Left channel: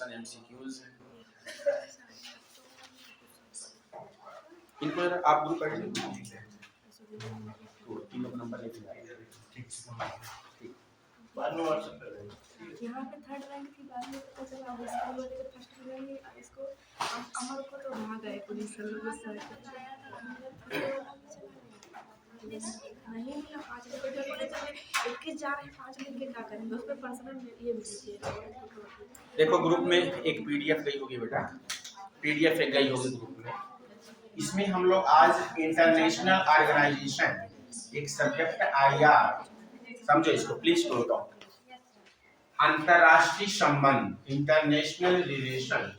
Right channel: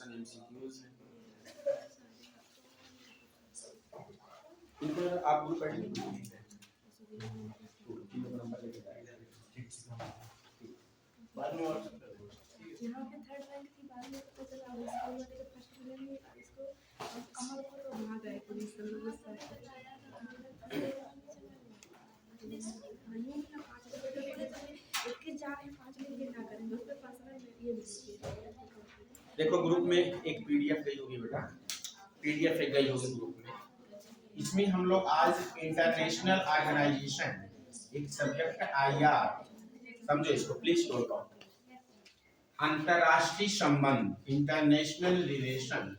Question MCQs हैं। इनको आप ग्रुप कर लीजिए, तो तीनों का नंबर लेके जाएंगे। ठीक, बाद में व्हाट्सएप कर देंगे। यहाँ पे थर्ड रैंक थी, बाद में पता चला उसका वो लेके फर्स्ट रैंक इसको अमर को तो भाग गए पुलिस वाले गुस्सा नहीं मिला। 5 मिनट के बोले चले 21 जा रहे हैं, 5 मिनट के क्या करेंगे उस पर पर्सनल ये मिली थी। देखो ग्रुप में एक पीडीएफ गई होगी बेटा, पीडीएफ एक गई होगी ग्रुप में। इसमें हम लोग आज इंटरनेशनल ऑर्गेनाइजेशन एक सब्जेक्ट आईआर, समझो इसको प्लीज नोट डाउन, अंतरराष्ट्रीय संबंध, इंटरनेशनल रिलेशन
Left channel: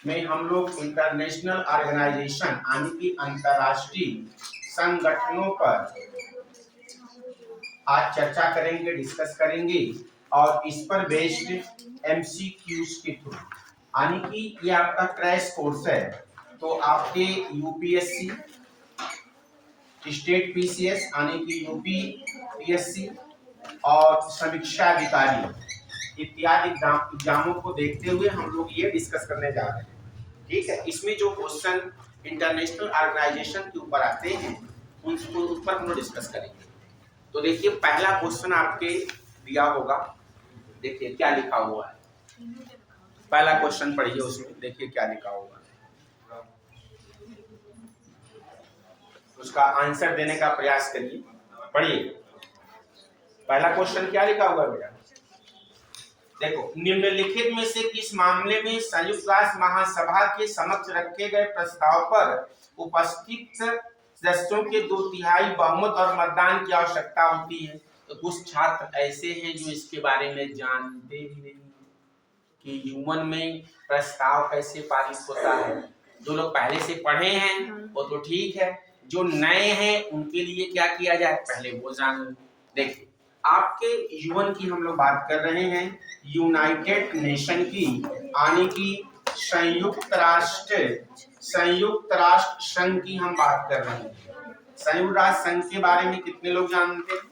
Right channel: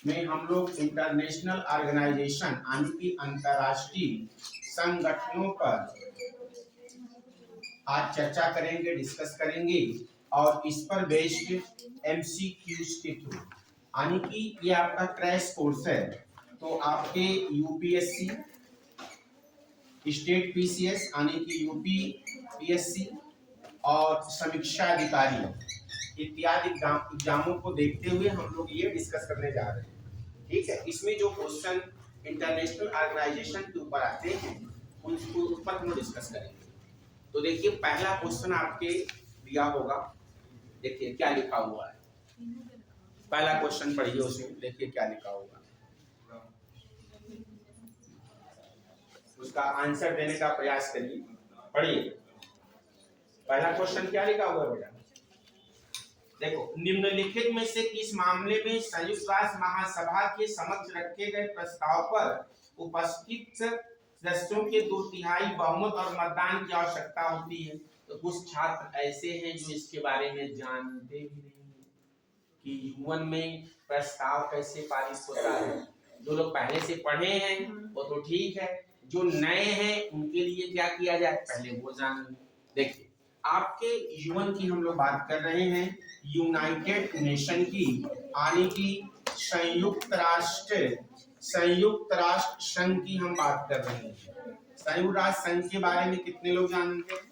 में हम लोग इंटरनेशनल ऑर्गेनाइजेशन यानी कि अंतरराष्ट्रीय संगठनों पर आज चर्चा करेंगे, डिस्कस करेंगे और इस पर बेस्ड एमसीक्यूज के थ्रू, यानी कि ये आपका क्रैश कोर्स है। तो आपके यूपीएससी, स्टेट पीसीएस यानी कि यूपी पीएससी और समीक्षा अधिकारी इत्यादि एग्जामों को देखते हुए हम लोग ये डिस्कस करने जा रहे हैं। ठीक है, इसमें जो क्वेश्चन इंटरनेशनल ऑर्गेनाइजेशन के ऊपर आते हैं उनको उस पर हम लोग डिस्कस करेंगे। तो देखिए पहला क्वेश्चन आपके दिया होगा, देखिए क्या लिखा हुआ है। पहला क्वेश्चन पढ़िए, उसमें देखिए क्या लिखा हुआ है, उसका आंसर देने का प्रयास करिए। पढ़िए पहला क्वेश्चन क्या लिखा हुआ है बेटा। देखो, निम्नलिखित में से किस मामले में संयुक्त राष्ट्र महासभा के समक्ष रखे गए प्रस्ताव पर उपस्थित सदस्यों के 2/3 बहुमत और मतदान की आवश्यकता होती है। तो कुछ छात्र ऐसे हैं जो इसके बारे में जानते भी नहीं कि ह्यूमन में प्रस्ताव कैसे पारित होता है। जो लोग पहले से पढ़े हैं वो तो ठीक है, जो नए हैं उनके लिए क्या किया जाए, पहले वो जान। देखिए आपके यूएन की हम लोग बात कर रहे हैं, यूनाइटेड नेशन की, यानी कि संयुक्त राष्ट्र संघ की हम बात कर रहे हैं। संयुक्त राष्ट्र संघ के बारे में कितने लोग जानते हैं,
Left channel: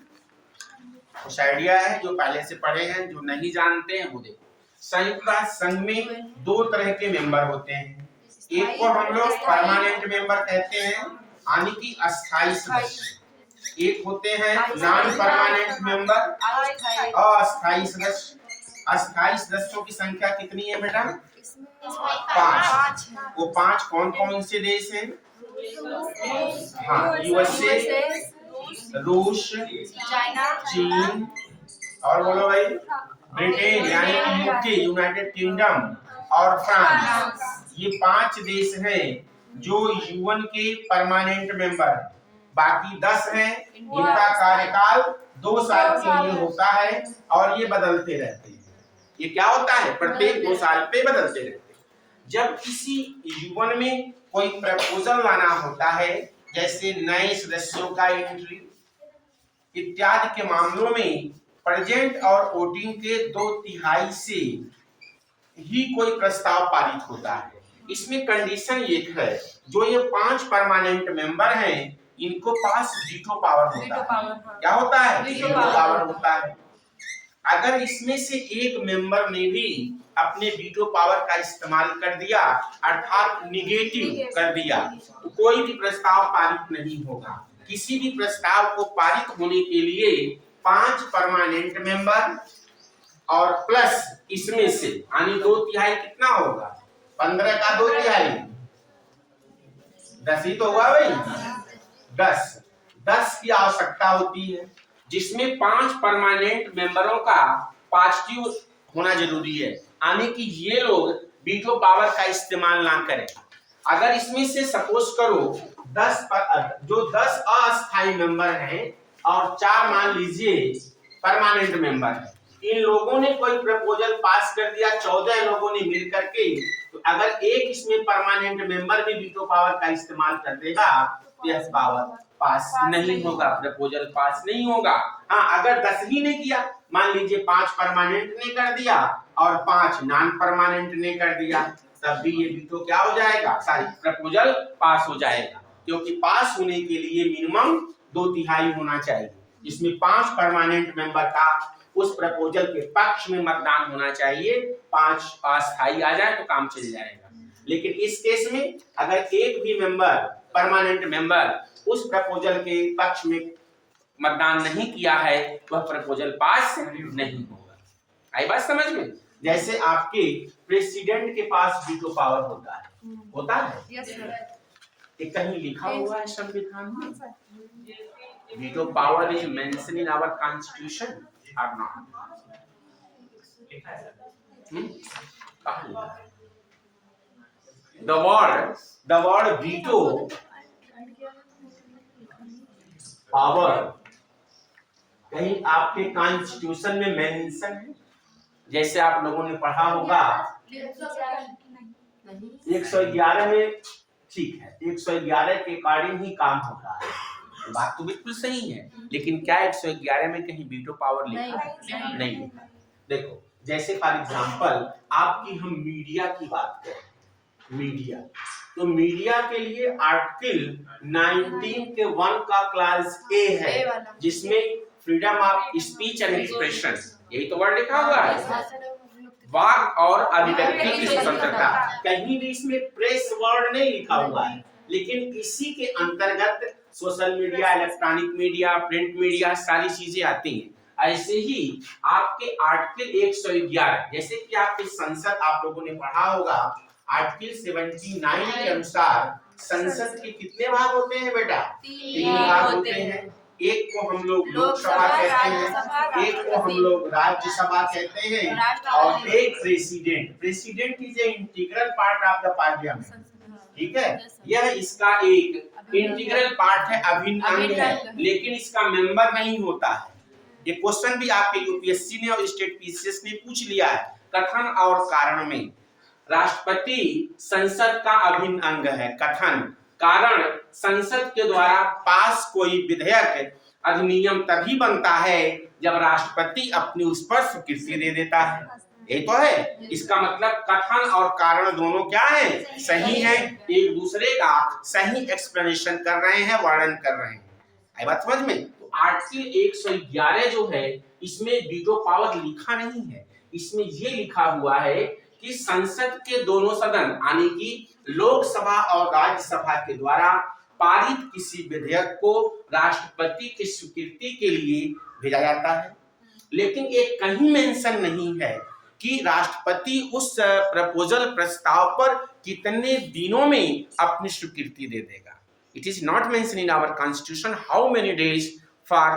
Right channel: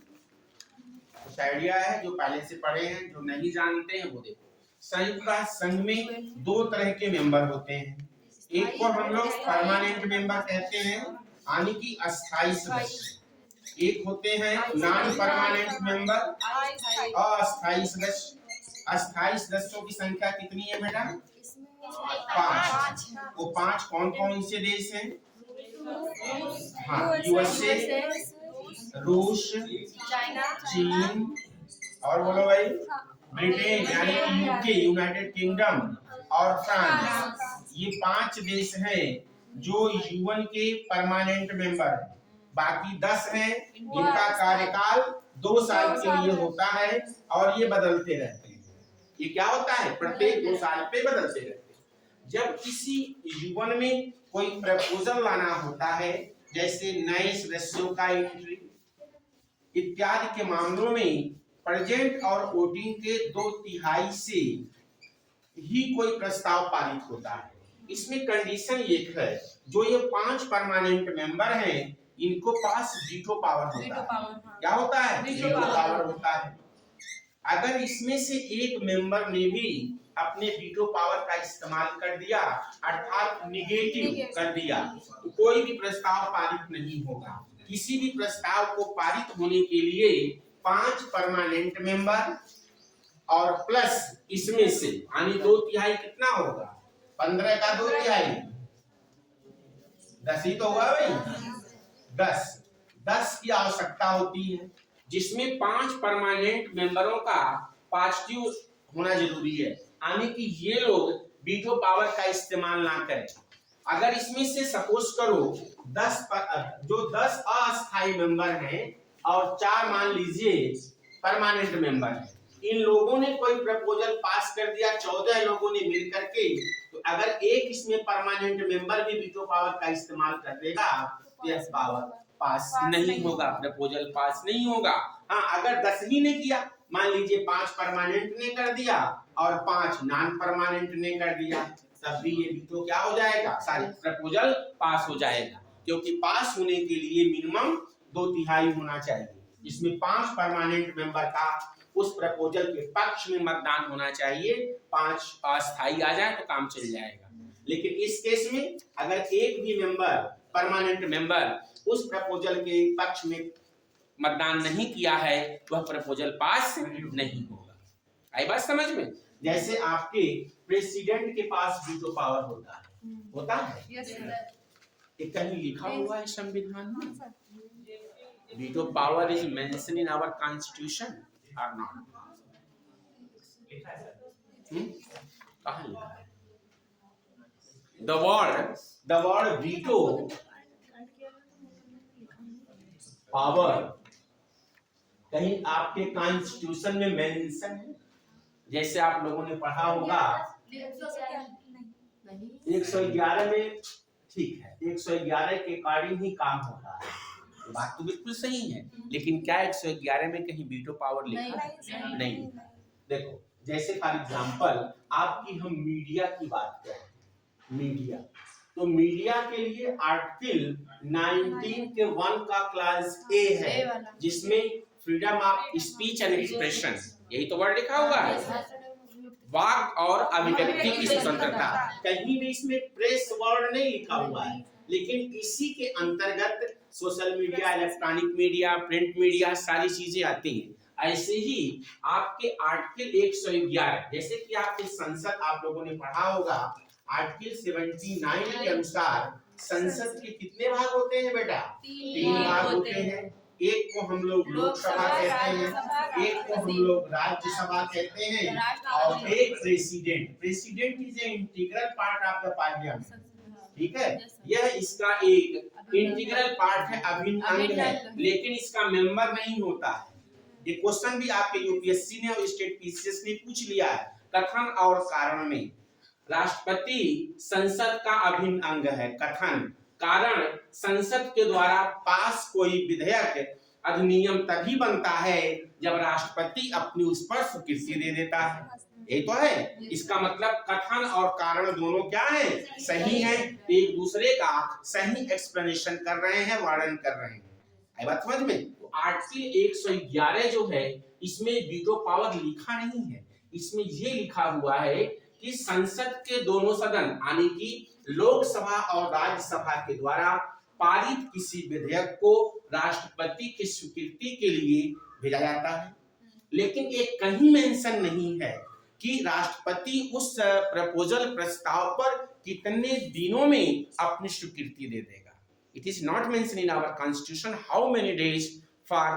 कुछ आइडिया है? जो पहले से पढ़े हैं, जो नहीं जानते हैं वो देखो। संयुक्त राष्ट्र संघ में 2 तरह के मेंबर होते हैं। एक को हम लोग परमानेंट मेंबर कहते हैं, यानी कि अस्थायी सदस्य। एक होते हैं नॉन परमानेंट मेंबर, अस्थायी सदस्य। अस्थायी सदस्यों की संख्या कितनी है बेटा? 5। वो 5 कौन कौन से देश हैं? हाँ, यूएसए, रूस, चीन और बोलो भाई ब्रिटेन यानी कि यूके, यूनाइटेड किंगडम और फ्रांस। ये 5 देश हैं जो यूएन के परमानेंट मेंबर हैं। बाकी 10 हैं, इनका कार्यकाल 2 साल के लिए होता है और ये बदलते रहते हैं। ये क्या होता है, प्रत्येक 2 साल पे बदलते रहते हैं। जब किसी यूएन में कोई प्रपोजल लाना होता है, जैसे नए सदस्यों का एंट्री इत्यादि के मामलों में प्रेजेंट और वोटिंग के 2/3 से ही कोई प्रस्ताव पारित होता है। इसमें कंडीशन एक है, जो ये 5 परमानेंट मेंबर हैं इनको पास वीटो पावर होता है। क्या होता है? वीटो पावर होता है। अगर इसमें से एक मेंबर ने भी अपने वीटो पावर का इस्तेमाल कर दिया, अर्थात निगेटिव कर दिया, तो कोई भी प्रस्ताव पारित नहीं होगा। किसी भी प्रस्ताव को पारित होने के लिए 5 परमानेंट मेंबर और प्लस इसमें से यानी 2/3 कितना होगा? 15 का 2/3 10 ही तो हुआ भाई। 10 की आवश्यकता होती है, जिसमें 5 परमानेंट मेंबरों का पॉजिटिव होना जरूरी है, यानी कि ये लोग वीटो पावर का इस्तेमाल ना करें। अगर इसमें से सपोज करो 10 अस्थायी मेंबर हैं और 4 मान लीजिए परमानेंट मेंबर है, इन लोगों ने कोई प्रपोजल पास कर दिया, 14 लोगों ने मिल करके, तो अगर एक इसमें परमानेंट मेंबर भी वीटो पावर का इस्तेमाल कर देगा तो यह पावर पास नहीं होगा, प्रपोजल पास नहीं होगा। हाँ, अगर 10 ही ने किया, मान लीजिए 5 परमानेंट ने कर दिया और 5 नॉन परमानेंट ने कर दिया, तब भी ये वीटो क्या हो जाएगा, सारी प्रपोजल पास हो जाएगा। क्योंकि पास होने के लिए मिनिमम 2/3 होना चाहिए। इसमें 5 परमानेंट मेंबर का उस प्रपोजल के पक्ष में मतदान होना चाहिए। 5 अस्थायी आ जाए तो काम चल जाएगा। लेकिन इस केस में अगर एक भी मेंबर, परमानेंट मेंबर, उस प्रपोजल के पक्ष में मतदान नहीं किया है, वह प्रपोजल पास नहीं होगा। आई बात समझ में? जैसे आपके प्रेसिडेंट के पास वीटो पावर होता है, यस सर। ये कहीं लिखा हुआ है संविधान में? Veto power is mention in our constitution और नॉट? कहाँ लिखा है? the word veto पावर कहीं आपके कॉन्स्टिट्यूशन में मेंशन है? जैसे आप लोगों ने पढ़ा होगा 111 में, ठीक है, 111 के अकॉर्डिंग ही काम हो रहा है। बात तो बिल्कुल सही है, लेकिन क्या 111 में कहीं वीटो पावर लिखा है? नहीं। देखो, जैसे फॉर एग्जांपल आपकी हम मीडिया की बात करें, मीडिया, तो मीडिया के लिए आर्टिकल 19 के 1 का क्लास ए है, जिसमें freedom of speech and expression, यही तो वर्ड लिखा हुआ है, वाक और अभिव्यक्ति की स्वतंत्रता। कहीं भी इसमें प्रेस वर्ड नहीं लिखा हुआ है, लेकिन इसी के अंतर्गत social media, electronic media, print media, सारी चीजें आती हैं। ऐसे ही आपके आर्टिकल 111, जैसे कि आपकी संसद, आप लोगों ने पढ़ा होगा आर्टिकल 79 के अनुसार संसद के कितने भाग होते हैं बेटा? 3 भाग होते हैं। एक को हम लोग लोकसभा कहते हैं, एक को हम लोग राज्यसभा कहते हैं, और एक president is a integral part of the parliament. ठीक है, यह इसका एक इंटीग्रल पार्ट है, अभिन्न अंग है, लेकिन इसका मेंबर नहीं होता है। ये क्वेश्चन भी आपके यूपीएससी ने और स्टेट पीसीएस ने पूछ लिया है। कथन और कारण में राष्ट्रपति संसद का अभिन्न अंग है। कथन, कारण, संसद के द्वारा पास कोई विधेयक, अधिनियम तभी बनता है जब राष्ट्रपति अपनी उस पर स्वीकृति दे देता है। यही तो है इसका मतलब। कथन और कारण दोनों क्या है? सही है, एक दूसरे का सही एक्सप्लेनेशन कर रहे हैं, वर्णन कर रहे हैं। आई बात समझ में? तो आर्टिकल 111 जो है, इसमें वीटो पावर लिखा नहीं है, इसमें ये लिखा हुआ है कि संसद के दोनों सदन यानी कि लोकसभा और राज्यसभा के द्वारा पारित किसी विधेयक को राष्ट्रपति की स्वीकृति के लिए भेजा जाता है। लेकिन ये कहीं मेंशन नहीं है कि राष्ट्रपति उस प्रपोजल प्रस्ताव पर कितने दिनों में अपनी स्वीकृति दे देगा। It is not mention in our constitution how many days for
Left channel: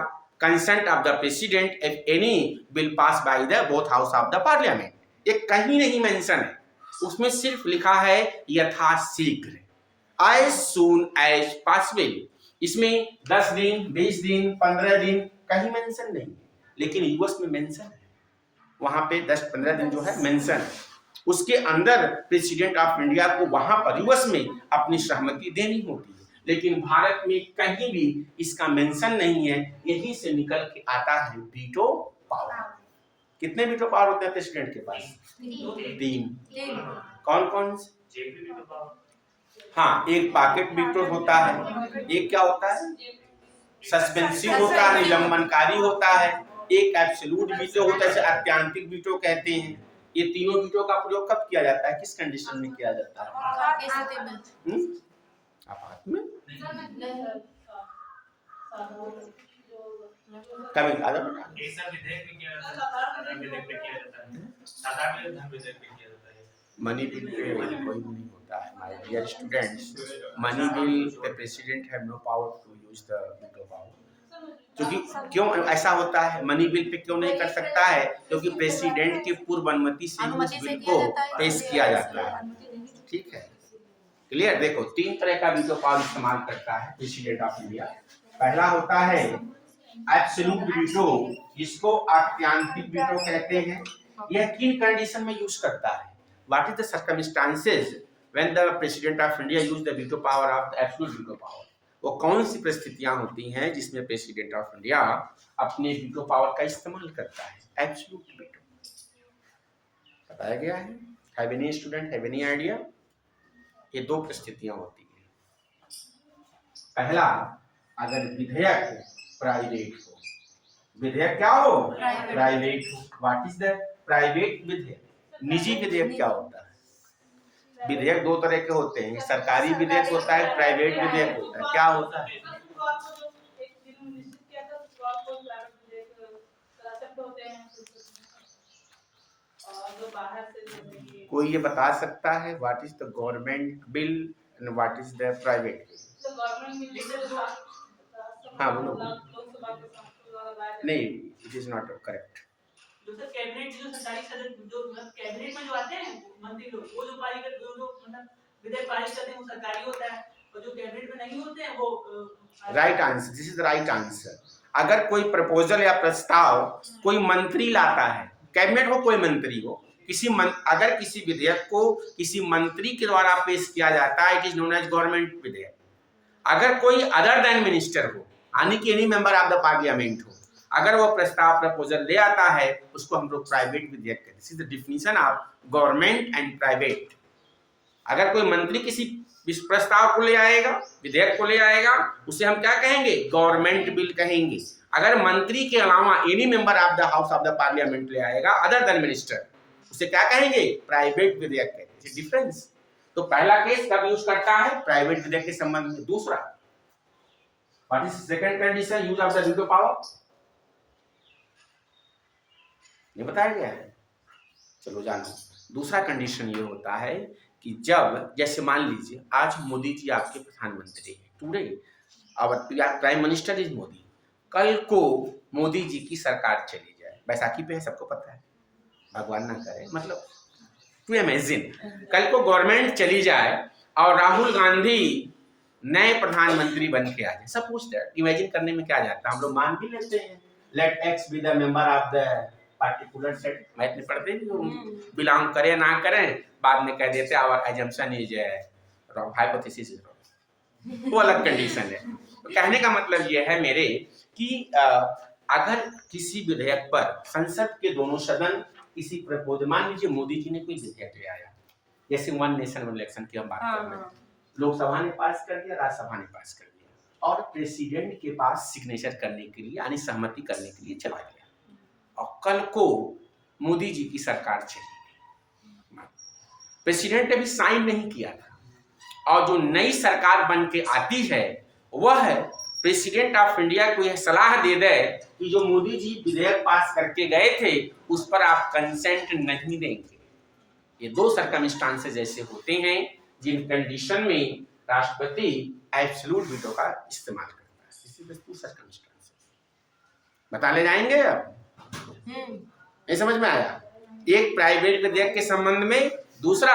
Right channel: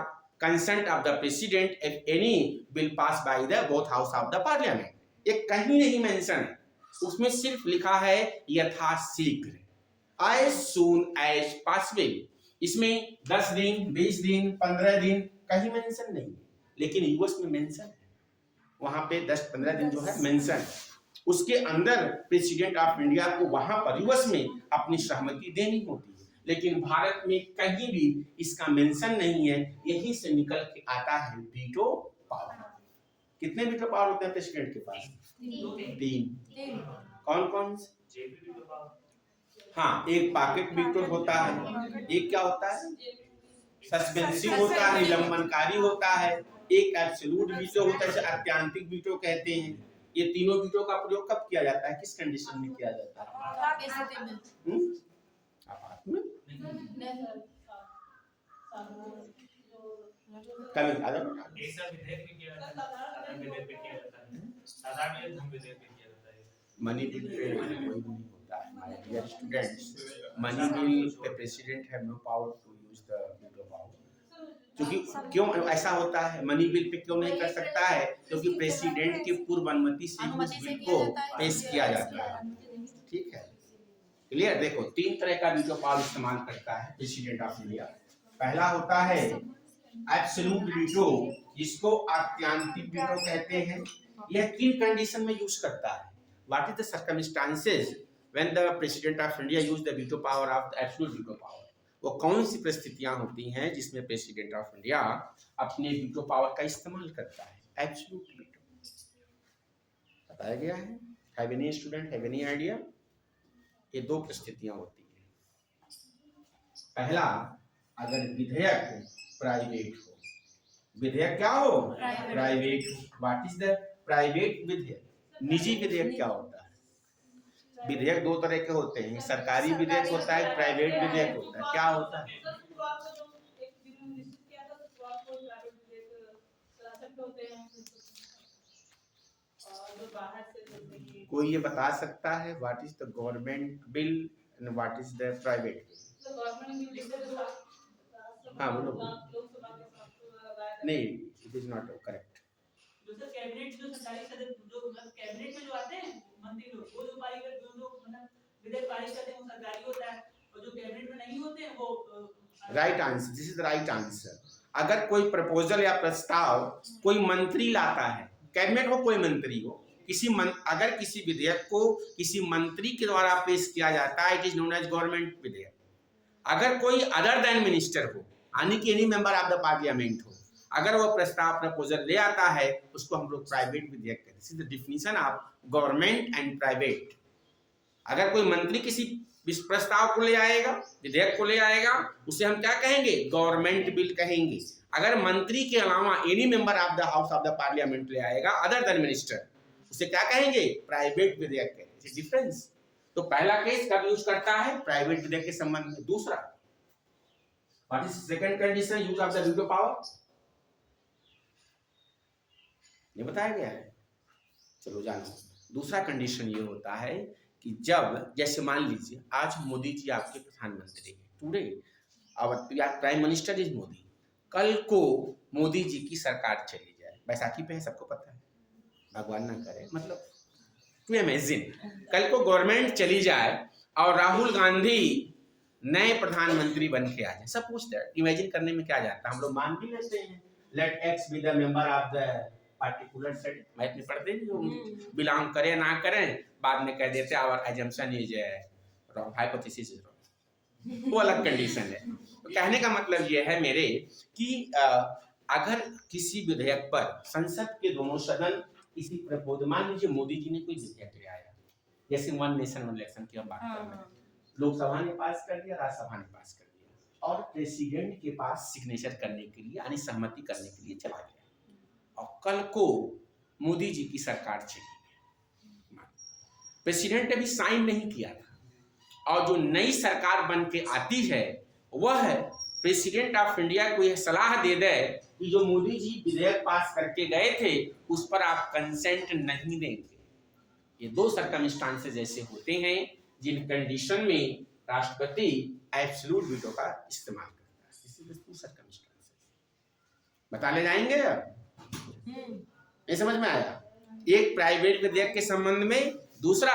consent of the president if any bill pass by the both house of the parliament. ये कहीं नहीं मेंशन है, उसमें सिर्फ लिखा है यथाशीघ्र, as soon as possible। इसमें 10 दिन, 20 दिन, 15 दिन कहीं मेंशन नहीं है, लेकिन यूएस में मेंशन है। वहां पे 10-15 दिन जो है मेंशन है, उसके अंदर प्रेसिडेंट ऑफ इंडिया को वहां पर यूएस में अपनी सहमति देनी होती है। लेकिन भारत में कहीं भी इसका मेंशन नहीं है। यहीं से निकल के आता है वीटो पावर। कितने वीटो पावर होते हैं प्रेसिडेंट के पास? 3। कौन कौन से? हाँ, एक पॉकेट वीटो होता है, एक क्या होता है सस्पेंसिव होता है, निलंबनकारी होता है, एक एब्सोल्यूट वीटो होता है, अत्यंतिक वीटो कहते हैं। ये तीनों वीटो का प्रयोग कब किया जाता है, किस कंडीशन में किया जाता है? आपात में। कभी मनी बिल पे कोई नहीं होता है। My dear students, money bill the president have no power to use the veto power. क्योंकि क्यों ऐसा होता है? मनी बिल पे क्यों नहीं कर सकता है? क्योंकि प्रेसिडेंट की पूर्व अनुमति से उस बिल को पेश किया जाता है। ठीक है, क्लियर? देखो, 3 तरह का वीटो पावर इस्तेमाल करता है प्रेसिडेंट ऑफ इंडिया। पहला होता है एब्सोल्यूट वीटो, जिसको अत्यंतिक वीटो कहते हैं। यह किन कंडीशन में यूज करता है? What is the circumstances when the president of India use the veto power of the absolute veto power? वो कौन सी परिस्थितियां होती हैं जिसमें प्रेसिडेंट ऑफ इंडिया अपने वीटो पावर का इस्तेमाल करता है? एब्सोल्यूट वीटो बताया गया है। Have any student have any idea? ये 2 परिस्थितियां होती हैं। पहला, अगर विधेयक प्राइवेट हो, विधेयक क्या हो? प्राइवेट हो। व्हाट इज द प्राइवेट विधेयक? निजी विधेयक क्या होता है? विधेयक दो तरह के होते हैं, सरकारी विधेयक होता है, प्राइवेट विधेयक होता है। क्या होता है? कोई ये बता सकता है what is the government bill and what is the private bill? हाँ बोलो। नहीं, इट इज नॉट करेक्ट। जो सर कैबिनेट जो सरकारी सदस्य जो कैबिनेट में जो आते हैं मंत्री लोग, वो जो पारित जो मतलब विधेयक पारित करते हैं वो सरकारी होता है, और जो कैबिनेट में नहीं होते हैं वो right answer, this is the right answer. अगर कोई प्रपोजल या प्रस्ताव कोई मंत्री लाता है, कैबिनेट हो कोई मंत्री हो, अगर किसी विधेयक को किसी मंत्री के द्वारा पेश किया जाता है, it is known as government विधेयक। अगर कोई अदर देन मिनिस्टर हो, यानी कि any member of the parliament हो, अगर वो प्रस्ताव प्रपोजल ले आता है, उसको हम लोग प्राइवेट विधेयक कहते हैं। This is the definition of government and private. अगर कोई मंत्री किसी प्रस्ताव को ले आएगा, विधेयक को ले आएगा, उसे हम क्या कहेंगे? गवर्नमेंट बिल कहेंगे। अगर मंत्री के अलावा any member of the house of the parliament ले आएगा अदर देन मिनिस्टर, उसे क्या कहेंगे? प्राइवेट विधेयक कहेंगे। डिफरेंस। तो पहला केस कब यूज करता है? प्राइवेट विधेयक के संबंध में। दूसरा, what is second condition use of the veto power? ये बताया गया है, चलो जानो। दूसरा कंडीशन ये होता है कि जब, जैसे मान लीजिए आज मोदी जी आपके प्रधानमंत्री हैं, today our prime minister is Modi. कल को मोदी जी की सरकार चली जाए, बैसाखी पे है, सबको पता है, भगवान ना करे, मतलब टू इमेजिन कल को गवर्नमेंट चली जाए और राहुल गांधी नए प्रधानमंत्री बन के आ जाए। सब पूछते हैं, इमेजिन करने में क्या जाता है, हम लोग मान भी लेते हैं, let X be the member of the particular set. Math में पढ़ते नहीं होंगे, बिलोंग करें ना करें, बाद में कह देते our assumption is wrong, hypothesis is wrong. वो अलग कंडीशन है। तो कहने का मतलब ये है मेरे कि अगर किसी विधेयक पर संसद के दोनों सदन किसी प्रपोजल, मान लीजिए मोदी जी ने कोई विधेयक ले आया, जैसे वन नेशन वन इलेक्शन की हम बात कर रहे हैं, लोकसभा ने पास कर दिया, राज्यसभा ने पास कर दिया, और प्रेसिडेंट के पास सिग्नेचर करने के लिए यानी सहमति करने के लिए चला गया, और कल को मोदी जी की सरकार चली, प्रेसिडेंट ने भी साइन नहीं किया था, और जो नई सरकार बन के आती है वह प्रेसिडेंट ऑफ इंडिया को यह सलाह दे दे कि जो मोदी जी विधेयक पास करके गए थे उस पर आप कंसेंट नहीं देंगे। ये दो सर्कमस्टांसेस ऐसे होते हैं जिन कंडीशन में राष्ट्रपति एब्सोल्यूट वीटो का इस्तेमाल करता है। इसी दो सर्कमस्टांसेस बता ले जाएंगे अब। ये समझ में आया? एक प्राइवेट विधेयक के संबंध में, दूसरा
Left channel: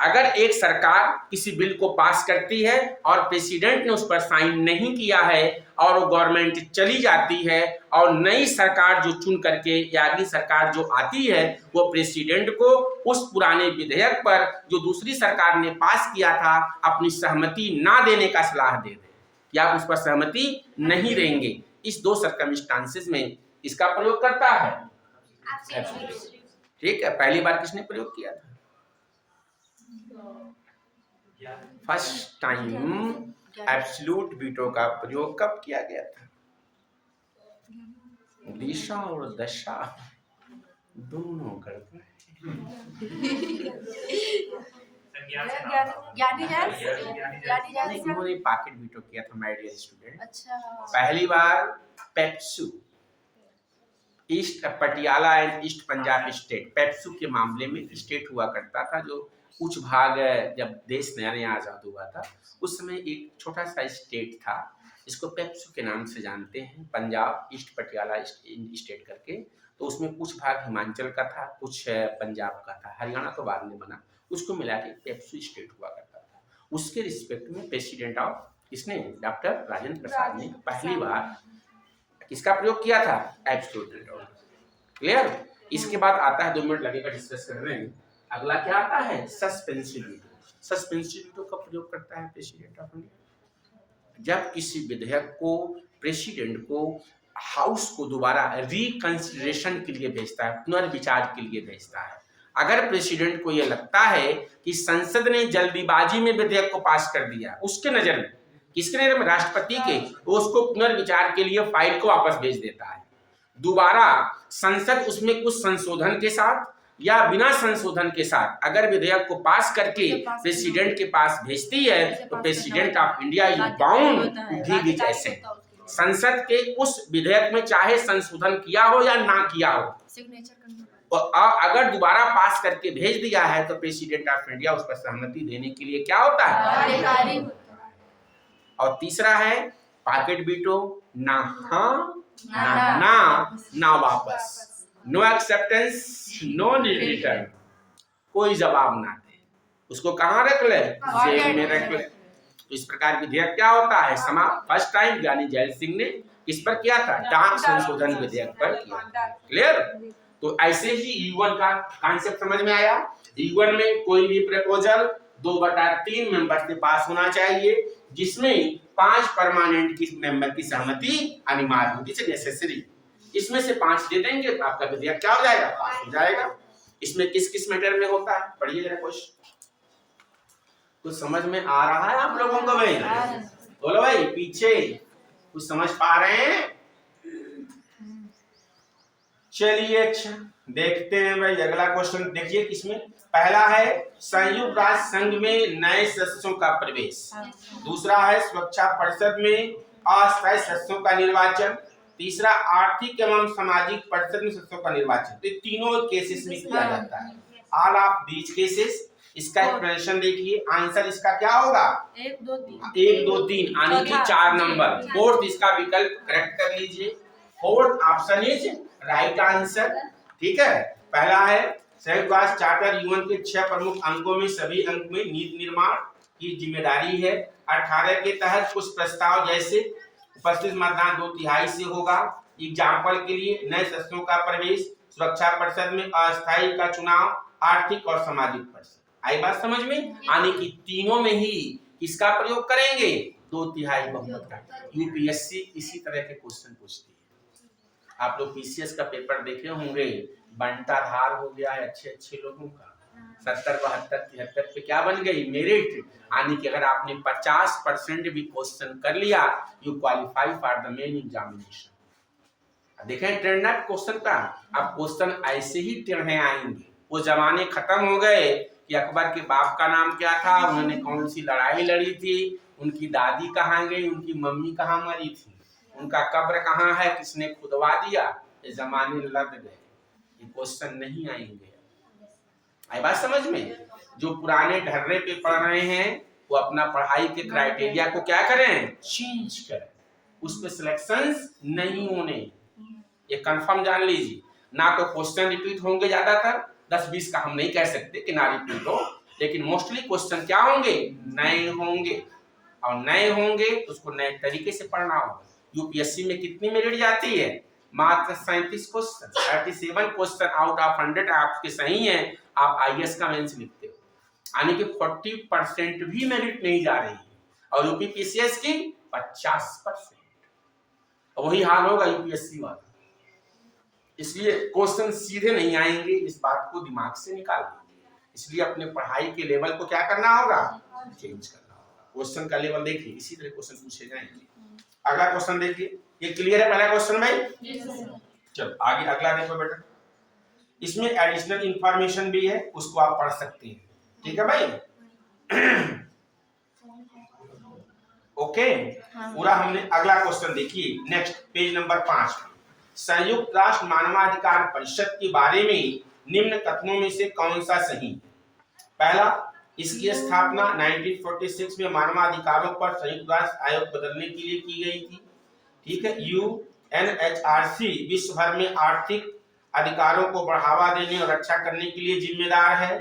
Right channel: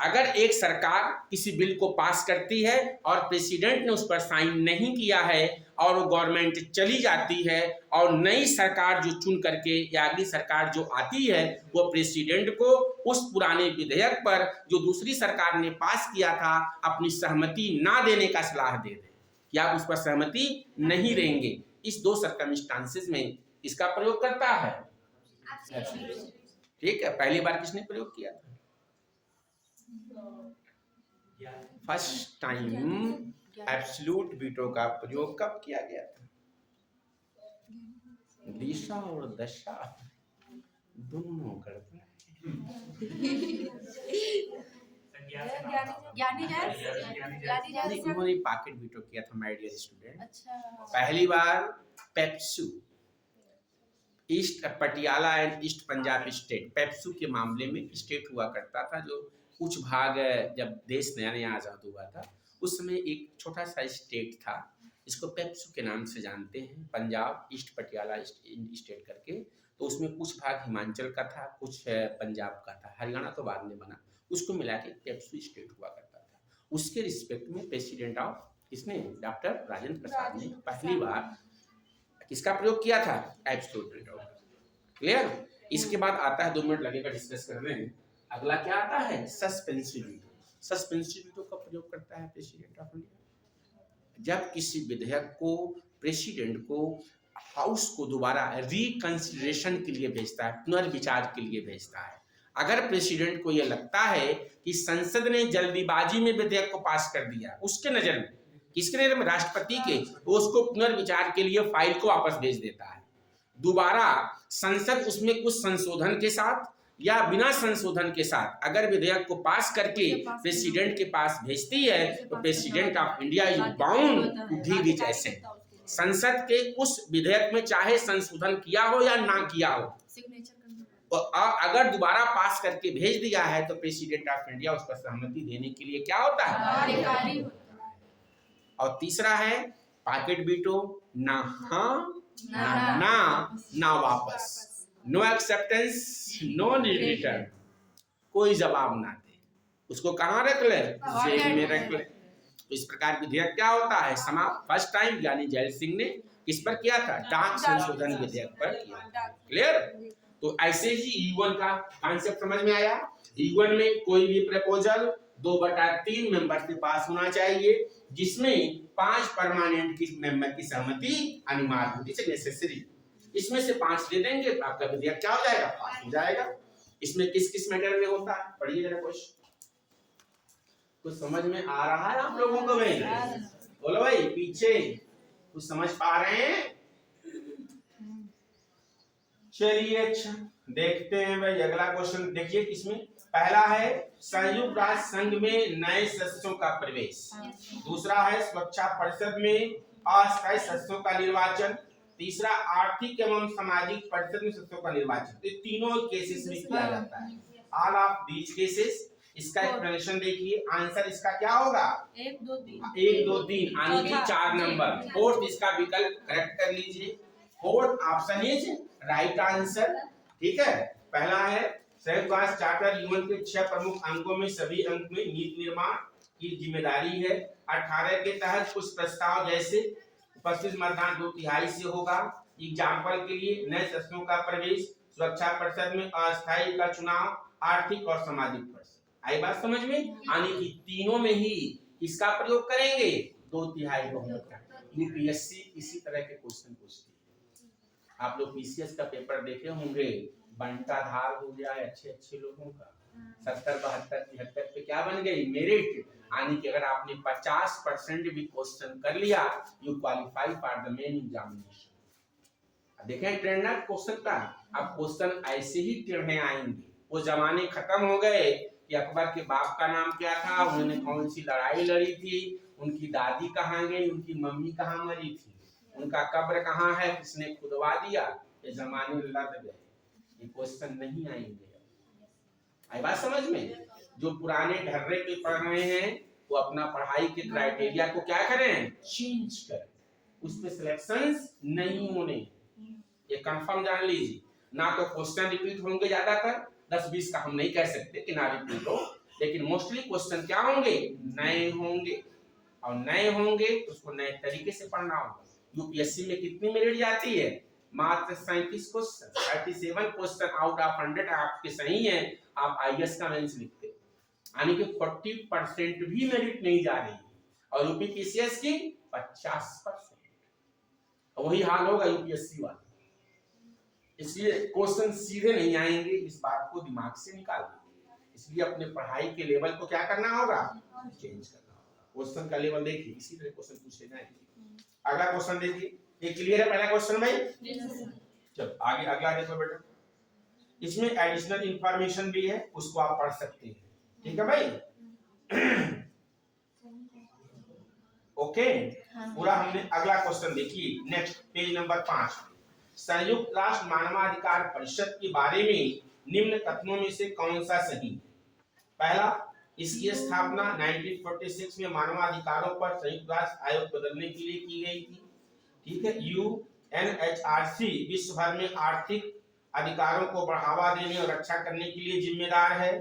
अगर एक सरकार किसी बिल को पास करती है और प्रेसिडेंट ने उस पर साइन नहीं किया है और वो गवर्नमेंट चली जाती है और नई सरकार जो चुन करके या अगली सरकार जो आती है वो प्रेसिडेंट को उस पुराने विधेयक पर जो दूसरी सरकार ने पास किया था अपनी सहमति ना देने का सलाह दे दे कि आप उस पर सहमति नहीं देंगे। इस दो सर्कमस्टांसेस में इसका प्रयोग करता है। ठीक है, पहली बार किसने प्रयोग किया था? फर्स्ट टाइम एब्सोल्यूट वीटो का प्रयोग कब किया गया था? दिशा और दशा दोनों करते हैं। उन्होंने पॉकेट वीटो किया था माय डियर स्टूडेंट। अच्छा। पहली बार PEPSU, east Patiala and east Punjab state, PEPSU के मामले में स्टेट हुआ करता था जो कुछ भाग, जब देश नया नया आजाद हुआ था उस समय एक छोटा सा स्टेट था, इसको पेप्सू के नाम से जानते हैं, पंजाब ईस्ट पटियाला स्टेट करके। तो उसमें कुछ भाग हिमाचल का था, कुछ पंजाब का था, हरियाणा तो बाद में बना, उसको मिला के पेप्सू स्टेट हुआ करता था। उसके रिस्पेक्ट में प्रेसिडेंट ऑफ किसने? डॉक्टर राजेंद्र प्रसाद ने पहली बार किसका प्रयोग किया था? Absolute veto. क्लियर? इसके बाद आता है, 2 मिनट लगेगा डिस्कस करने में, अगला क्या आता है? Suspensive veto. सस्पेंसिव वीटो का प्रयोग करता है प्रेसिडेंट ऑफ इंडिया जब किसी विधेयक को प्रेसिडेंट को हाउस को दोबारा रिकंसिडरेशन के लिए भेजता है, पुनर्विचार के लिए भेजता है। अगर प्रेसिडेंट को यह लगता है कि संसद ने जल्दीबाजी में विधेयक को पास कर दिया, उसके नजर में, किसके नजर में? राष्ट्रपति के, तो उसको पुनर्विचार के लिए फाइल को वापस भेज देता है। दोबारा संसद उसमें कुछ संशोधन के साथ या बिना संशोधन के साथ अगर विधेयक को पास करके प्रेसिडेंट के पास भेजती है तो president of India is bound to give it assent. संसद के उस विधेयक में चाहे संशोधन किया हो या ना किया हो, सिग्नेचर करना और अगर दोबारा पास करके भेज दिया है तो प्रेसिडेंट ऑफ इंडिया उस पर सहमति देने के लिए क्या होता है, अधिकारी होता है। और तीसरा है पॉकेट वीटो, ना हाँ ना ना वापस, नो एक्सेप्टेंस नो रिटर्न, कोई जवाब ना दे, उसको कहाँ रख ले, जेल में रख ले। तो इस प्रकार विधेयक क्या होता है, समाप्त। फर्स्ट टाइम ज्ञानी जैल सिंह ने किस पर किया था, डाक संशोधन विधेयक पर किया। क्लियर। तो ऐसे ही U1 का कॉन्सेप्ट समझ में आया। U1 में कोई भी प्रपोजल 2/3 मेंबर से पास होना चाहिए, जिसमें 5 परमानेंट की मेंबर की सहमति अनिवार्य होती है, नेसेसरी। इसमें से 5 दे देंगे तो आपका विधेयक क्या हो जाएगा, पास हो जाएगा। इसमें किस किस मैटर में होता है, पढ़िए जरा क्वेश्चन। कुछ समझ में आ रहा है आप लोगों को भाई? बोलो भाई, पीछे कुछ समझ पा रहे हैं? चलिए अच्छा देखते हैं भाई अगला क्वेश्चन। देखिए किसमें पहला है संयुक्त राष्ट्र संघ में नए सदस्यों का प्रवेश, दूसरा है सुरक्षा परिषद में अस्थायी सदस्यों का निर्वाचन, तीसरा आर्थिक एवं सामाजिक परिषद में सदस्यों का निर्वाचन। तो तीनों केसेस में किया जाता है। ऑल ऑफ दीज केसेस, इसका एक्सप्लेनेशन देखिए। आंसर इसका क्या होगा, 1 2 3 1 2 3 यानी कि 4 नंबर। फोर्थ इसका विकल्प करेक्ट कर लीजिए। Fourth option is right answer. ठीक है। पहला है संयुक्त राष्ट्र चार्टर UN के 6 प्रमुख अंकों में सभी अंक में नीति निर्माण की जिम्मेदारी है। 18 के तहत कुछ प्रस्ताव जैसे उपस्थित मतदान 2/3 से होगा। एग्जाम्पल के लिए नए सदस्यों का प्रवेश, सुरक्षा परिषद में अस्थायी का चुनाव, आर्थिक और सामाजिक परिषद। आई बात समझ में? यानी कि तीनों में ही किसका प्रयोग करेंगे, 2/3 बहुमत का। यूपीएससी इसी तरह के क्वेश्चन पूछती है। आप लोग पीसीएस का पेपर देखे होंगे, बंटाधार हो गया है अच्छे अच्छे लोगों का। 70 72 73 पे क्या बन गई, मेरिट। यानी कि अगर आपने 50% भी क्वेश्चन कर लिया, you qualify for the main examination. देखें ट्रेंड ना क्वेश्चन का। अब क्वेश्चन ऐसे ही टेढ़े आएंगे। वो जमाने खत्म हो गए कि अकबर के बाप का नाम क्या था, उन्होंने कौन सी लड़ाई लड़ी थी, उनकी दादी कहाँ गई, उनकी मम्मी कहाँ मरी थी, उनका कब्र कहाँ है, किसने खुदवा दिया। ये जमाने लद गए, ये क्वेश्चन नहीं आएंगे। आई बात समझ में? जो पुराने ढर्रे पे पढ़ रहे हैं वो अपना पढ़ाई के क्राइटेरिया को क्या करें, चेंज करें। उस पे सिलेक्शंस नहीं होने, ये कंफर्म जान लीजिए। ना तो क्वेश्चन रिपीट होंगे, ज्यादातर 10-20 का हम नहीं कह सकते कि ना रिपीट हो, लेकिन मोस्टली क्वेश्चन क्या होंगे, नए होंगे। और नए होंगे तो उसको नए तरीके से पढ़ना होगा। यूपीएससी में कितनी मेरिट जाती है, मात्र 37 क्वेश्चन। 37 क्वेश्चन आउट ऑफ 100 आपके सही हैं, आप आईएएस का मेंस लिखते हो, यानी कि 40% भी मेरिट नहीं जा रही है। और यूपीपीसीएस की 50%। वही हाल होगा यूपीएससी वाला। इसलिए क्वेश्चन सीधे नहीं आएंगे, इस बात को दिमाग से निकाल दीजिए। इसलिए अपने पढ़ाई के लेवल को क्या करना होगा, चेंज करना होगा। क्वेश्चन का लेवल देखिए, इसी तरह क्वेश्चन पूछे जाएंगे। अगला क्वेश्चन देखिए, ये क्लियर है पहला क्वेश्चन भाई? चलो आगे अगला देखो बेटा। इसमें एडिशनल इंफॉर्मेशन भी है, उसको आप पढ़ सकते हैं। ठीक है भाई? ओके। पूरा हमने अगला क्वेश्चन देखिए, नेक्स्ट पेज नंबर 5। संयुक्त राष्ट्र मानवाधिकार परिषद के बारे में निम्न कथनों में से कौन सा सही? पहला, इसकी स्थापना 1946 में मानवाधिकारों पर संयुक्त राष्ट्र आयोग बदलने के लिए की गई थी। ठीक है। UNHRC विश्व भर में आर्थिक अधिकारों को बढ़ावा देने और रक्षा करने के लिए जिम्मेदार है।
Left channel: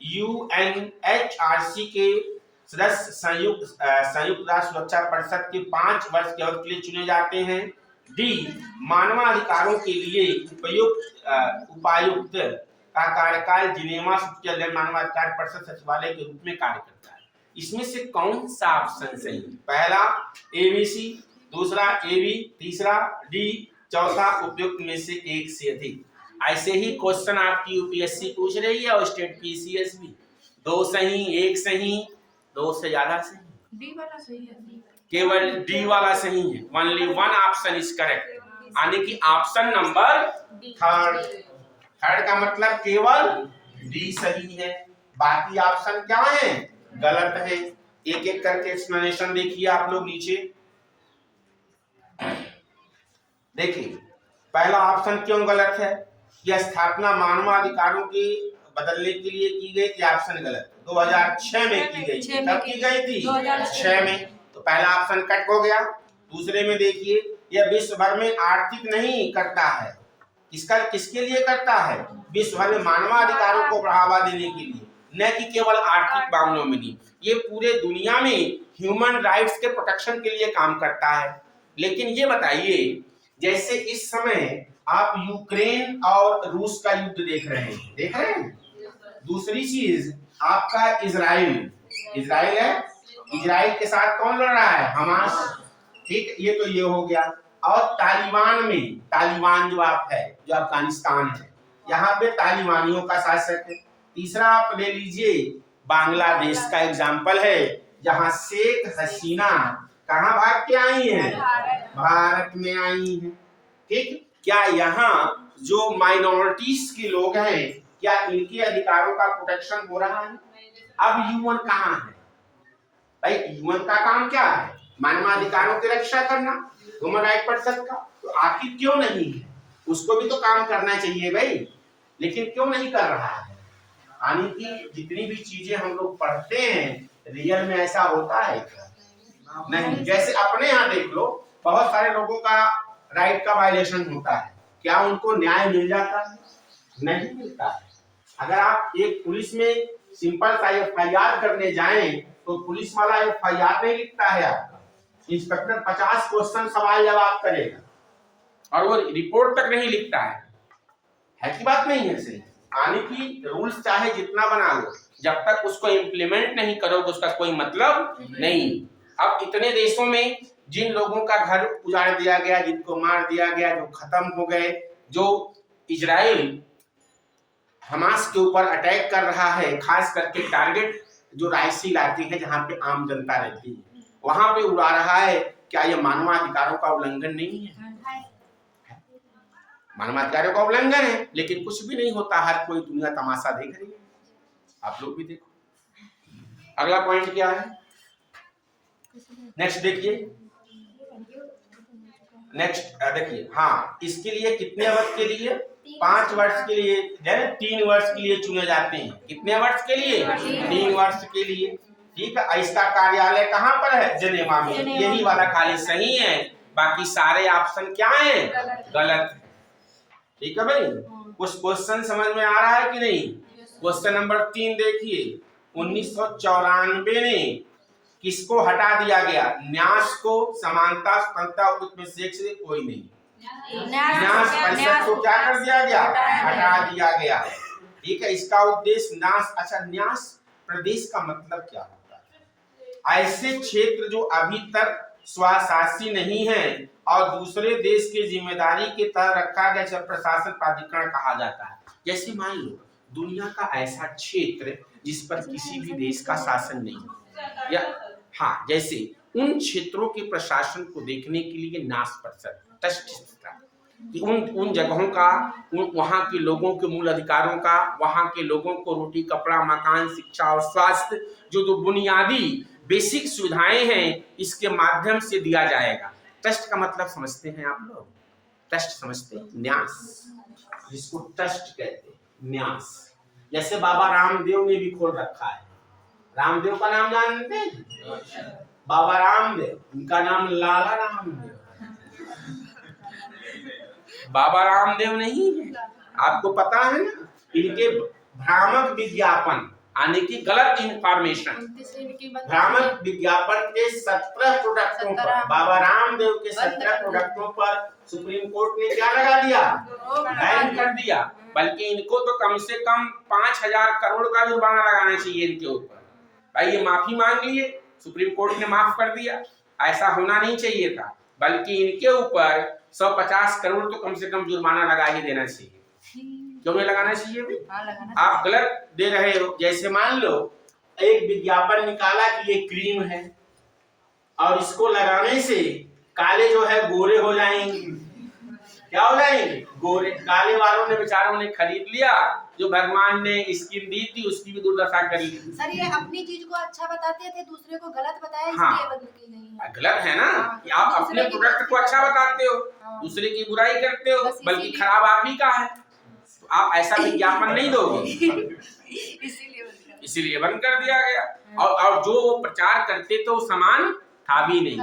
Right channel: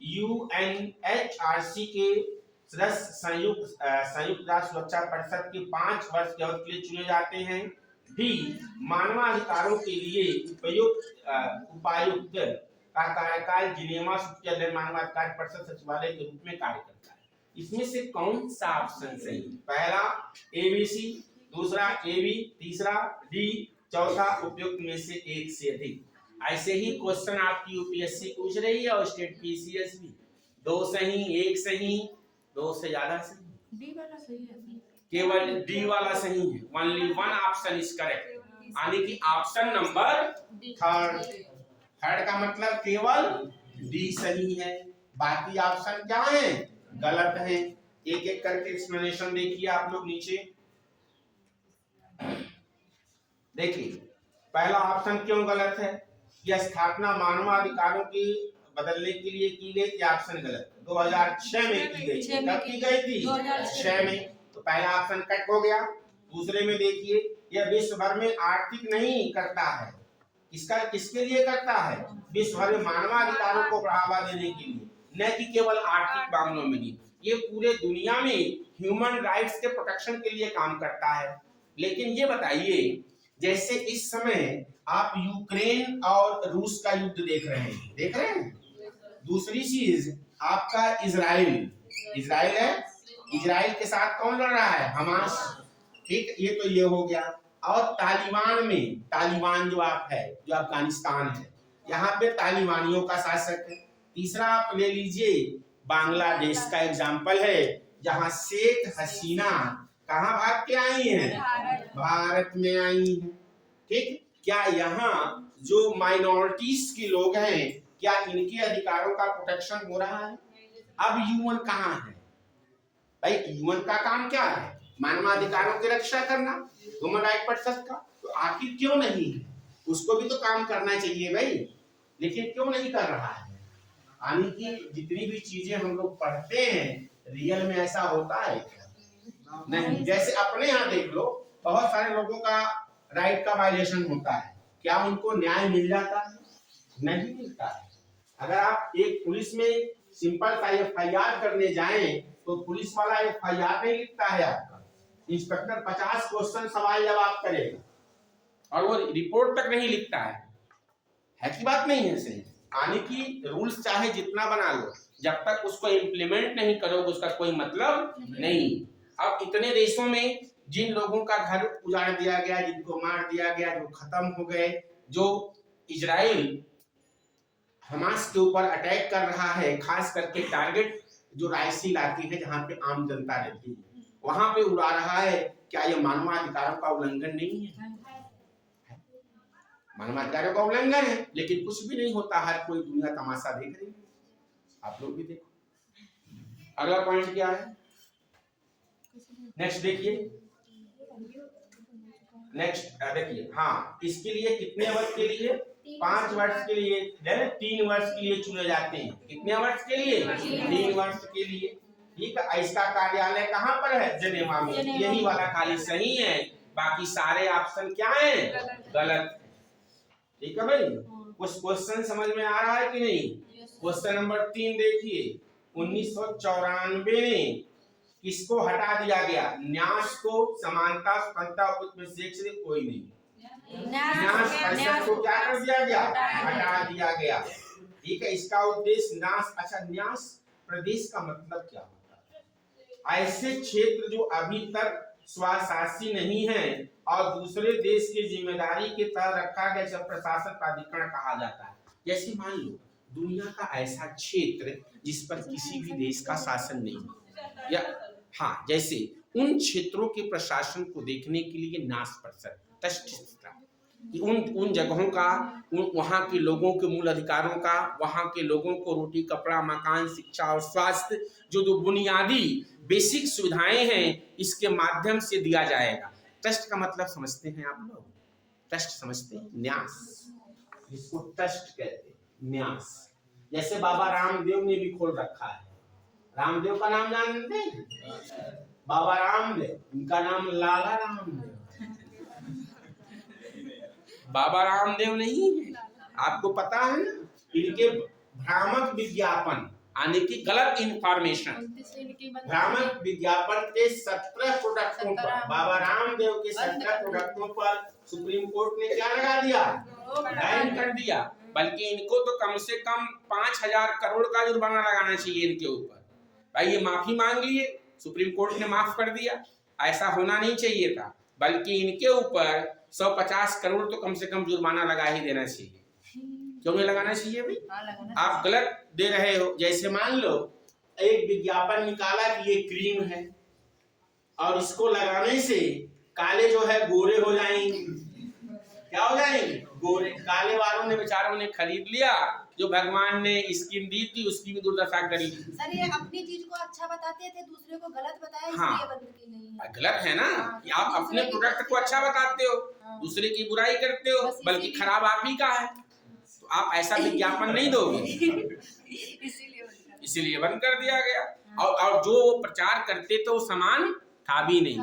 UNHRC के सदस्य संयुक्त राष्ट्र सुरक्षा परिषद के 5 वर्ष के अवधि के लिए चुने जाते हैं। डी, मानवाधिकारों के लिए उपायुक्त का कार्यकाल जिनेवा स्विट्जरलैंड मानवाधिकार परिषद सचिवालय के रूप में कार्य करता है। इसमें से कौन सा ऑप्शन सही? पहला ABC, दूसरा AB, तीसरा D, चौथा उपयुक्त में से एक से अधिक। ऐसे ही क्वेश्चन आपकी यूपीएससी पूछ रही है और स्टेट पीसीएस भी। 2 सही, 1 सही, 2 से ज्यादा सही। डी वाला सही है। केवल डी वाला सही है। Only one option is correct. यानी कि ऑप्शन नंबर थर्ड। थर्ड का मतलब केवल डी सही है, बाकी ऑप्शन क्या है, गलत है। एक एक करके एक्सप्लेनेशन देखिए आप लोग नीचे। देखिए पहला ऑप्शन क्यों गलत है, यह स्थापना मानवाधिकारों की बदलने के लिए की गई थी, ऑप्शन गलत। 2006 में की गई थी। कब की गई थी, 2006 में। तो पहला ऑप्शन कट हो गया। दूसरे में देखिए, यह विश्व भर में आर्थिक नहीं करता है, किसके लिए करता है, विश्व भर में मानवाधिकारों को बढ़ावा देने के लिए, न कि केवल आर्थिक मामलों में नहीं, ये पूरे दुनिया में ह्यूमन राइट्स के प्रोटेक्शन के लिए काम करता है। लेकिन ये बताइए, जैसे इस समय आप यूक्रेन और रूस का युद्ध देख रहे हैं, दूसरी चीज आपका इजराइल है, इजराइल के साथ कौन लड़ रहा है, हमास। ठीक, ये तो ये हो गया। और तालिबान जो आप है, जो अफगानिस्तान है, यहाँ पे तालिबानियों का शासक है। तीसरा आप ले लीजिए बांग्लादेश का एग्जाम्पल है, जहाँ शेख हसीना कहाँ भाग के आई हैं, भारत में आई हैं। ठीक, क्या यहाँ जो माइनॉरिटीज के लोग हैं, क्या इनके अधिकारों का प्रोटेक्शन हो रहा है? अब यूएन कहाँ है भाई? यूएन का काम क्या है, मानवाधिकारों की रक्षा करना, ह्यूमन राइट परिषद का। तो आखिर क्यों नहीं है, उसको भी तो काम करना चाहिए भाई, लेकिन क्यों नहीं कर रहा है? यानी कि जितनी भी चीजें हम लोग पढ़ते हैं, रियल में ऐसा होता है क्या? नहीं। जैसे अपने यहाँ देख लो, बहुत सारे लोगों का राइट का वायलेशन होता है, क्या उनको न्याय मिल जाता है? नहीं मिलता है। अगर आप एक पुलिस में सिंपल सा एफआईआर करने जाएं, तो पुलिस वाला एफआईआर नहीं लिखता है आपका, इंस्पेक्टर 50 क्वेश्चन सवाल जवाब करेगा और वो रिपोर्ट तक नहीं लिखता है कि बात नहीं है सही? यानी कि रूल्स चाहे जितना बना लो, जब तक उसको इम्प्लीमेंट नहीं करोगे उसका कोई मतलब नहीं। अब इतने देशों में जिन लोगों का घर उजाड़ दिया गया, जिनको मार दिया गया, जो खत्म हो गए, जो इजराइल हमास के ऊपर अटैक कर रहा है, खास करके टारगेट जो रायसी इलाके हैं जहाँ पे आम जनता रहती है, वहां पे उड़ा रहा है, क्या यह मानवाधिकारों का उल्लंघन नहीं है? मानवाधिकारों का उल्लंघन है, लेकिन कुछ भी नहीं होता, हर कोई दुनिया तमाशा देख रही है। आप लोग भी देखो। अगला पॉइंट क्या है, नेक्स्ट देखिए, नेक्स्ट देखिए। हाँ, इसके लिए कितने वर्ष के लिए, 5 वर्ष के लिए, 3 वर्ष के लिए चुने जाते हैं। कितने वर्ष के लिए, 3 वर्ष के लिए। ठीक है, इसका कार्यालय कहाँ पर है, जेनेवा में। यही वाला खाली सही है, बाकी सारे ऑप्शन क्या हैं, गलत। ठीक है भाई, कुछ क्वेश्चन समझ में आ रहा है कि नहीं? क्वेश्चन नंबर 3 देखिए, 1994 में किसको हटा दिया गया, न्यास को, समानता, स्वतंत्रता, उपनिवेश से कोई नहीं, न्यास परिषद को क्या कर दिया गया, हटा दिया गया। ठीक है, इसका उद्देश्य न्यास, अच्छा न्यास प्रदेश का मतलब क्या होता है? ऐसे क्षेत्र जो अभी तक स्वशासी नहीं है और दूसरे देश की जिम्मेदारी के तहत रखा गया, प्रशासन प्राधिकरण कहा जाता है। जैसे मान लो दुनिया का ऐसा क्षेत्र जिस पर किसी भी देश का शासन नहीं, या हाँ, जैसे उन क्षेत्रों के प्रशासन को देखने के लिए न्यास परिषद कि उन जगहों का, वहाँ के लोगों के मूल अधिकारों का, वहाँ के लोगों को रोटी, कपड़ा, मकान, शिक्षा और स्वास्थ्य, जो बुनियादी बेसिक सुविधाएं हैं, इसके माध्यम से दिया जाएगा। ट्रस्ट का मतलब समझते हैं आप लोग, ट्रस्ट समझते हैं, न्यास, जिसको ट्रस्ट कहते हैं, न्यास। जैसे बाबा रामदेव ने भी खोल रखा है, रामदेव का नाम जानते हैं, बाबा रामदेव, उनका नाम लाला रामदेव, बाबा रामदेव नहीं है। आपको पता है ना, इनके भ्रामक विज्ञापन, यानी कि गलत इंफॉर्मेशन, भ्रामक विज्ञापन के 17 प्रोडक्टों पर, बाबा रामदेव के 17 प्रोडक्टों पर सुप्रीम कोर्ट ने क्या लगा दिया, बैन कर दिया। बल्कि इनको तो कम से कम 5000 करोड़ का जुर्माना लगाना चाहिए इनके ऊपर। भाई ये माफी मांग लिए, सुप्रीम कोर्ट ने माफ कर दिया, ऐसा होना नहीं चाहिए था, बल्कि इनके ऊपर 150 करोड़ तो कम से कम जुर्माना लगा ही देना चाहिए। क्यों नहीं लगाना चाहिए भाई? आप गलत दे रहे हो। जैसे मान लो एक विज्ञापन निकाला कि ये क्रीम है और इसको लगाने से काले जो है गोरे हो जाएंगे, क्या हो जाएंगे? गोरे। काले वालों ने बेचारों ने खरीद लिया, जो भगवान ने स्कीम दी थी उसकी भी दुर्दशा कर ली। सर ये अपनी चीज को अच्छा बताते थे, दूसरे को गलत बताया, हाँ। इसलिए बंद की गई है। गलत है ना कि आप अपने प्रोडक्ट को अच्छा बताते हो, दूसरे की बुराई करते हो, बल्कि खराब आप ही का है, तो आप ऐसा विज्ञापन नहीं दोगे, इसीलिए बंद कर दिया गया। और जो वो प्रचार करते थे वो सामान था भी नहीं।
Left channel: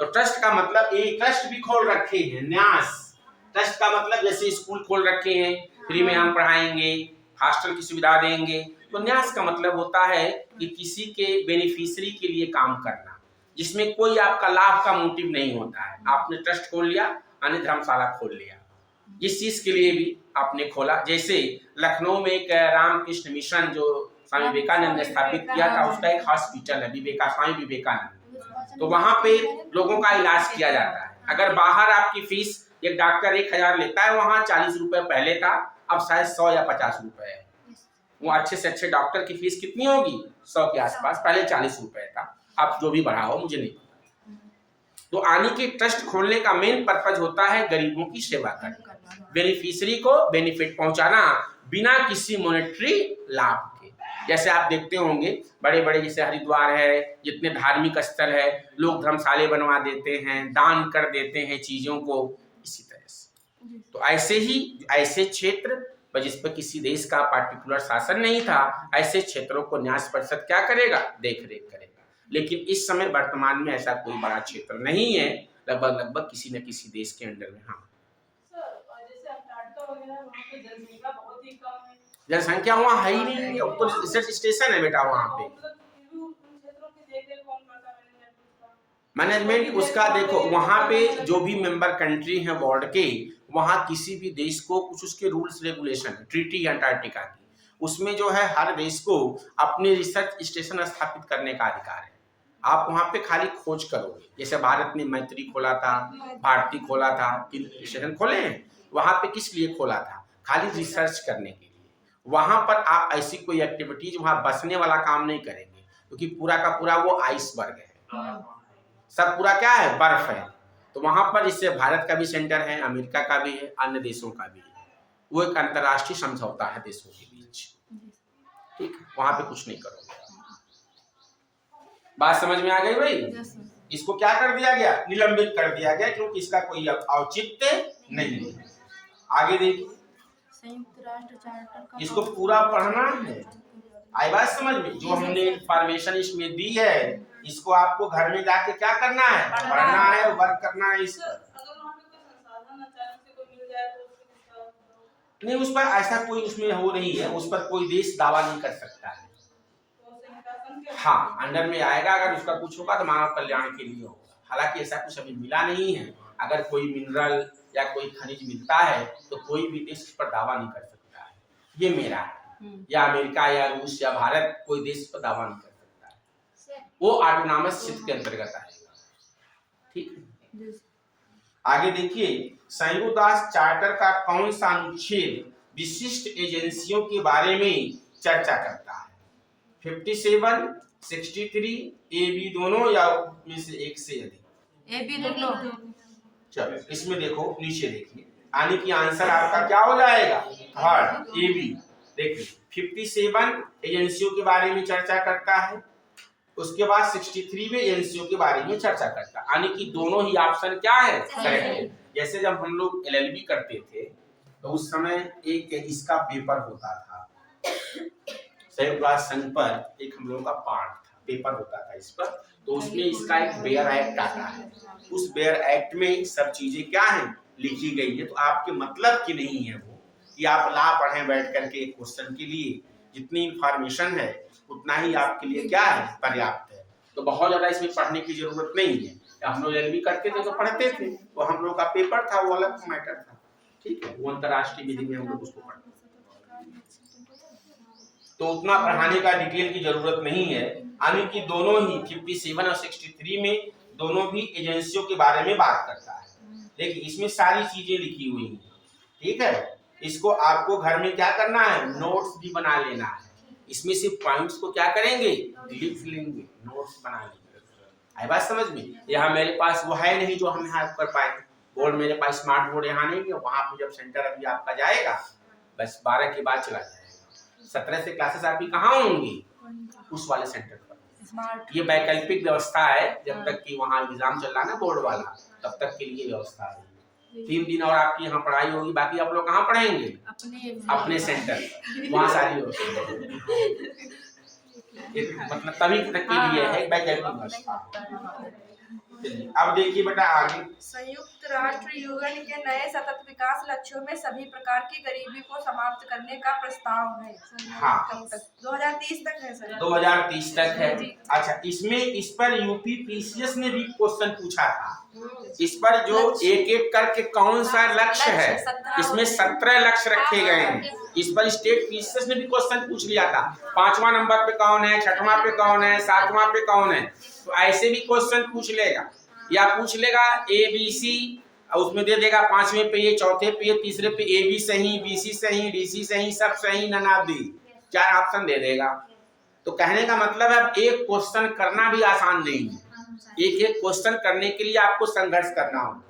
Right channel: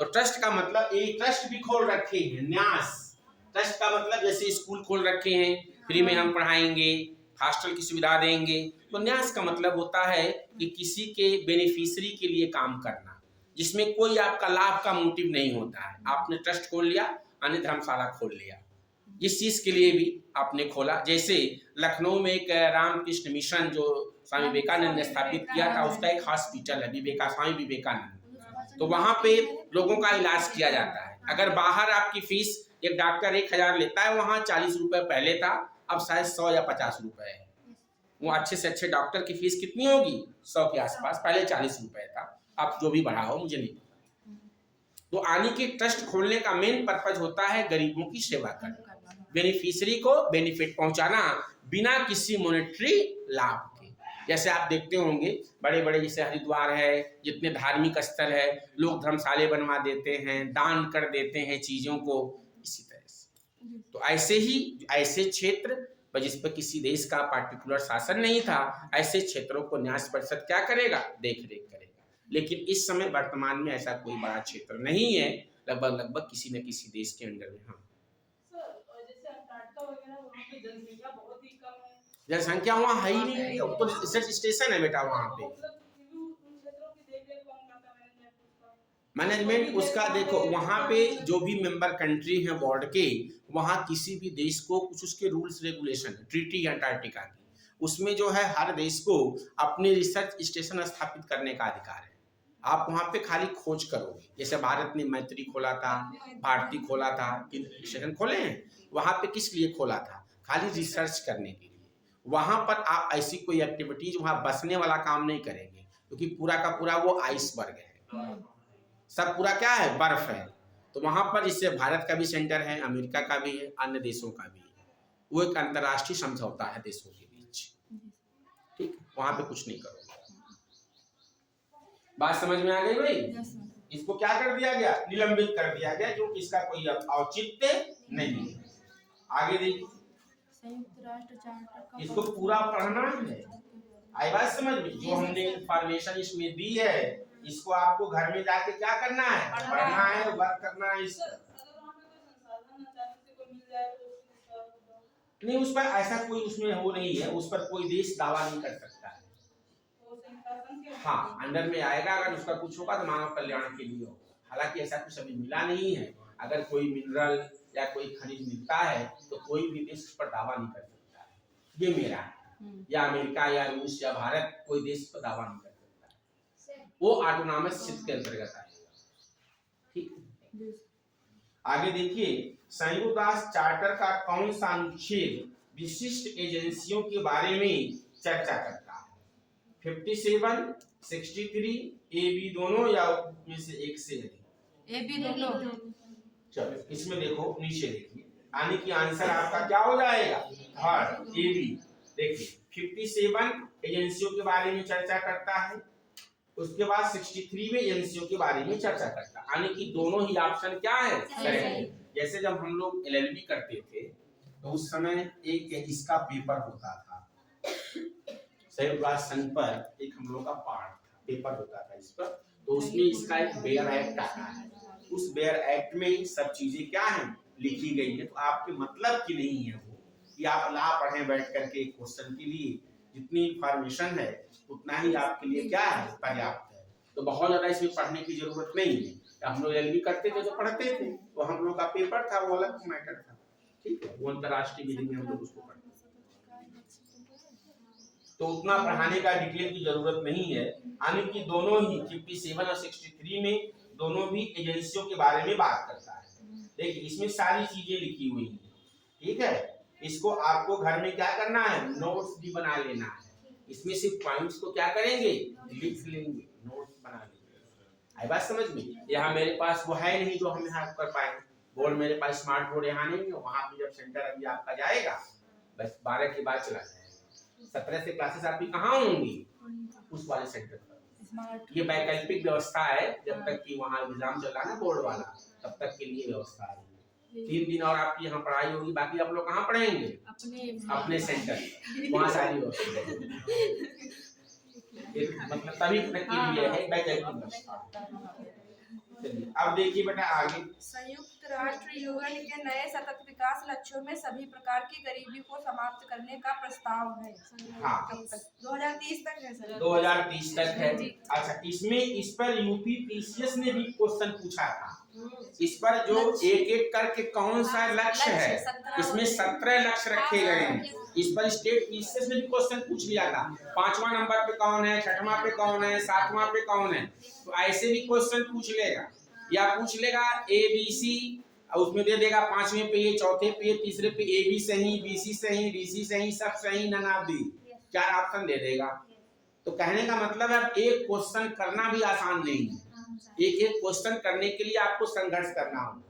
तो ट्रस्ट का मतलब, एक ट्रस्ट भी खोल रखे हैं, न्यास। ट्रस्ट का मतलब जैसे स्कूल खोल रखे हैं, फ्री में हम पढ़ाएंगे, हॉस्टल की सुविधा देंगे। तो न्यास का मतलब होता है कि किसी के बेनिफिशियरी के लिए काम करना, जिसमें कोई आपका लाभ का मोटिव नहीं होता है। आपने ट्रस्ट खोल लिया, अन्य धर्मशाला खोल लिया, जिस चीज के लिए भी आपने खोला। जैसे लखनऊ में एक रामकृष्ण मिशन जो स्वामी विवेकानंद ने स्थापित किया था, उसका एक हॉस्पिटल है, स्वामी विवेकानंद। तो वहां पे लोगों का इलाज किया जाता है। अगर बाहर आपकी फीस, एक डॉक्टर 1000 लेता है, वहाँ 40 रुपए पहले था, अब शायद 100 या 50 रुपए है। वो अच्छे से अच्छे डॉक्टर की फीस कितनी होगी? 100 के आसपास, पहले 40 रुपए था, आप जो भी बढ़ा हो मुझे नहीं पता। तो आने के ट्रस्ट खोलने का मेन पर्पज होता है गरीबों की सेवा करना, बेनिफिशियरी को बेनिफिट पहुंचाना बिना किसी मॉनेटरी लाभ के। जैसे आप देखते होंगे बड़े बड़े जैसे हरिद्वार है, जितने धार्मिक स्थल है, लोग धर्मशाले बनवा देते हैं, दान कर देते हैं चीजों को, इसी तरह से। तो ऐसे ही ऐसे क्षेत्र जिस पर किसी देश का पार्टिकुलर शासन नहीं था, ऐसे क्षेत्रों को न्यास परिषद क्या करेगा? देख रेख करेगा। लेकिन इस समय वर्तमान में ऐसा कोई बड़ा क्षेत्र नहीं है, लगभग किसी न किसी देश के अंडर में। हाँ जनसंख्या वहाँ है ही नहीं, अब तो रिसर्च स्टेशन है बेटा वहाँ पे। मैनेजमेंट उसका देखो, वहाँ पे जो भी मेंबर कंट्री हैं बोर्ड के, वहाँ किसी भी देश को कुछ उसके रूल्स रेगुलेशन, ट्रीटी अंटार्कटिका की, उसमें जो है हर देश को अपने रिसर्च स्टेशन स्थापित करने का अधिकार है। आप वहाँ पे खाली खोज करोगे। जैसे भारत ने मैत्री खोला था, भारती खोला था, स्टेशन खोले हैं। वहाँ पे किस लिए खोला था? खाली रिसर्च करने के लिए। वहाँ पर आप ऐसी कोई एक्टिविटीज, वहाँ बसने वाला काम नहीं करेंगे, क्योंकि पूरा का पूरा वो आइसबर्ग है, सब पूरा क्या है? बर्फ है। तो वहां पर इससे भारत का भी सेंटर है, अमेरिका का भी है, अन्य देशों का भी है। वो एक अंतर्राष्ट्रीय समझौता है देशों के बीच, ठीक है? वहां पे कुछ नहीं करोगे। बात समझ में आ गई भाई? इसको क्या कर दिया गया? निलंबित कर दिया गया, क्योंकि इसका कोई औचित्य नहीं है। आगे देखिए, संयुक्त राष्ट्र चार्टर, इसको पूरा पढ़ना है। आई बात समझ में? जो हमने इंफॉर्मेशन इसमें दी है, इसको आपको घर में जाके क्या करना है? पढ़ना है, वर्क करना है इस पर। नहीं, उस पर ऐसा कोई उसमें हो नहीं है, उस पर कोई देश दावा नहीं कर सकता है। हाँ, अंडर में आएगा, अगर उसका कुछ होगा तो मानव कल्याण के लिए होगा। हालांकि ऐसा कुछ अभी मिला नहीं है। अगर कोई मिनरल या कोई खनिज मिलता है तो कोई भी देश उस पर दावा नहीं कर सकता है, ये मेरा है, या अमेरिका या रूस या भारत, कोई देश पर दावा नहीं कर सकता है। वो ऑटोनॉमस क्षेत्र के अंतर्गत आएगा, ठीक है? आगे देखिए, संयुक्त राष्ट्र चार्टर का कौन सा अनुच्छेद विशिष्ट एजेंसियों के बारे में चर्चा करता है? 57, 63, ए बी दोनों, या में से एक से अधिक? ए बी दोनों। चलो इसमें देखो, नीचे देखिए, यानी कि आंसर आपका क्या हो जाएगा? Third, A B. देखिए 57 एजेंसियों के बारे में चर्चा करता है, उसके बाद 63 में एजेंसियों के बारे में चर्चा करता है, यानी कि दोनों ही ऑप्शन क्या है? करेक्ट है। जैसे जब हम लोग एलएलबी करते थे तो उस समय एक इसका पेपर होता था, संयुक्त राष्ट्र संघ पर एक हम लोगों का पार्ट था, पेपर होता था इस पर। तो उसमें इसका एक बेयर एक्ट आता है, उस बेयर एक्ट में सब चीजें क्या हैं? लिखी गई है। तो आपके मतलब की नहीं है वो कि आप ला पढ़ें बैठ करके एक क्वेश्चन के लिए। जितनी इंफॉर्मेशन है उतना ही आपके लिए क्या है? पर्याप्त है। तो बहुत ज्यादा इसमें पढ़ने की जरूरत नहीं है। हम लोग एलएलबी करते थे तो पढ़ते थे, वो हम लोग का पेपर था, वो अलग मैटर था, ठीक है? वो अंतर्राष्ट्रीय विधि में हम लोग उसको पढ़ते, तो उतना पढ़ाने का डिटेल की जरूरत नहीं है। यानी कि दोनों ही 57 और 63 में दोनों भी एजेंसियों के बारे में बात करता है। देखिए इसमें सारी चीजें लिखी हुई हैं, ठीक है? इसको आपको घर में क्या करना है? नोट्स भी बना लेना है। इसमें से पॉइंट्स को क्या करेंगे? लिख लेंगे, नोट्स बना लेंगे। आई बात समझ में? यहाँ मेरे पास वो है नहीं जो हम यहाँ कर पाए, बोर्ड मेरे पास स्मार्ट बोर्ड यहाँ नहीं है, वहाँ पे जब सेंटर अभी आपका जाएगा बस 12 के बाद चला जाएगा। 17 से क्लासेस आपकी कहाँ होंगी? उस वाले सेंटर पर। ये वैकल्पिक व्यवस्था है, जब तक कि वहाँ एग्जाम चल रहा है ना बोर्ड वाला, तब तक के लिए व्यवस्था है। 3 दिन और आपकी यहाँ पढ़ाई होगी, बाकी आप लोग कहाँ पढ़ेंगे? अपने सेंटर, वहाँ सारी व्यवस्था मतलब तभी तक के लिए है वैकल्पिक व्यवस्था। अब देखिए बेटा आगे। संयुक्त राष्ट्र यूएन के नए सतत विकास लक्ष्यों में सभी प्रकार की गरीबी को समाप्त करने का प्रस्ताव है। हाँ 2030 तक है सर। 2030 तक है। अच्छा, इसमें इस पर यूपी पीसीएस ने भी क्वेश्चन पूछा था। इस पर जो एक एक करके कौन सा लक्ष्य है, इसमें 17 लक्ष्य रखे गए हैं। इस पर स्टेट पीसीएस ने भी क्वेश्चन पूछ लिया था, 5वां नंबर पे कौन है, 6वां पे कौन है, 7वां पे कौन है। तो ऐसे भी क्वेश्चन पूछ लेगा, या पूछ लेगा ABC, उसमें दे देगा 5वें पे ये, 4थे पे ये, 3रे पे AB सही, BC सही, DC सही, सब सही, नन ऑफ दी, 4 ऑप्शन दे देगा। तो कहने का मतलब है अब एक क्वेश्चन करना भी आसान नहीं है, एक एक क्वेश्चन करने के लिए आपको संघर्ष करना होगा।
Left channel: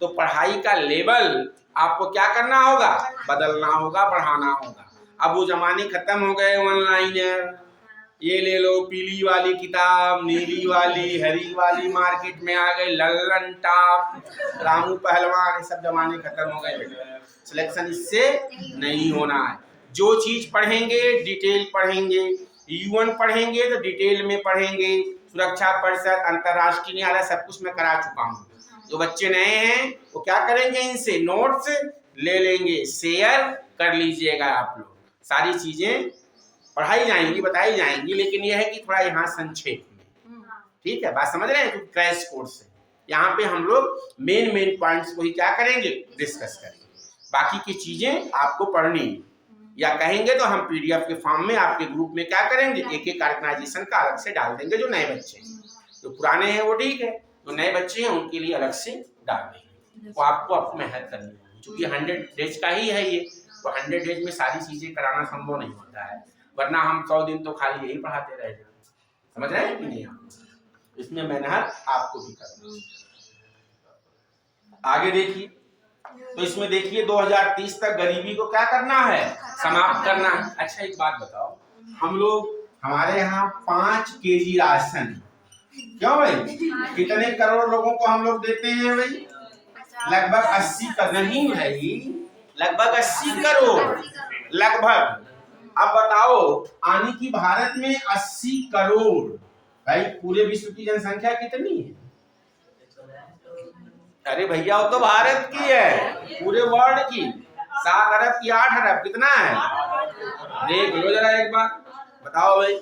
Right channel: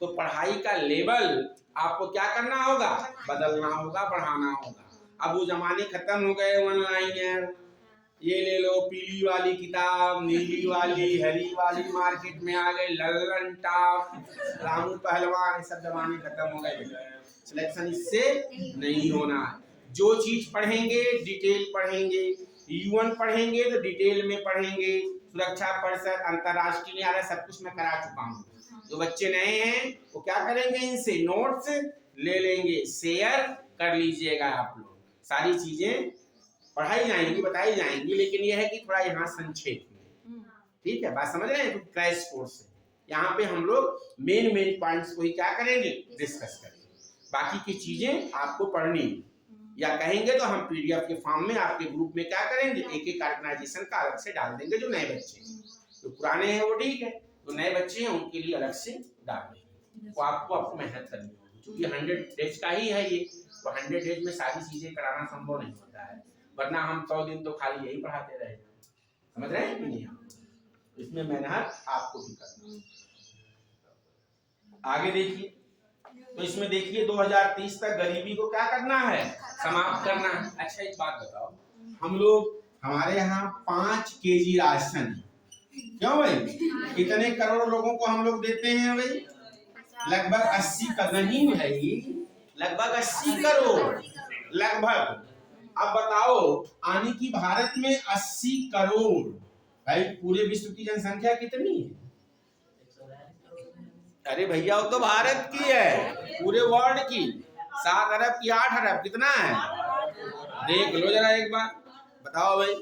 तो पढ़ाई का लेवल आपको क्या करना होगा? बदलना होगा, बढ़ाना होगा। अब वो जमाने खत्म हो गए ऑनलाइन, ये ले लो पीली वाली किताब, नीली वाली, हरी वाली मार्केट में आ गए, लल्लन टॉप, रामू पहलवान, ये सब जमाने खत्म हो गए बेटा। सिलेक्शन इससे नहीं होना है। जो चीज पढ़ेंगे डिटेल पढ़ेंगे, यूएन पढ़ेंगे तो डिटेल में पढ़ेंगे, सुरक्षा परिषद, अंतरराष्ट्रीय न्यायालय, सब कुछ मैं करा चुका हूँ। जो बच्चे नए हैं वो क्या करेंगे, इनसे नोट्स ले लेंगे, शेयर कर लीजिएगा। आप लोग सारी चीजें पढ़ाई जाएंगी, बताई जाएंगी, लेकिन यह है कि थोड़ा यहाँ संक्षेप में, ठीक है, बात समझ रहे हैं? तो क्रैश कोर्स है, यहाँ पे हम लोग मेन पॉइंट्स को ही क्या करेंगे, डिस्कस करेंगे। बाकी की चीजें आपको पढ़नी या कहेंगे तो हम पीडीएफ के फॉर्म में आपके ग्रुप में क्या करेंगे, एक एक ऑर्गेनाइजेशन का अलग से डाल देंगे। जो नए बच्चे हैं, जो पुराने हैं वो ठीक है, जो नए बच्चे हैं उनके लिए अलग से डाल देंगे। तो आपको मेहनत करनी होगी, क्योंकि 100 डेज का ही है ये, तो 100 डेज में सारी चीजें कराना संभव नहीं होता है, वरना हम 100 दिन तो खाली यही पढ़ाते रह जाए। समझ रहे हैं कि नहीं? आप इसमें मेहनत आपको भी करनी। आगे देखिए, तो इसमें देखिए 2030 तक गरीबी को क्या करना है, समाप्त करना है। अच्छा एक बात बताओ, हम लोग हमारे यहाँ 5 केजी राशन, क्यों भाई, कितने करोड़ लोगों को हम लोग देते हैं भाई? लगभग 80 करोड़, नहीं भाई, लगभग 80 करोड़ लगभग। अब बताओ, आने की भारत में 80 करोड़, भाई पूरे विश्व की जनसंख्या कितनी है? अरे भैया वो तो भारत की है, पूरे वर्ल्ड की 7 अरब की 8 अरब, कितना है देख लो जरा एक बार, बताओ भाई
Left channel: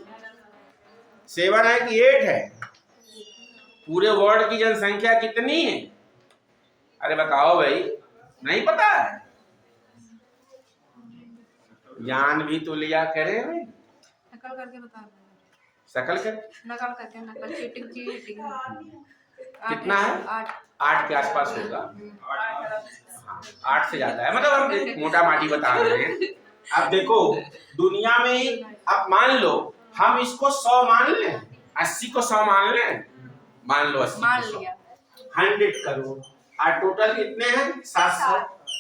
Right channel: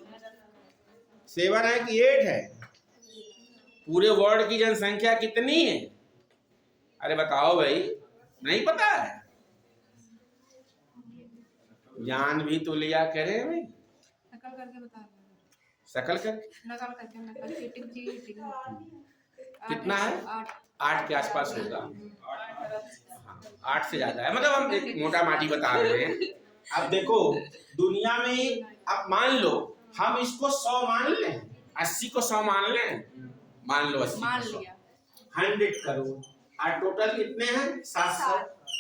7 है कि 8 है? पूरे वर्ल्ड की जनसंख्या कितनी है? अरे बताओ भाई, नहीं पता है? जान भी तो लिया करे भाई, नकल करके बता, शकल कर, नकल करके, नकल चीटिंग कितना है? 8 के आसपास होगा, 8 से ज्यादा है, मतलब हम मोटा माटी बता रहे हैं। अब देखो दुनिया में, अब मान लो हम इसको 100 मान लें, 80 को 100 मान लें, मान लो 80 मान लिया, 100 करोड़, और टोटल कितने हैं? 700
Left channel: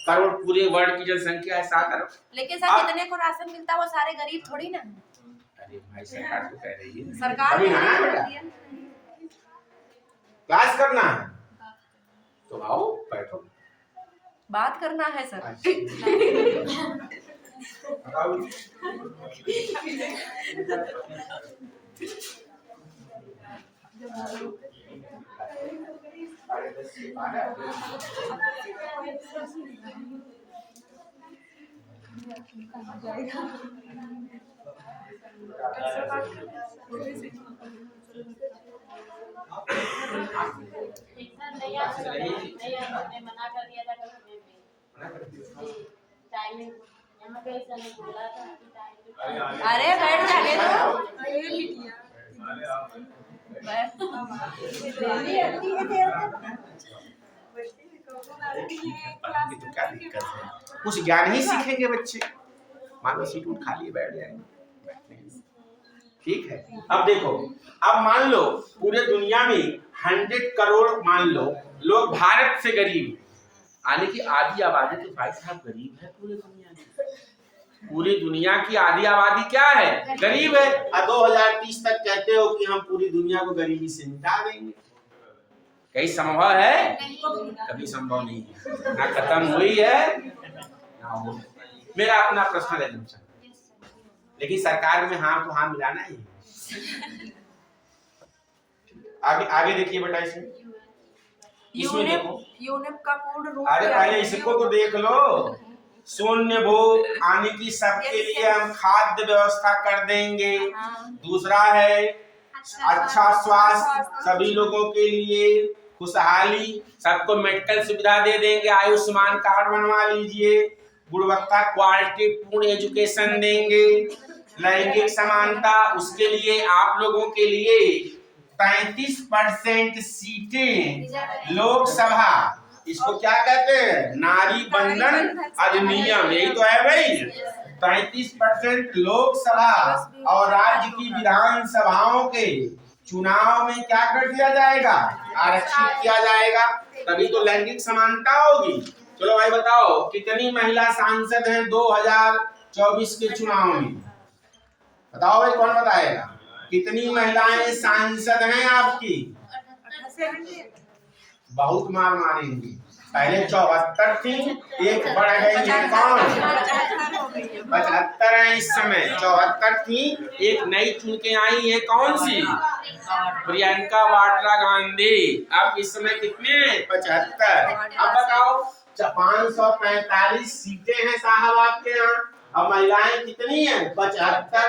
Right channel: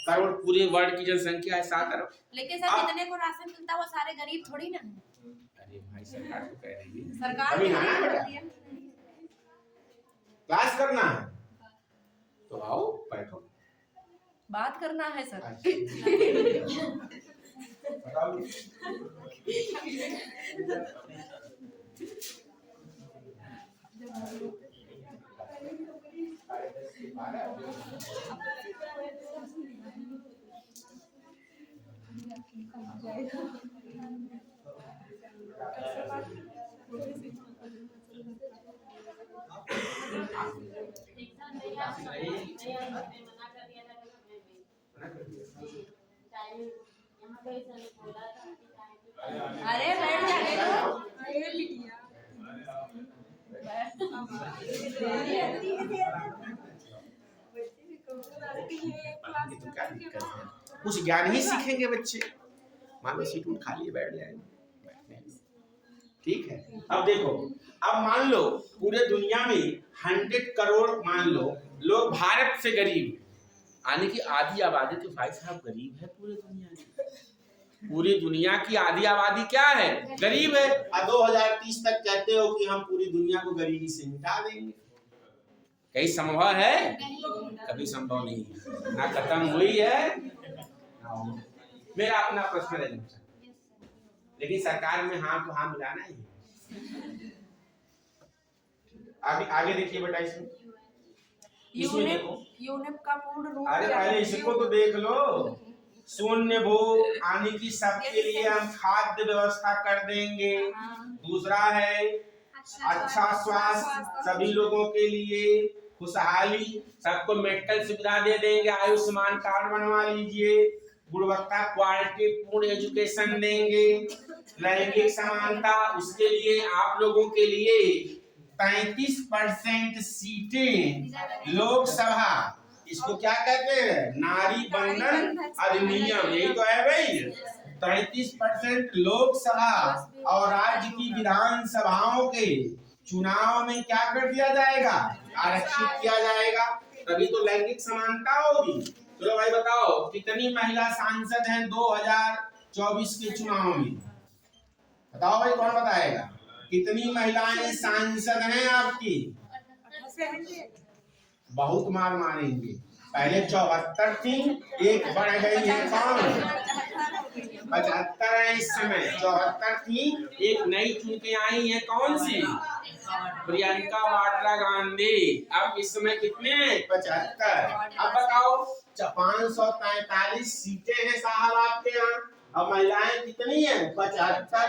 करोड़, पूरे वर्ल्ड की जनसंख्या है 7 अरब। लेकिन सर कितने को राशन मिलता है, वो सारे गरीब थोड़ी ना। अरे भाई सरकार तो कह रही है, सरकार क्लास करना है तो आओ बैठो, बात करना है सर। अरे बैठ जाने दो, तो क्या दिक्कत है, कुछ ज्ञान ही सीखेंगे बच्चे। मान लो सीट उठ खाली बैठ जाएंगे, ठीक है। अब देखो, अब मान लो पूरे दुनिया में 100 करोड़ मान लो लोग भारत से गरीब, यानी कि आधी आबादी तो भाई साहब गरीब है पूरी दुनिया की। पूरी दुनिया की आधी आबादी क्या है? गरीब है। और 2030 तक कहते हो कि हम पूरी दुनिया को गरीबी से मिटा देंगे। कहीं संभव है? कभी संभव नहीं है। ना खत्म हुई है ना हो। मेरा अपना पर्सनल एजम्पशन, लेकिन सरकार में हाँ तो हाँ मिलाना ही है। आगे आगे देखिए बेटा, इसमें देखो यूनिप का पूर्ण रूप। अरे पहले इसको तो देख लो। शून्य भूख, यानी कि सबके लिए हम खाद्य व्यवस्था कर देंगे। दूसरा है अच्छा स्वास्थ्य, सभी लोगों के लिए खुशहाली, सबको मेडिकल सुविधा दे देंगे, आयुष्मान कार्ड बनवा लीजिए, गुणवत्ता क्वालिटी पूर्ण एजुकेशन देंगे। लैंगिक समानता, उसके लिए आप लोगों के लिए 33% सीटें लोकसभा, इसको क्या कहते हैं? नारी बंधन अधिनियम, यही तो है भाई। 33% लोकसभा और राज्य की विधानसभाओं के चुनाव में क्या कर दिया जाएगा? आरक्षित किया जाएगा। तभी तो लैंगिक समानता होगी। चलो भाई बताओ, कितनी महिला सांसद हैं 2024 के चुनाव में? बताओ भाई, कौन बताएगा? कितनी महिलाएं सांसद हैं आपकी? बहुत मार मारेंगे। पहले 74 थी, एक बढ़ गई है कौन? 75 है इस समय। 74 थी, एक नई चुन के आई है, कौन सी? प्रियंका वाड्रा गांधी। अब इस समय कितने? 75। अब बताओ 545 सीटें हैं साहब आपके यहाँ, अब महिलाएं कितनी है? 75,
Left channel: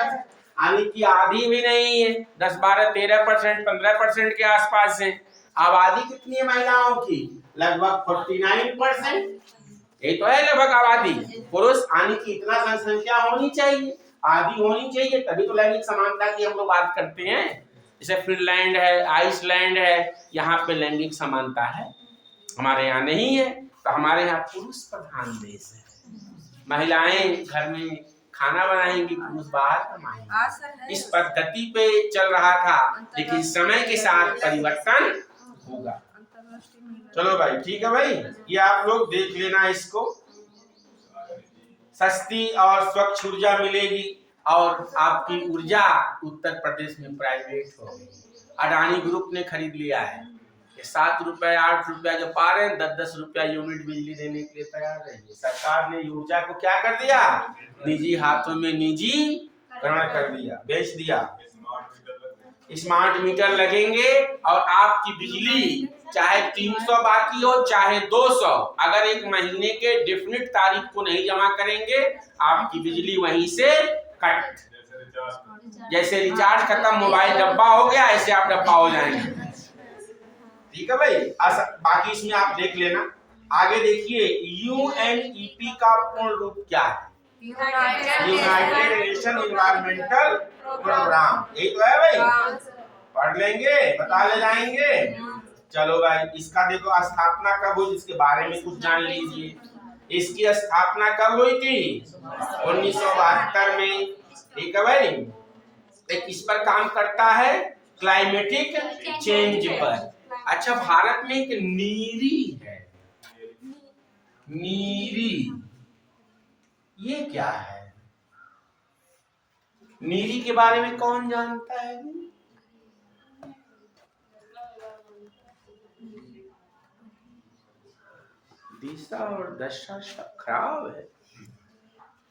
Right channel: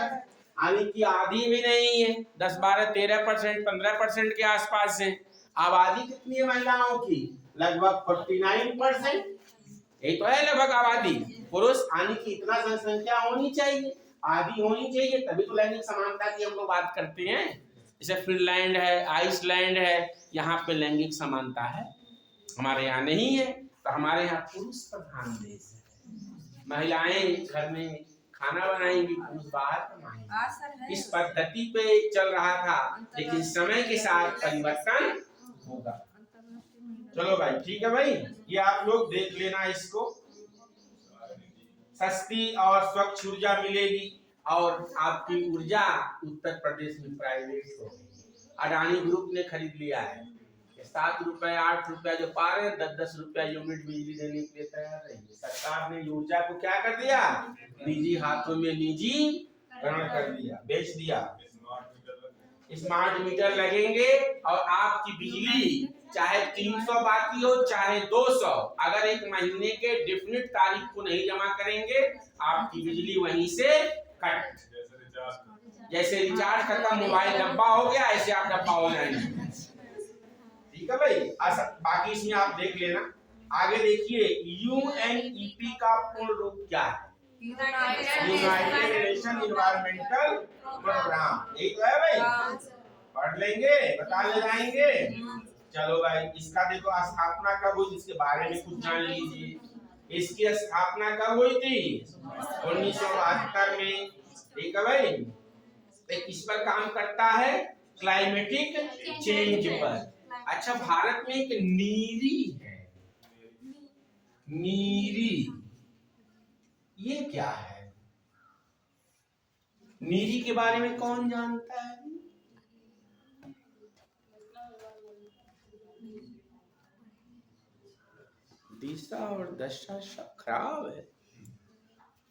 यानी कि आधी भी नहीं है। 10, 12, 13%, 15% के आसपास है। आबादी कितनी है महिलाओं की? लगभग 49%। ये तो है लगभग आबादी। पुरुष, यानी कि इतना जनसंख्या होनी चाहिए, आधी होनी चाहिए, तभी तो लैंगिक समानता की हम लोग बात करते हैं। जैसे फिनलैंड है, आइसलैंड है, यहाँ पे लैंगिक समानता है, हमारे यहाँ नहीं है। तो हमारे यहाँ पुरुष प्रधान देश है। महिलाएं घर में खाना बनाएंगी, पुरुष बाहर कमाएंगे। इस पद्धति पे चल रहा था, लेकिन समय के साथ परिवर्तन होगा। चलो भाई ठीक है भाई, ये आप लोग देख लेना इसको। सस्ती और स्वच्छ ऊर्जा मिलेगी, और आपकी ऊर्जा उत्तर प्रदेश में प्राइवेट होगी। अडानी ग्रुप ने खरीद लिया है। ये 7 रुपए 8 रुपया जो पा रहे हैं, 10-10 रुपया यूनिट बिजली देने के लिए तैयार रहिए। सरकार ने ऊर्जा को क्या कर दिया? निजी हाथों में निजीकरण कर दिया, बेच दिया। स्मार्ट मीटर लगेंगे और आपकी बिजली चाहे 300 बाकी हो चाहे 200, अगर एक महीने के डेफिनेट तारीख को नहीं जमा करेंगे, आपकी बिजली वहीं से कट। जैसे रिचार्ज खत्म, मोबाइल डब्बा हो गया, ऐसे आप डब्बा हो जाएंगे। ठीक है भाई, बाकी इसमें आप देख लेना। आगे देखिए, यूएनईपी का पूर्ण रूप क्या है? यूनाइटेड नेशन एनवायरमेंटल प्रोग्राम, यही तो है भाई। पढ़ लेंगे, बता ले जाएंगे। चलो भाई, इसका देखो स्थापना कब हुई, इसके बारे में कुछ जान लीजिए। इसकी स्थापना कब हुई थी? 1972 में। ठीक है भाई। एक किस पर काम करता है? क्लाइमेटिक चेंज पर। अच्छा, भारत में एक नीरी है। नीरी, ये क्या है? नीरी के बारे में कौन जानता है? दिशा और दशा खराब है।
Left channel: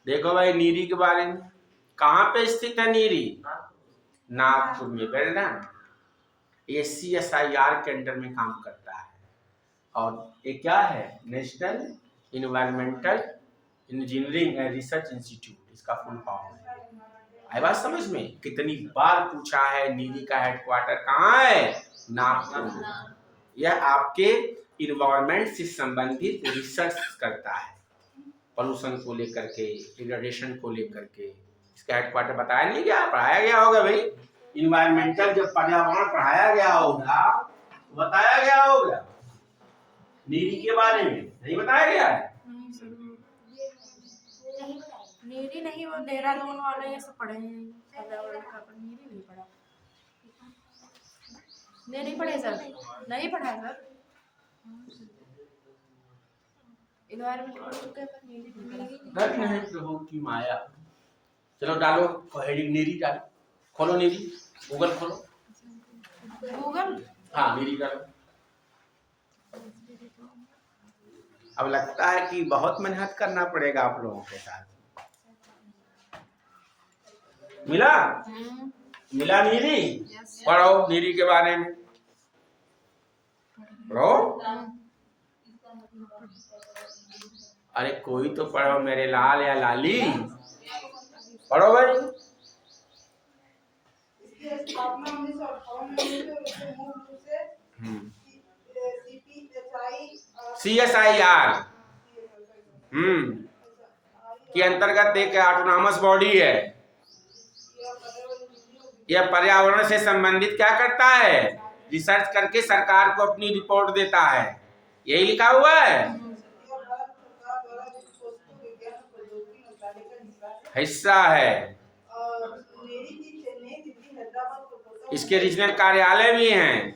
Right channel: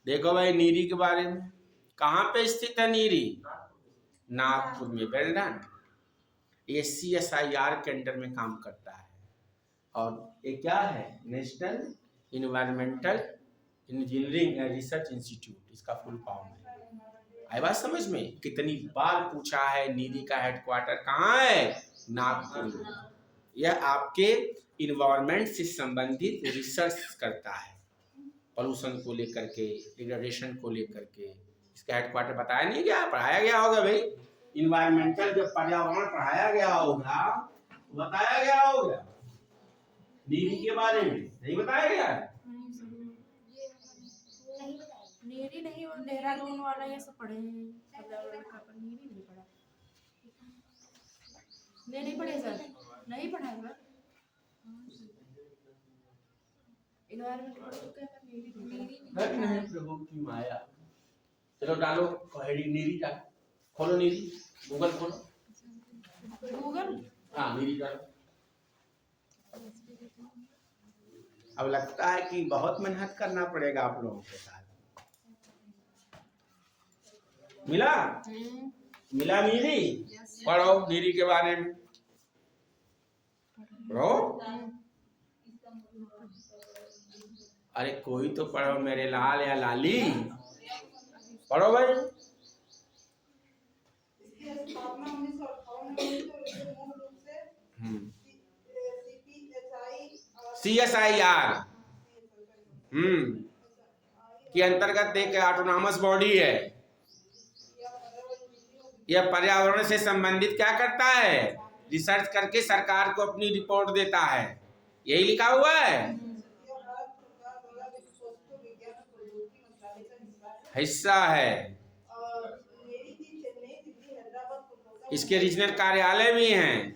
देखो भाई, नीरी के बारे में, कहाँ पे स्थित है नीरी? नागपुर में। बेलडन ACSIR के अंडर में काम करता है। और ये क्या है? National environmental engineering and research institute, इसका फुल फॉर्म है। आई बात समझ में? कितनी बार पूछा है, नीरी का हेडक्वार्टर कहाँ है? नागपुर। यह आपके इन्वायरमेंट से संबंधित रिसर्च करता है, पॉल्यूशन को लेकर के, डिग्रेडेशन को लेकर के। इसका हेडक्वार्टर बताया नहीं गया? पढ़ाया गया होगा भाई। इन्वायरमेंटल जब पर्यावरण पढ़ाया गया होगा, बताया गया होगा। नीरी के बारे में नहीं बताया गया है? नीरी नहीं, वो देहरादून वाले ये सब पढ़े हैं। नीरी नहीं पढ़ा। नहीं पढ़े सर, नहीं पढ़ा सर। एनवायरमेंट पढ़ चुके हैं पर नीरी मिलेगी रख नहीं प्रभु की माया। चलो डालो हेडिंग नीरी डालो, खोलो नीरी, गूगल खोलो। गूगल। हाँ नीरी डालो। अब लगता है कि बहुत मेहनत करना पड़ेगा आप लोगों के साथ। मिला मिला नीरी। पढ़ो नीरी के बारे में पढ़ो। अरे कोई तो पढ़ो मेरे लाल या लाली, पढ़ो भाई। CSIR के अंतर्गत एक ऑटोनॉमस बॉडी है। यह पर्यावरण से संबंधित क्या करता है, रिसर्च करके सरकार को अपनी रिपोर्ट देता है। यही लिखा हुआ है, हिस्सा है। इसके रीजनल कार्यालय भी हैं।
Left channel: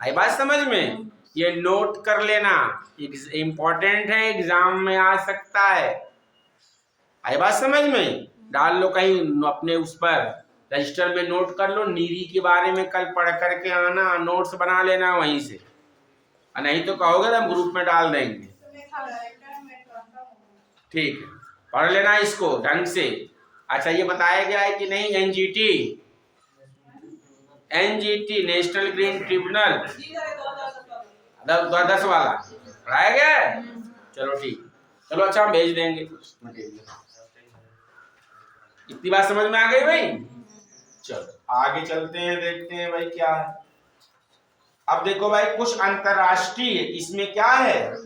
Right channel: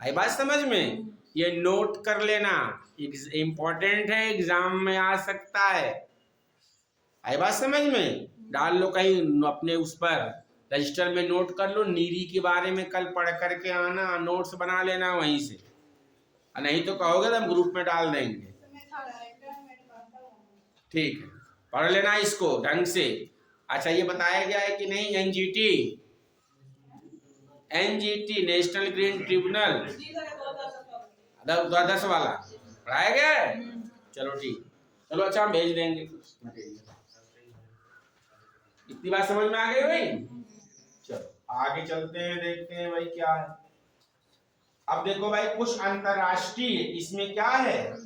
आई बात समझ में? ये नोट कर लेना, इम्पोर्टेंट है, एग्जाम में आ सकता है। आई बात समझ में? डाल लो कहीं अपने उस पर रजिस्टर में, नोट कर लो। नीरी के बारे में कल पढ़ करके आना, नोट्स बना लेना वहीं से, और नहीं तो कहोगे तो हम ग्रुप में डाल देंगे। ठीक है, पढ़ लेना इसको ढंग से। अच्छा ये बताया गया है कि नहीं, एनजीटी नेशनल ग्रीन ट्रिब्यूनल 10 वाला पढ़ाया गया है। चलो ठीक, चलो अच्छा हम भेज देंगे कुछ मटेरियल। इतनी बात समझ में आ गई भाई? चलो आगे चलते हैं, देखते हैं भाई क्या है। अब देखो भाई कुछ अंतरराष्ट्रीय इसमें क्या है,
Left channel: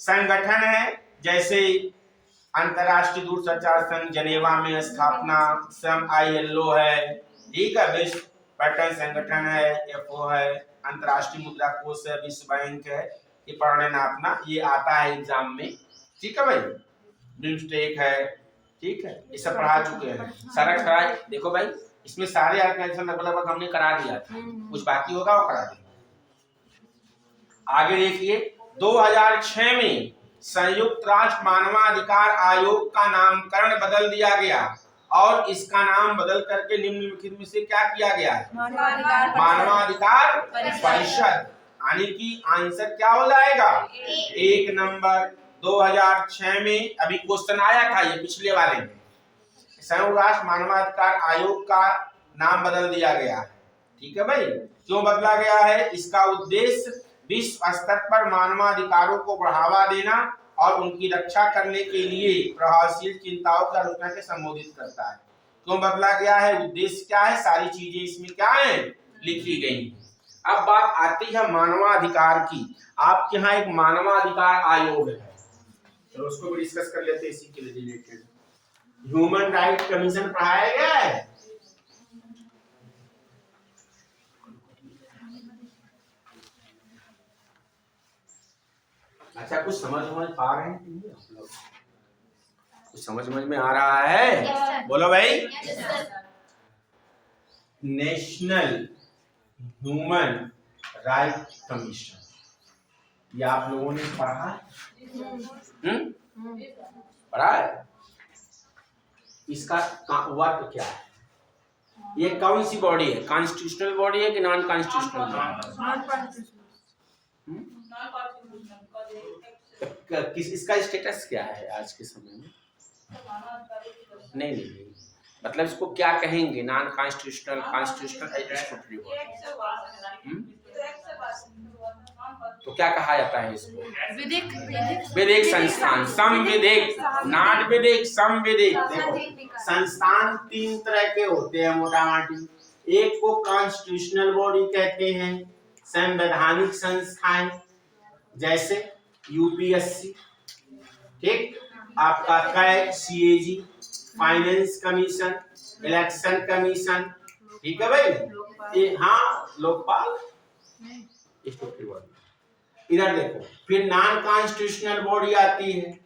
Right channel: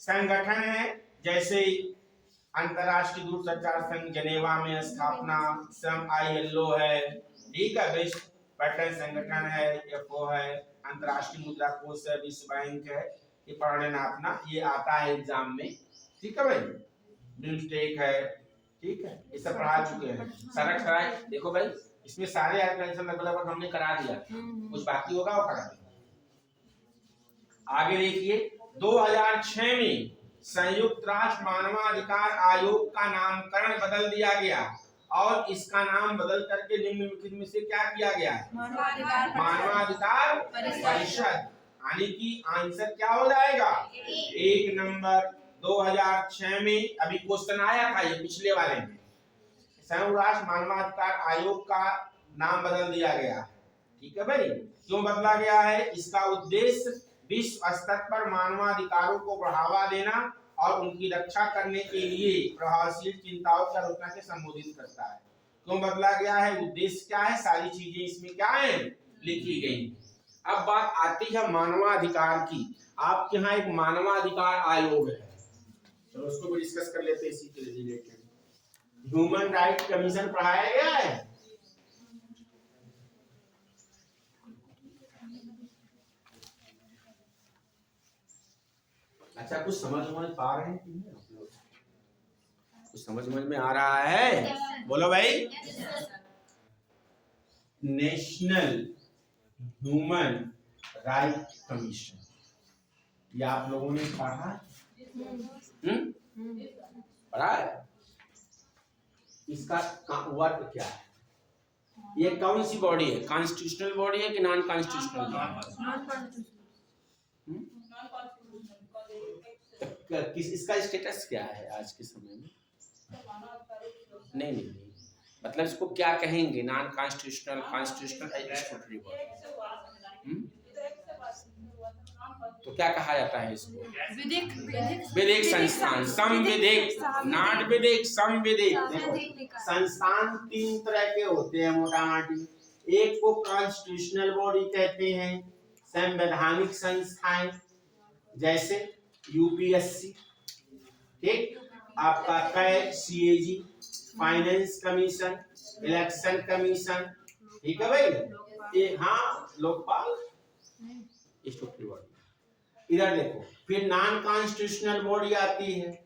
संगठन है। जैसे अंतरराष्ट्रीय दूरसंचार संघ जनेवा में स्थापना, ILO है, ठीक है, विश्व पर्यटन संगठन है, FO है, अंतरराष्ट्रीय मुद्रा कोष है, विश्व बैंक है। ये पढ़ लेना अपना, ये आता है एग्जाम में, ठीक है भाई। बिम्स्टेक है, ठीक है, ये सब पढ़ा चुके हैं। सड़क कराए, देखो भाई इसमें सारे ऑर्गेनाइजेशन लगभग हमने करा दिया था, कुछ बाकी होगा वो करा देंगे। आगे देखिए 2006 में संयुक्त राष्ट्र मानवाधिकार आयोग का नामकरण बदल दिया गया और इसका नाम बदल करके निम्नलिखित में से क्या किया गया है, मानवाधिकार परिषद। यानी कि आंसर क्या हो जाएगा, 1 नंबर। 2006 में अभी क्वेश्चन आया था ये पिछले वाले में, संयुक्त राष्ट्र मानवाधिकार आयोग का नाम बदल दिया गया है, ठीक है भाई। क्यों बदला गया है, इसका उद्देश्य विश्व स्तर पर मानवाधिकारों को बढ़ावा देना और उनकी रक्षा करने के लिए प्रभावशील चिंताओं की आलोचना के संबोधित करता है। क्यों बदला गया है, उद्देश्य क्या है, सारी चीजें इसमें क्या है लिखी गई। अब बात आती है मानवाधिकार की। आपके यहाँ एक मानवाधिकार आयोग है, चलो उसको भी डिस्कस कर लेते हैं, इसी के रिलेटेड। ह्यूमन राइट कमीशन पढ़ाया गया है। अच्छा कुछ समझ पा रहे हैं कि आप लोग? कुछ समझ में आ रहा है? बोलो भाई। नेशनल ह्यूमन राइट कमीशन, ये आप लोगों ने पढ़ा है? पढ़ा है? इसका वर्क क्या है, ये कौन सी बॉडी है, कॉन्स्टिट्यूशनल बॉडी है कि नॉन कॉन्स्टिट्यूशनल? किस इसका स्टेटस क्या है आज के समय में? नहीं, मतलब इसको क्या कहेंगे, नॉन कॉन्स्टिट्यूशनल, कॉन्स्टिट्यूशनल, तो क्या कहा जाता है इसको? विधिक संस्थान, संविधिक, नॉट विधिक, संविधिक। देखो संस्थान 3 तरह के होते हैं मोटा मोटी। एक को कॉन्स्टिट्यूशनल बॉडी कहते हैं, संवैधानिक संस्थाएं, जैसे UPSC, ठीक, आपका CAG, CAG, finance commission, election commission, ठीक है भाई। ये हाँ लोकपाल, इधर देखो। फिर नॉन कॉन्स्टिट्यूशनल बॉडी आती है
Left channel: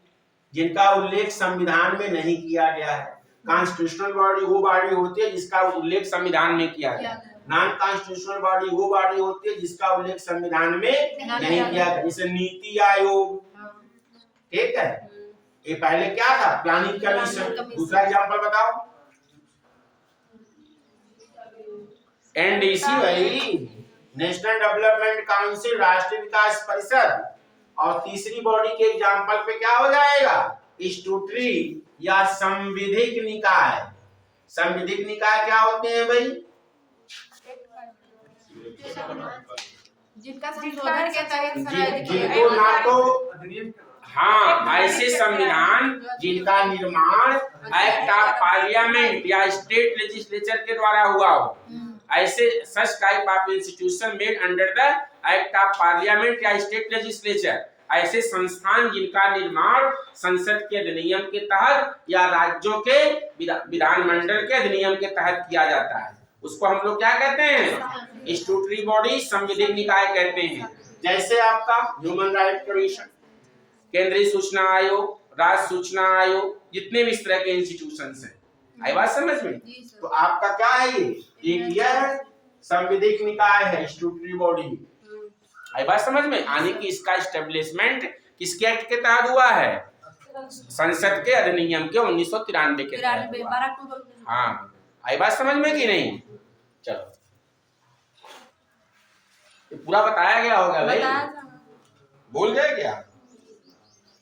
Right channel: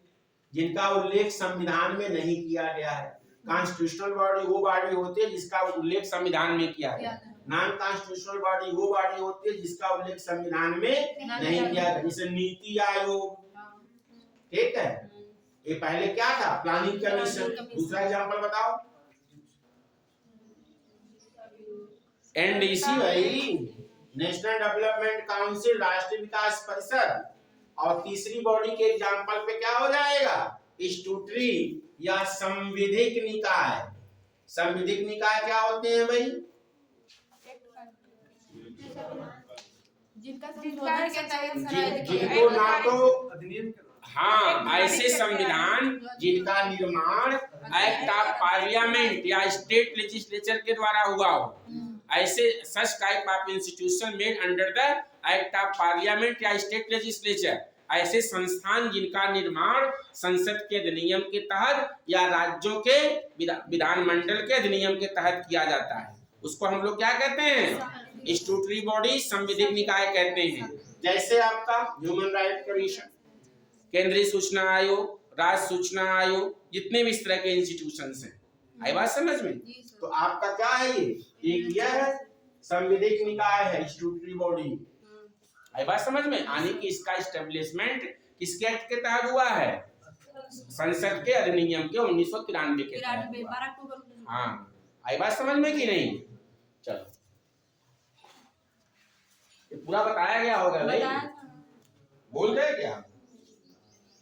जिनका उल्लेख संविधान में नहीं किया गया है। कॉन्स्टिट्यूशनल बॉडी वो बॉडी होती है जिसका उल्लेख संविधान में किया गया है। नॉन कॉन्स्टिट्यूशनल बॉडी वो बॉडी होती है जिसका उल्लेख संविधान में नहीं किया गया, जैसे नीति आयोग, ठीक है, ये पहले क्या था, प्लानिंग कमीशन। दूसरा एग्जांपल बताओ, एनडीसी भाई, नेशनल डेवलपमेंट काउंसिल, राष्ट्रीय विकास परिषद। और तीसरी बॉडी के एग्जांपल पे क्या हो जाएगा, स्टूटरी या संविधिक निकाय। संविधिक निकाय क्या होते हैं भाई, जिनका संशोधन के तहत शरायत किए जिनको ना तो, हाँ, ऐसे संविधान जिनका निर्माण एक्ट ऑफ पार्लियामेंट या स्टेट लेजिस्लेचर के द्वारा हुआ हो, ऐसे such type of institution made under the act of parliament या स्टेट लेजिस्लेचर, ऐसे संस्थान जिनका निर्माण संसद के अधिनियम के तहत या राज्यों के विधानमंडल के अधिनियम के तहत किया जाता है, उसको हम लोग क्या कहते हैं, स्टूटरी बॉडी, संविधिक निकाय कहते हैं। जैसे आपका ह्यूमन राइट कमीशन, केंद्रीय सूचना आयोग, राज्य सूचना आयोग, जितने भी इस तरह के इंस्टीट्यूशंस हैं, आई बात समझ में। तो आपका क्या है, ये यह संविधिक निकाय है, स्टूटरी बॉडी, आई बात समझ में। आने की इसका एस्टेब्लिशमेंट किसके एक्ट के तहत हुआ है, संसद के अधिनियम के 1993 के तहत। हाँ, आई बात समझ में कि नहीं। चलो, ये पूरा बताया गया होगा भाई, भूल गए क्या,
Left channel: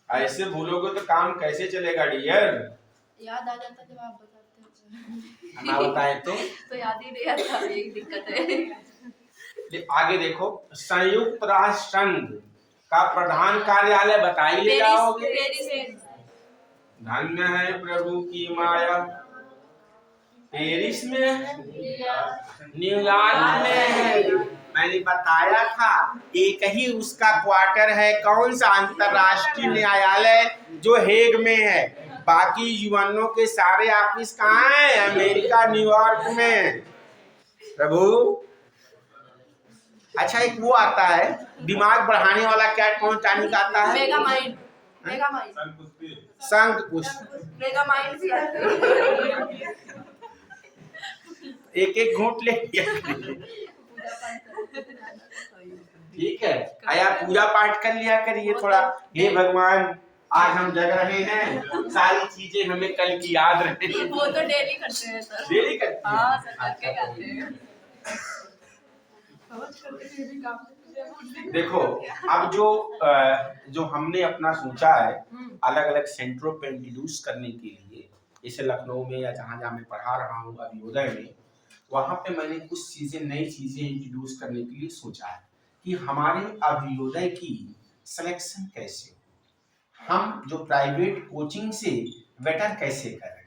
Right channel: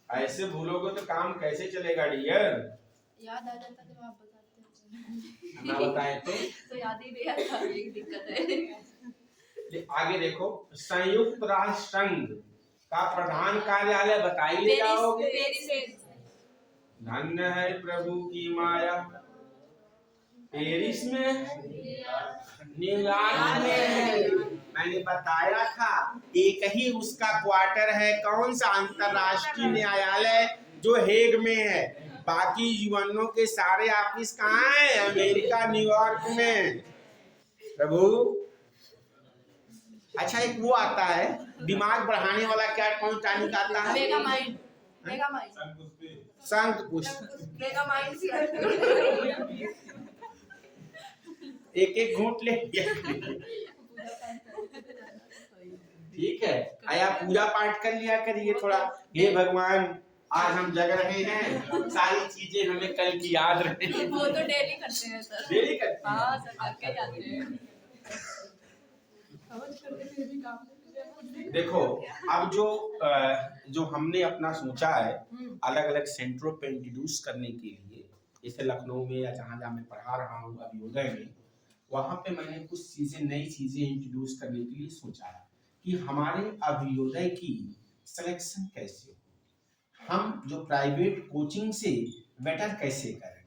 ऐसे भूलोगे तो काम कैसे चलेगा डियर। याद आ जाता जब आप बताते हो, ना बताए तो याद ही नहीं आता, यही दिक्कत है। आगे देखो, संयुक्त राष्ट्र संघ का प्रधान कार्यालय बताइए क्या होगा। धन्य है प्रभु की माया, पेरिस में, न्यूयॉर्क में है। मैंने बताया था, एक ही उसका क्वार्टर है, कौन सा, अंतरराष्ट्रीय न्यायालय जो हेग में है। बाकी यूएनओ के सारे ऑफिस कहाँ है, अमेरिका, न्यूयॉर्क में। प्रभु, अच्छा एक वो आता है दिमाग बढ़ाने वाला, क्या कौन टाइम का आता है, मेगामाइंड, शंख पुष्प, मेगामाइंड से एक एक घूंट ले ठीक है, आया पूजा पाठ कर लिया करिए थोड़ा। हे भगवान, आज हम जग रहे हैं, सारी चीजें हमें कल की याद रहे। वो तो डेली करते हैं सर, डेली करते हैं। हाँ सर, करके जाते हैं। देखो, अब जो हमने अपना सोचा है अलग अलग सेंटरों पे इंट्रोड्यूस करने के लिए, जैसे लखनऊ में या जहाँ जहाँ मैं पढ़ा रहा हूँ अभियोदय में, वहाँ पे मैंने कुछ चीजें, नई चीजें इंट्रोड्यूस करने के लिए सोचा है कि हमारे अभियोदय की सिलेक्शन कैसे हो, हम जो प्राइवेट कोचिंग से बेटर कैसे करें।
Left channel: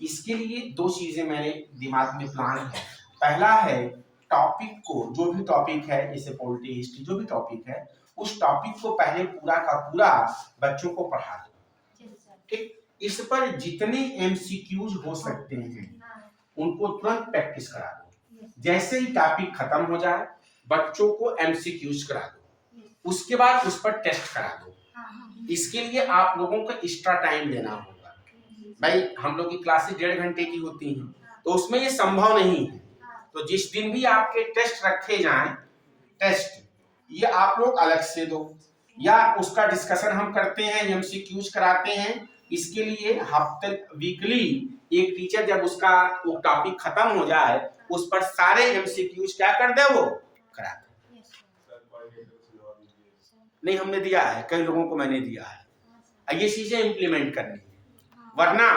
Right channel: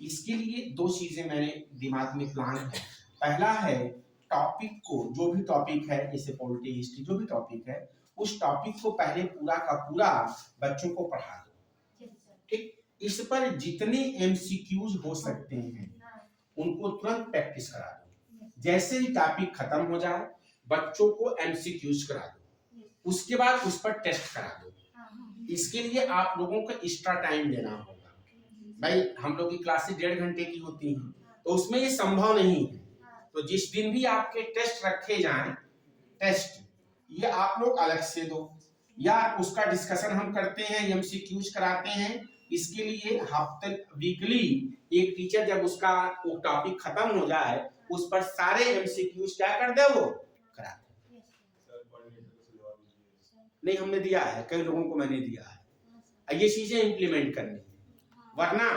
इसके लिए दो चीजें मैंने दिमाग में प्लान है। पहला है, टॉपिक को, जो भी टॉपिक है, जैसे पॉलिटी, हिस्ट्री, जो भी टॉपिक है, उस टॉपिक को पहले पूरा का पूरा बच्चों को पढ़ा दो। ठीक, इस पर जितने एमसीक्यूज हो सकते हैं उनको तुरंत प्रैक्टिस करा दो। जैसे ही टॉपिक खत्म हो जाए, बच्चों को एमसीक्यूज करा दो, उसके बाद उस पर टेस्ट करा दो। इसके लिए आप लोगों को एक्स्ट्रा टाइम देना होगा। भाई, हम लोग की क्लासेस 1.5 घंटे की होती हैं, तो उसमें ये संभव नहीं है। तो जिस दिन भी आपके टेस्ट रखे जाएं, टेस्ट ये आप लोग अलग से दो, या उसका डिस्कशन हम करते हैं, एमसीक्यूज कराते हैं। इसके लिए हफ्ते, वीकली एक टीचर जब उसका वो टॉपिक खत्म हो जाए, उस पर सारे एमसीक्यूज क्या कर दे, वो करा दे। नहीं, हमने दिया है, कई लोगों को मैंने दिया है। ये चीजें इम्प्लीमेंट करनी है, वरना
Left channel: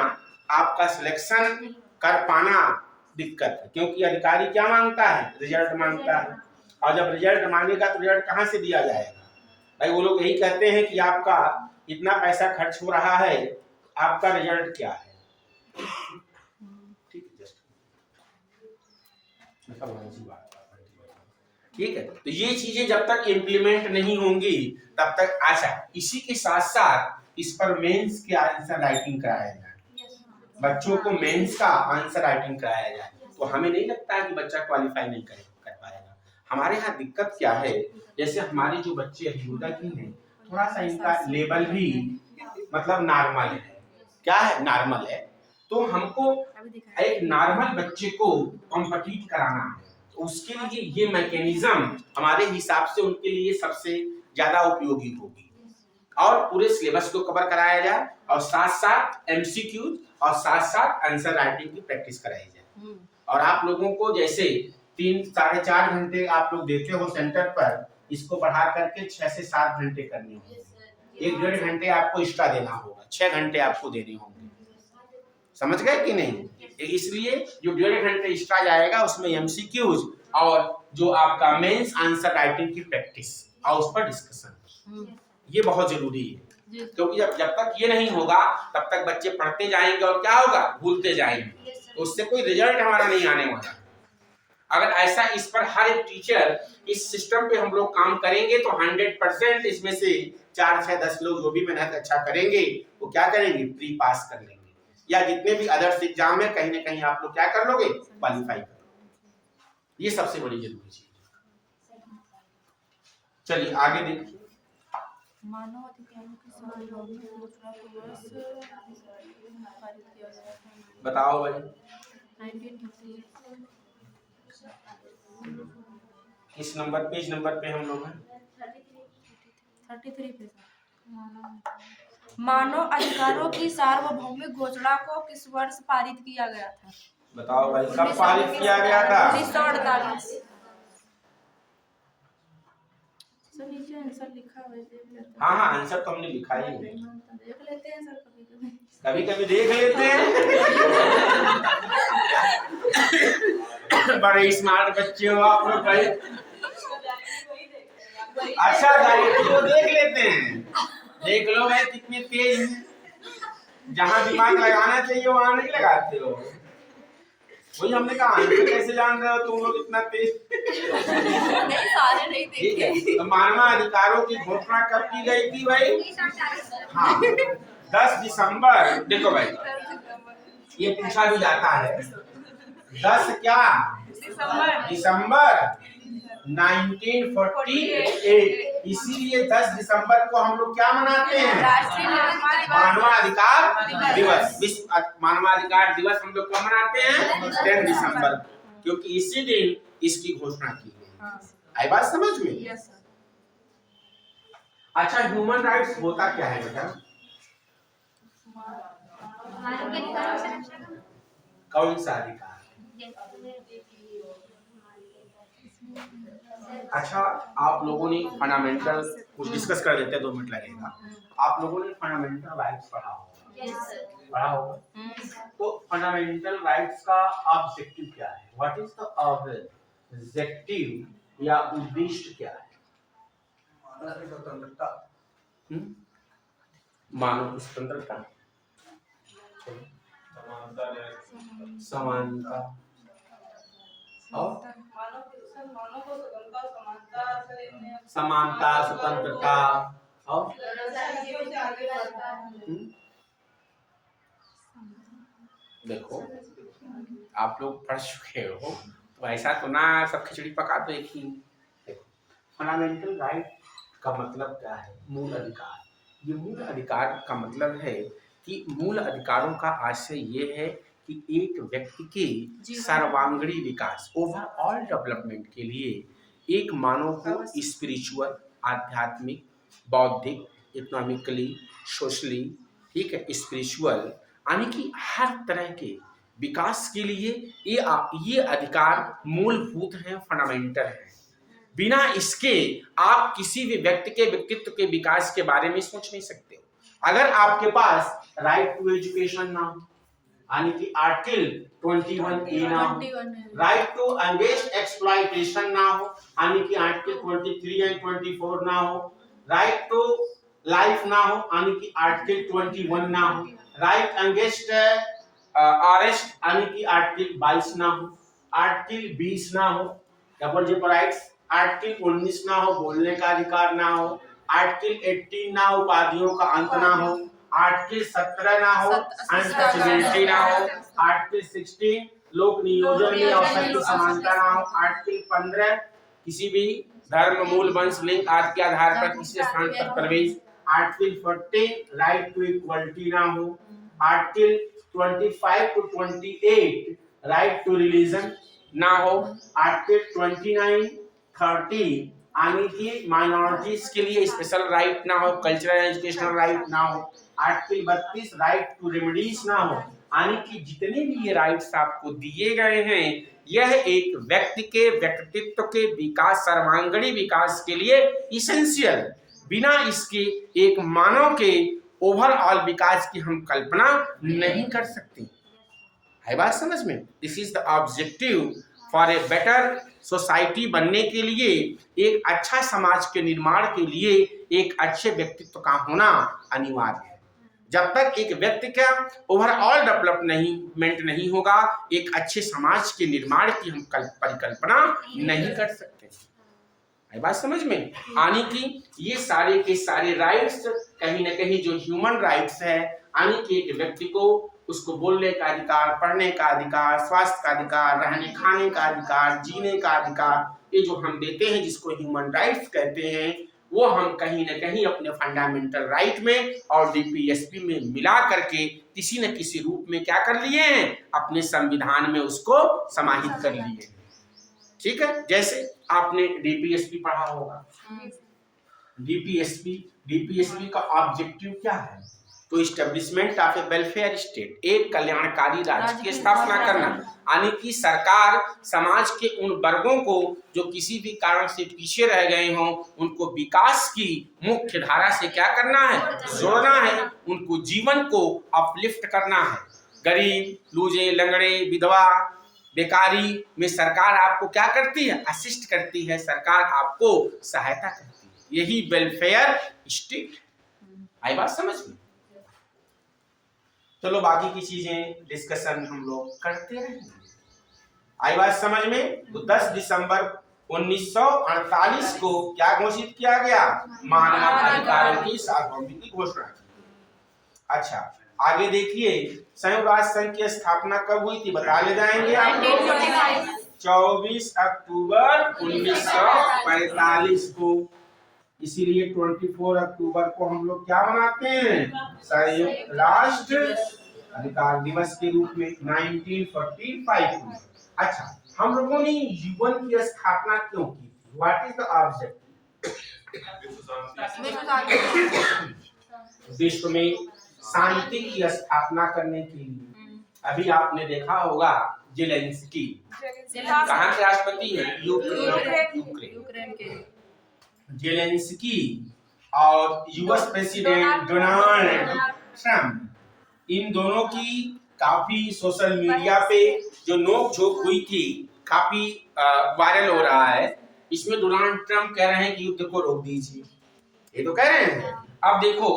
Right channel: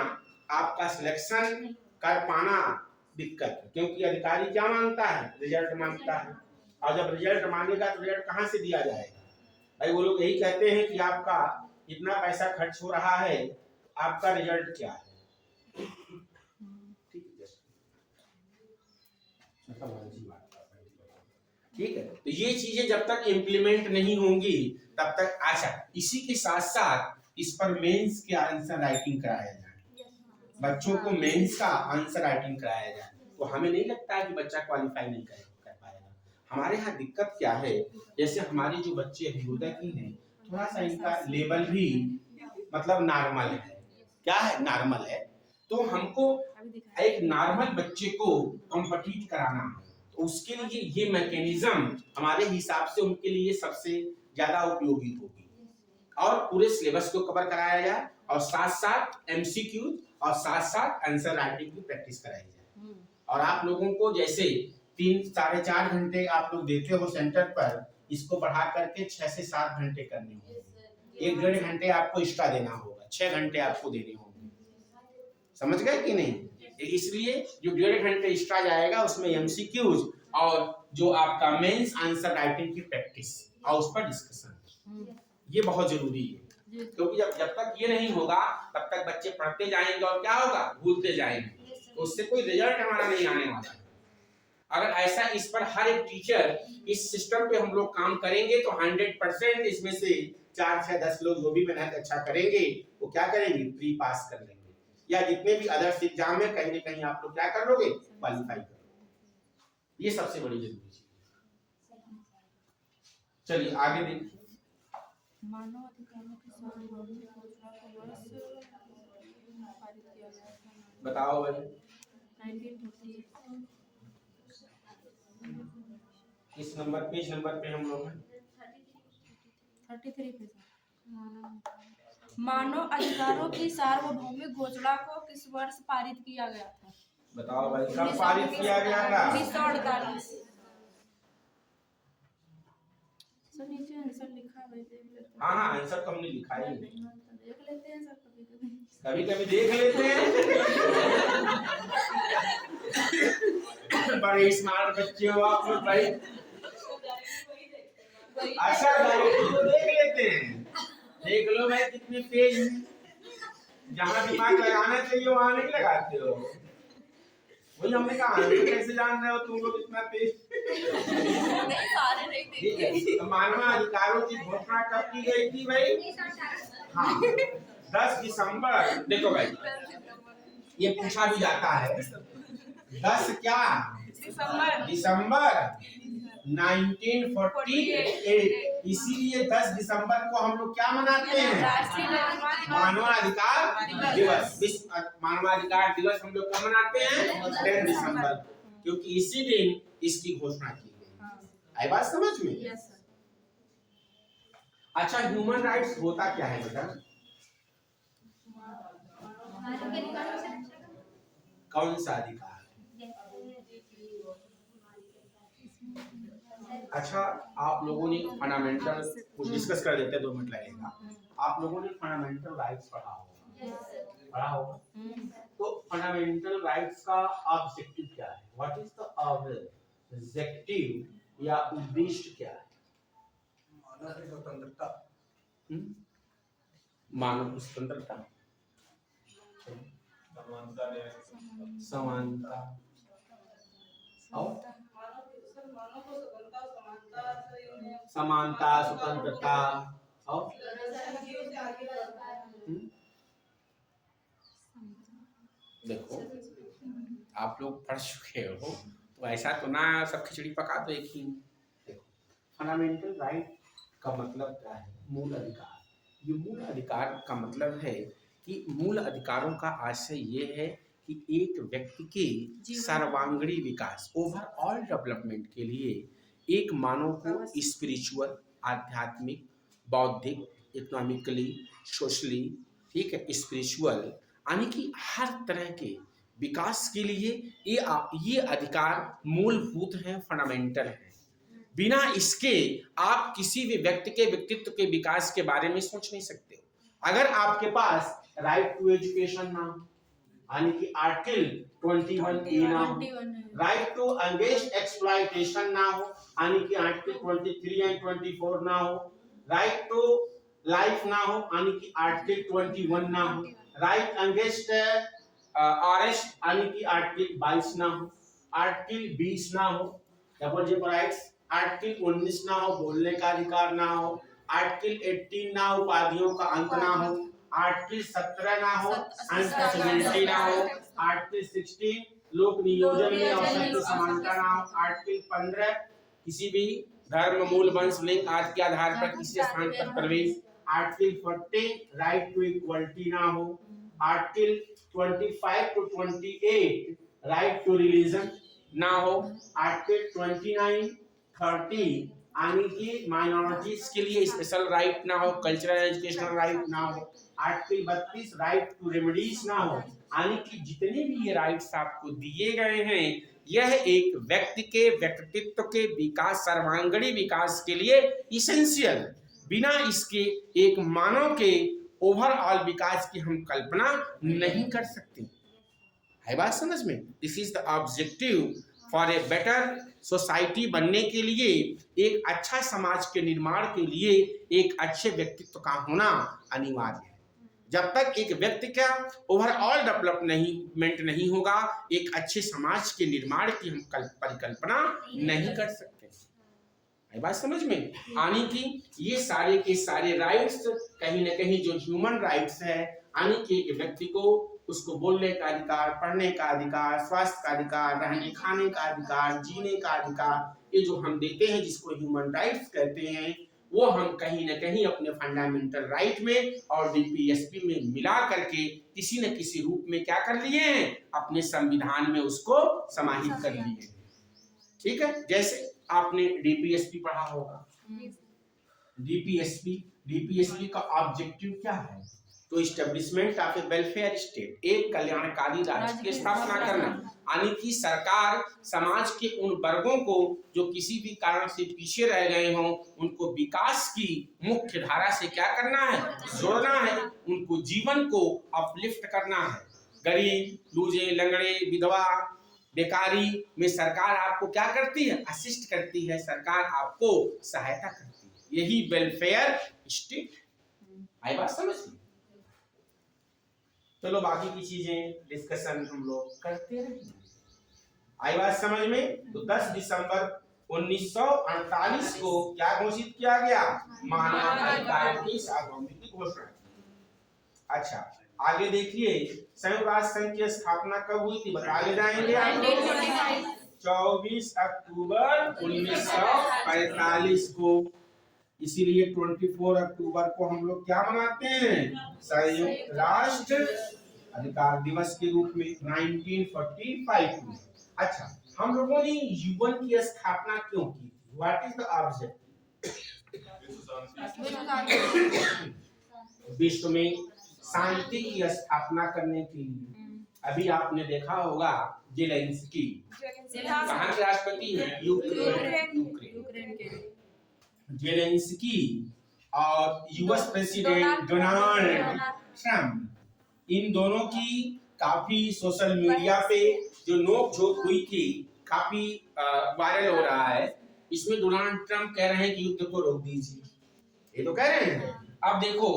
आपका सिलेक्शन कर पाना दिक्कत है। क्योंकि अधिकारी क्या मांगता है, रिजल्ट मांगता है, और जब रिजल्ट मांगेगा तो रिजल्ट कहाँ से दिया जाएगा। भाई, वो लोग यही कहते हैं कि आपका इतना पैसा खर्च हो रहा है, आपका रिजल्ट क्या है। ठीक है, तो ये चीजें जब तक इम्प्लीमेंट नहीं होंगी तब तक। अच्छा, इसी के साथ साथ इस पर मेंस के आंसर राइटिंग कराया जाए, बच्चों को मेंस का आंसर राइटिंग कराया जाए, तो हमें नहीं लगता कि बच्चा क्वालिफाई नहीं कर पाएगा। हमारे यहाँ दिक्कत क्या है, जैसे हमारे जो बच्चे अभियोदय की हैं, थोड़ा सा इनका लेवल भी मतलब नॉर्मल है। क्या है, नॉर्मल है। तो हमको एक नॉर्मल बच्चे को कॉम्पिटिट कराना है, तो उसके लिए ये मैकेनिज्म हमारे हिसाब से उनके लिए सबसे ज्यादा उपयोगी होगी। और पूरे सिलेबस को कवर कराया जाए और साथ साथ एमसीक्यू और साथ साथ आंसर राइटिंग की प्रैक्टिस कराई जाए। और आप लोगों को जैसे 3-4.5 घंटे आप लोग देते हो सेंटर पर, इसको बढ़ा करके 6 से 7 घंटे करने होंगे। 1-1.5 घंटे आपको एक्स्ट्रा देना होगा, 6 घंटे आपको देने होंगे। समझ गए कि नहीं? इसलिए जो 1.5 घंटे एक्स्ट्रा जाएगा उसमें एमसीक्यूज और जो आपका मेंस आंसर राइटिंग की प्रैक्टिस और उस पर डिस्कशन, ये बहुत जरूरी है। क्योंकि जब तक ये नहीं होगा तब तक बच्चे पढ़ते जाएंगे और क्या होगा, भूलते जाएंगे, उससे कोई रिजल्ट हमारा नहीं आने वाला। अगर ऐसा इस पर हर एक टीचर इस सिस्टम पे हम लोग काम करेंगे तो 100% इसमें से 4 6 10 लोग जो भी मेहनत अच्छा करेंगे वो क्या करेंगे, प्री पास कर लेंगे, या जितने भी अदर्स एग्जाम में कहीं ना कहीं आप लोग क्या कर लोगे, क्वालिफाई कर लोगे। ये सबसे बड़ी जरूरी चीज है। चलिए आगे देखिए। मानव अधिकारों की संरक्षण में घोषणा को वर्ष पारित किया गया था। बताओ भाई 1938। किस नंबर, पेज नंबर पे हम लोग हैं? 33 पे मानव अधिकारों की सार्वभौमिक घोषणा को किस वर्ष पारित किया गया था? बताओ भाई, कब पारित किया गया था? 1948। सर नीचे आंसर लिखा हुआ है, देख लेते हैं। हाँ आंसर तो हमने लिखा ही है, देख लेते हैं सर, कभी कभी देख लेते हैं। बड़े स्मार्ट बच्चे हो आप लोग भाई। अच्छा डायरेक्टली वो देख लेते हैं, देख लो भाई कितने तेज हैं, जहाँ दिमाग लगाना चाहिए वहाँ नहीं लगाते हो। वही हमने कहा आंसर कैसे जान रहे हो तुम लोग इतना तेज? नहीं सारे नहीं देखे। ठीक है, तो मानवाधिकारों की घोषणा कब की गई थी भाई? हाँ 10 दिसंबर। देखो भाई ये पूछा भी जाता है, 10 क्या दिसंबर 1948। इसीलिए 10 दिसंबर को हम लोग क्या मनाते हैं, मानवाधिकार दिवस। विश्व मानवाधिकार दिवस हम लोग कब मनाते हैं, 10 दिसंबर, क्योंकि इसी दिन इसकी घोषणा की गई। आई बात समझ में? अच्छा ह्यूमन राइट्स होता क्या है बेटा? कौन सा अधिकार? अच्छा आप लोगों ने फंडामेंटल कुछ डिस्कस कर देते हैं, 2 मिनट लगेगा। आप लोगों ने फंडामेंटल राइट्स पढ़ा होगा, तो फंडामेंटल राइट्स का ऑब्जेक्टिव क्या है? व्हाट इज द ऑब्जेक्टिव या उद्देश्य क्या है? मानव स्वतंत्रता, समानता और समानता, स्वतंत्रता और देखो आप लोग पढ़ चुके हो तो ऐसा तो ना सब खिचड़ी पका दो एक ही। देखो फंडामेंटल राइट का मतलब क्या है? मूल अधिकार। ये मूल अधिकार का मतलब है कि मूल अधिकारों का आशय ये है कि एक व्यक्ति के सर्वांगीण विकास, ओवरऑल डेवलपमेंट के लिए एक मानव को स्पिरिचुअल, आध्यात्मिक, बौद्धिक, इकोनॉमिकली, सोशली, ठीक है, स्पिरिचुअल यानी कि हर तरह के विकास के लिए ये अधिकार मूलभूत हैं, फंडामेंटल हैं। बिना इसके आप किसी भी व्यक्ति के व्यक्तित्व के विकास के बारे में सोच नहीं सकते हो। अगर आपके पास राइट टू एजुकेशन ना हो, यानी कि आर्टिकल 21A ना हो, राइट टू अगेंस्ट एक्सप्लॉइटेशन ना हो, यानी कि आर्टिकल 23 एंड 24 ना हो, राइट टू लाइफ ना हो, यानी कि आर्टिकल 21 ना हो, राइट अगेंस्ट अरेस्ट यानी कि आर्टिकल 22 ना हो, आर्टिकल 20 ना हो, डबल जेप राइट्स, आर्टिकल 19 ना हो, बोलने का अधिकार ना हो, आर्टिकल 18 ना हो, उपाधियों का अंत ना हो, आर्टिकल 17 ना हो, अनटचेबिलिटी ना हो, आर्टिकल 16 लोक नियोजन में अवसर की समानता ना हो, आर्टिकल 15 किसी भी धर्म, मूल, वंश, लिंग आदि के आधार पर किसी स्थान पर प्रवेश, आर्टिकल 40 राइट टू इक्वलिटी ना हो, article 25 to 28 right to religion ना हो, आर्टिकल 29, 30 यानी कि माइनॉरिटीज के लिए स्पेशल राइट ना हो, कल्चरल एजुकेशनल राइट ना हो, आर्टिकल 32 राइट टू रेमेडीज ना हो, यानी कि जितने भी ये राइट्स आपको दिए गए हैं, यह एक व्यक्ति के व्यक्तित्व के विकास, सर्वांगीण विकास के लिए इसेंशियल, बिना इसके एक मानव के ओवरऑल विकास की हम कल्पना नहीं कर सकते। है बात समझ में? This is the objective for a better society बनने के लिए, एक अच्छा समाज के निर्माण के लिए एक अच्छे व्यक्तित्व का होना अनिवार्य है। जब तक एक व्यक्ति का ओवरऑल डेवलपमेंट नहीं होगा, एक अच्छे समाज के निर्माण की हम परिकल्पना नहीं कर सकते। है बात समझ में? यानी कि ये सारे के सारे राइट्स कहीं ना कहीं जो ह्यूमन राइट्स है, यानी कि एक व्यक्ति को उसको बोलने का अधिकार, पढ़ने का अधिकार, स्वास्थ्य का अधिकार, रहने खाने का अधिकार, जीने का अधिकार, ये जो हम देते हैं जिसको ह्यूमन राइट्स कहते हैं, वो हम कहीं ना कहीं अपने फंडामेंटल राइट में और डीपीएसपी में मिला करके किसी न किसी रूप में क्या कर लिए हैं, अपने संविधान में उसको समाहित कर लिए। ठीक है, जैसे आपने डीपीएसपी पढ़ा होगा। डीपीएसपी का ऑब्जेक्टिव क्या है? तो establishment of A welfare state, एक कल्याणकारी राज्य की स्थापना करना, यानी कि सरकार समाज के उन वर्गों को जो किसी भी कारण से पीछे रह गए हों, उनको विकास की मुख्य धारा से क्या करना है, जोड़ना है, उनको जीवन को अपलिफ्ट करना है। गरीब, लूजे, लंगड़े, विधवा, बेकारी में सरकार आपको क्या करती है, असिस्ट करती है, सरकार आपको सहायता करती है। यही वेलफेयर स्टेट। आई बात समझ में? चलो बाकी की चीजें डिस्कशन हम लोग करते रहेंगे। आई बात समझ में? तो 10 दिसंबर 1948 को क्या घोषित किया गया, मानव अधिकारों की सार्वभौमिक की घोषणा की। अच्छा, आगे देखिए, संयुक्त राष्ट्र संघ की स्थापना कब हुई थी, बता ले जाएंगे आप लोग। 24 अक्टूबर 1945 को। इसीलिए 24 अक्टूबर को हम लोग क्या मनाते हैं, संयुक्त राष्ट्र अधिकार दिवस के रूप में 1945 में। अच्छा, हम लोगों ने यूएन की स्थापना क्यों की? What is the objective? विश्व में शांति की स्थापना करने के लिए। अभी आपने देखा होगा जेलेंस्की कहाँ के राष्ट्रपति है, यूक्रेन के। जेलेंस्की और यूएस प्रेसिडेंट डोनाल्ड ट्रंप, इन दोनों की काफी सोशल मीडिया पे जो नोक-झोंक हुई थी, काफी वायरल हो रहा है। इसमें डोनाल्ड ट्रंप कह रहे हैं कि युद्ध को रोक दीजिए, ये तो कह रहे हैं। अब देखो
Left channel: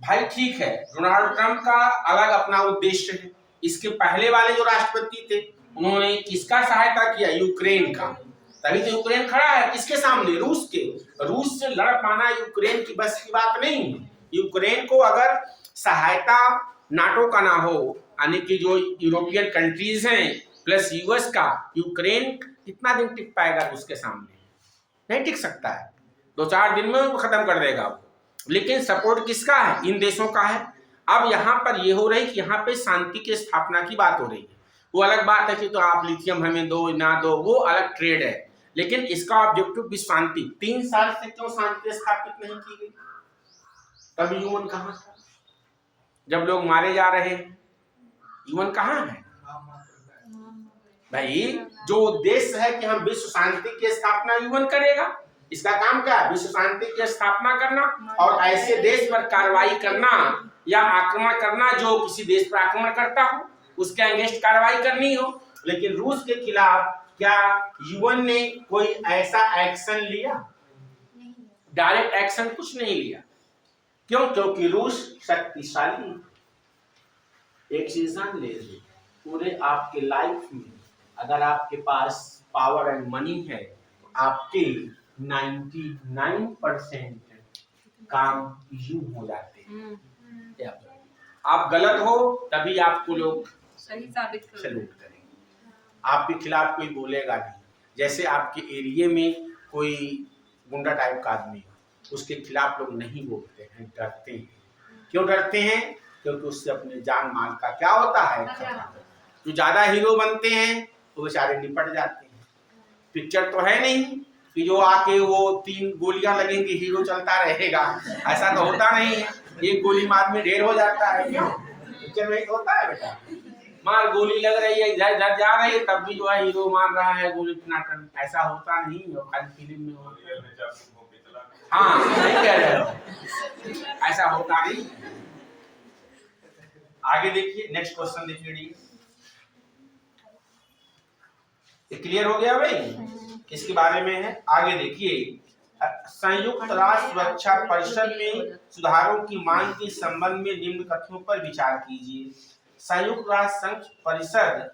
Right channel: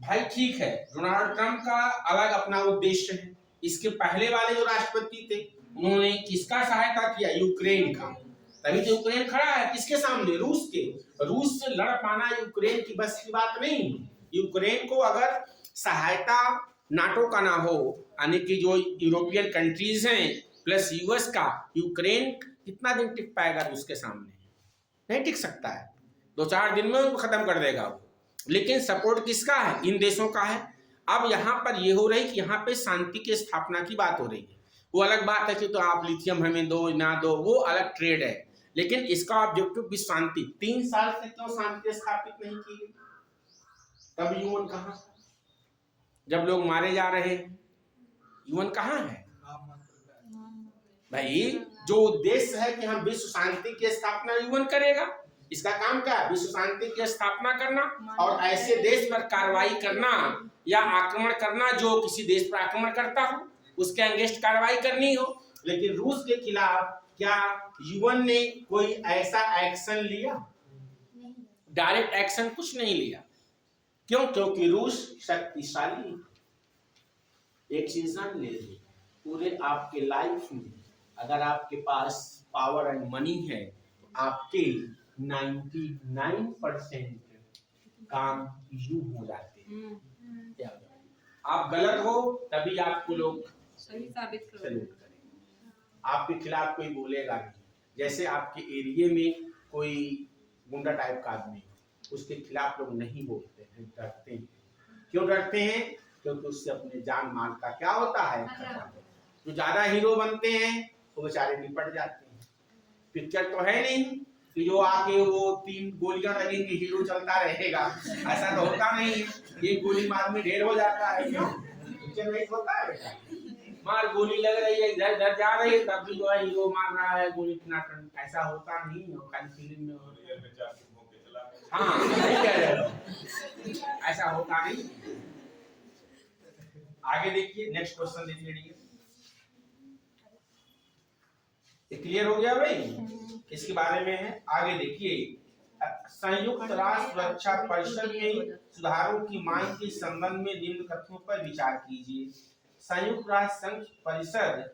भाई, ठीक है, डोनाल्ड ट्रंप का अलग अपना उद्देश्य है। इसके पहले वाले जो राष्ट्रपति थे, उन्होंने किसका सहायता किया, यूक्रेन का। तभी तो यूक्रेन खड़ा है किसके सामने, रूस के। रूस से लड़ पाना यूक्रेन की बस की बात नहीं है। यूक्रेन को अगर सहायता नाटो का ना हो, यानी कि जो यूरोपियन कंट्रीज हैं प्लस यूएस का, यूक्रेन कितना दिन टिक पाएगा उसके सामने? नहीं टिक सकता है, 2-4 दिन में उनको खत्म कर देगा। लेकिन सपोर्ट किसका है, इन देशों का है। अब यहाँ पर ये हो रही कि यहाँ पे शांति की स्थापना की बात हो रही है। वो अलग बात है कि तो आप लिथियम हमें दो ना दो, वो अलग ट्रेड है, लेकिन इसका ऑब्जेक्टिव भी शांति। 3 साल से क्यों शांति स्थापित नहीं की गई? तब यूएन कहाँ था? जब लोग मारे जा रहे हैं, यूएन कहाँ है भाई? जो उद्देश्य है कि हम विश्व शांति की स्थापना यूएन करेगा, इसका काम क्या है, विश्व शांति की स्थापना करना और ऐसे देश पर कार्रवाई करना या आक्रमण करना जो किसी देश पर आक्रमण करता हो, उसके अगेंस्ट कार्रवाई करनी हो। लेकिन रूस के खिलाफ क्या यूएन ने कोई ऐसा एक्शन लिया? डायरेक्ट एक्शन कुछ नहीं लिया। क्यों? क्योंकि रूस शक्तिशाली। एक चीज जान लीजिए, पूरे आपके लाइफ में अगर आपके पास पावर एंड मनी है, आपके 99% काम यूं हो जाते हैं। आप गलत हो तभी आपको लोग सही साबित सैल्यूट करेंगे, आपके खिलाफ कोई बोलेगा नहीं। जैसे आपके एरिया में कोई गुंडा टाइप का आदमी, उसके खिलाफ लोग नहीं बोलते हैं, डरते हैं। क्यों डरते हैं? क्योंकि उससे अपने जान माल का क्या होता है, खतरा। जो ज्यादा हीरो बनते हैं वो बेचारे निपट जाते हैं। पिक्चर तो है नहीं, कि जो आके वो 3 गोलियां लगेंगी हीरो चलता रहेगा, ऐसा तो होता नहीं है। एक गोली मार में ढेर हो जाता है, क्यों? पिक्चर में होता है बेटा, मार गोली लग रही है, इधर इधर जा रही है, तब भी जो है हीरो मार रहा है गोली टनाटन, ऐसा होता नहीं है, खाली फिल्म में होता है। हाँ नहीं कह रहे हो, ऐसा होता नहीं। आगे देखिए, नेक्स्ट क्वेश्चन देखिए। क्लियर हो गया भाई, इसके बारे में है। आगे देखिए, संयुक्त राष्ट्र सुरक्षा परिषद में सुधारों की मांग के संबंध में निम्न कथनों पर विचार कीजिए। संयुक्त राष्ट्र संघ परिषद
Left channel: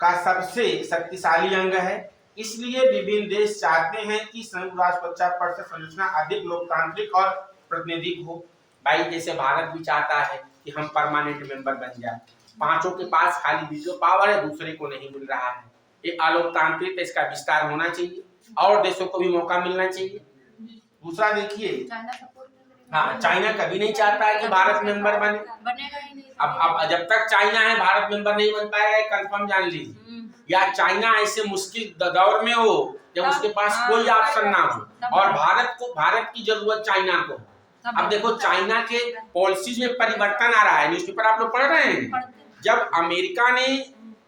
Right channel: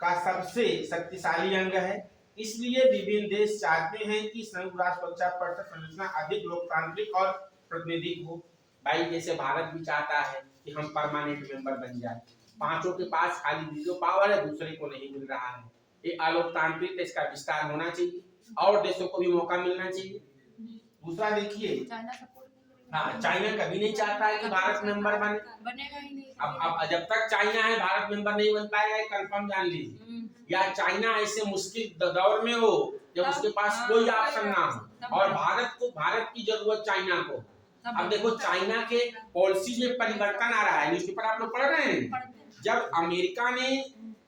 का सबसे शक्तिशाली अंग है, इसलिए विभिन्न देश चाहते हैं कि संयुक्त राष्ट्र सुरक्षा परिषद संरचना अधिक लोकतांत्रिक और प्रातिनिधिक हो। भाई जैसे भारत भी चाहता है कि हम परमानेंट मेंबर बन जाए, पांचों के पास खाली वीटो पावर है, दूसरे को नहीं मिल रहा है, ये अलोकतांत्रिक, इसका विस्तार होना चाहिए और देशों को भी मौका मिलना चाहिए। दूसरा देखिए, हाँ चाइना कभी नहीं चाहता है कि भारत मेंबर बने, बनेगा ही नहीं। अब जब तक चाइना है भारत मेंबर नहीं बन पाएगा, कंफर्म जान लीजिए। या चाइना ऐसे मुश्किल दौर में हो जब उसके पास कोई ऑप्शन ना हो और भारत की जरूरत चाइना को। अब देखो चाइना के पॉलिसीज में परिवर्तन आ रहा है, न्यूज़पेपर आप लोग पढ़ रहे हैं। जब अमेरिका ने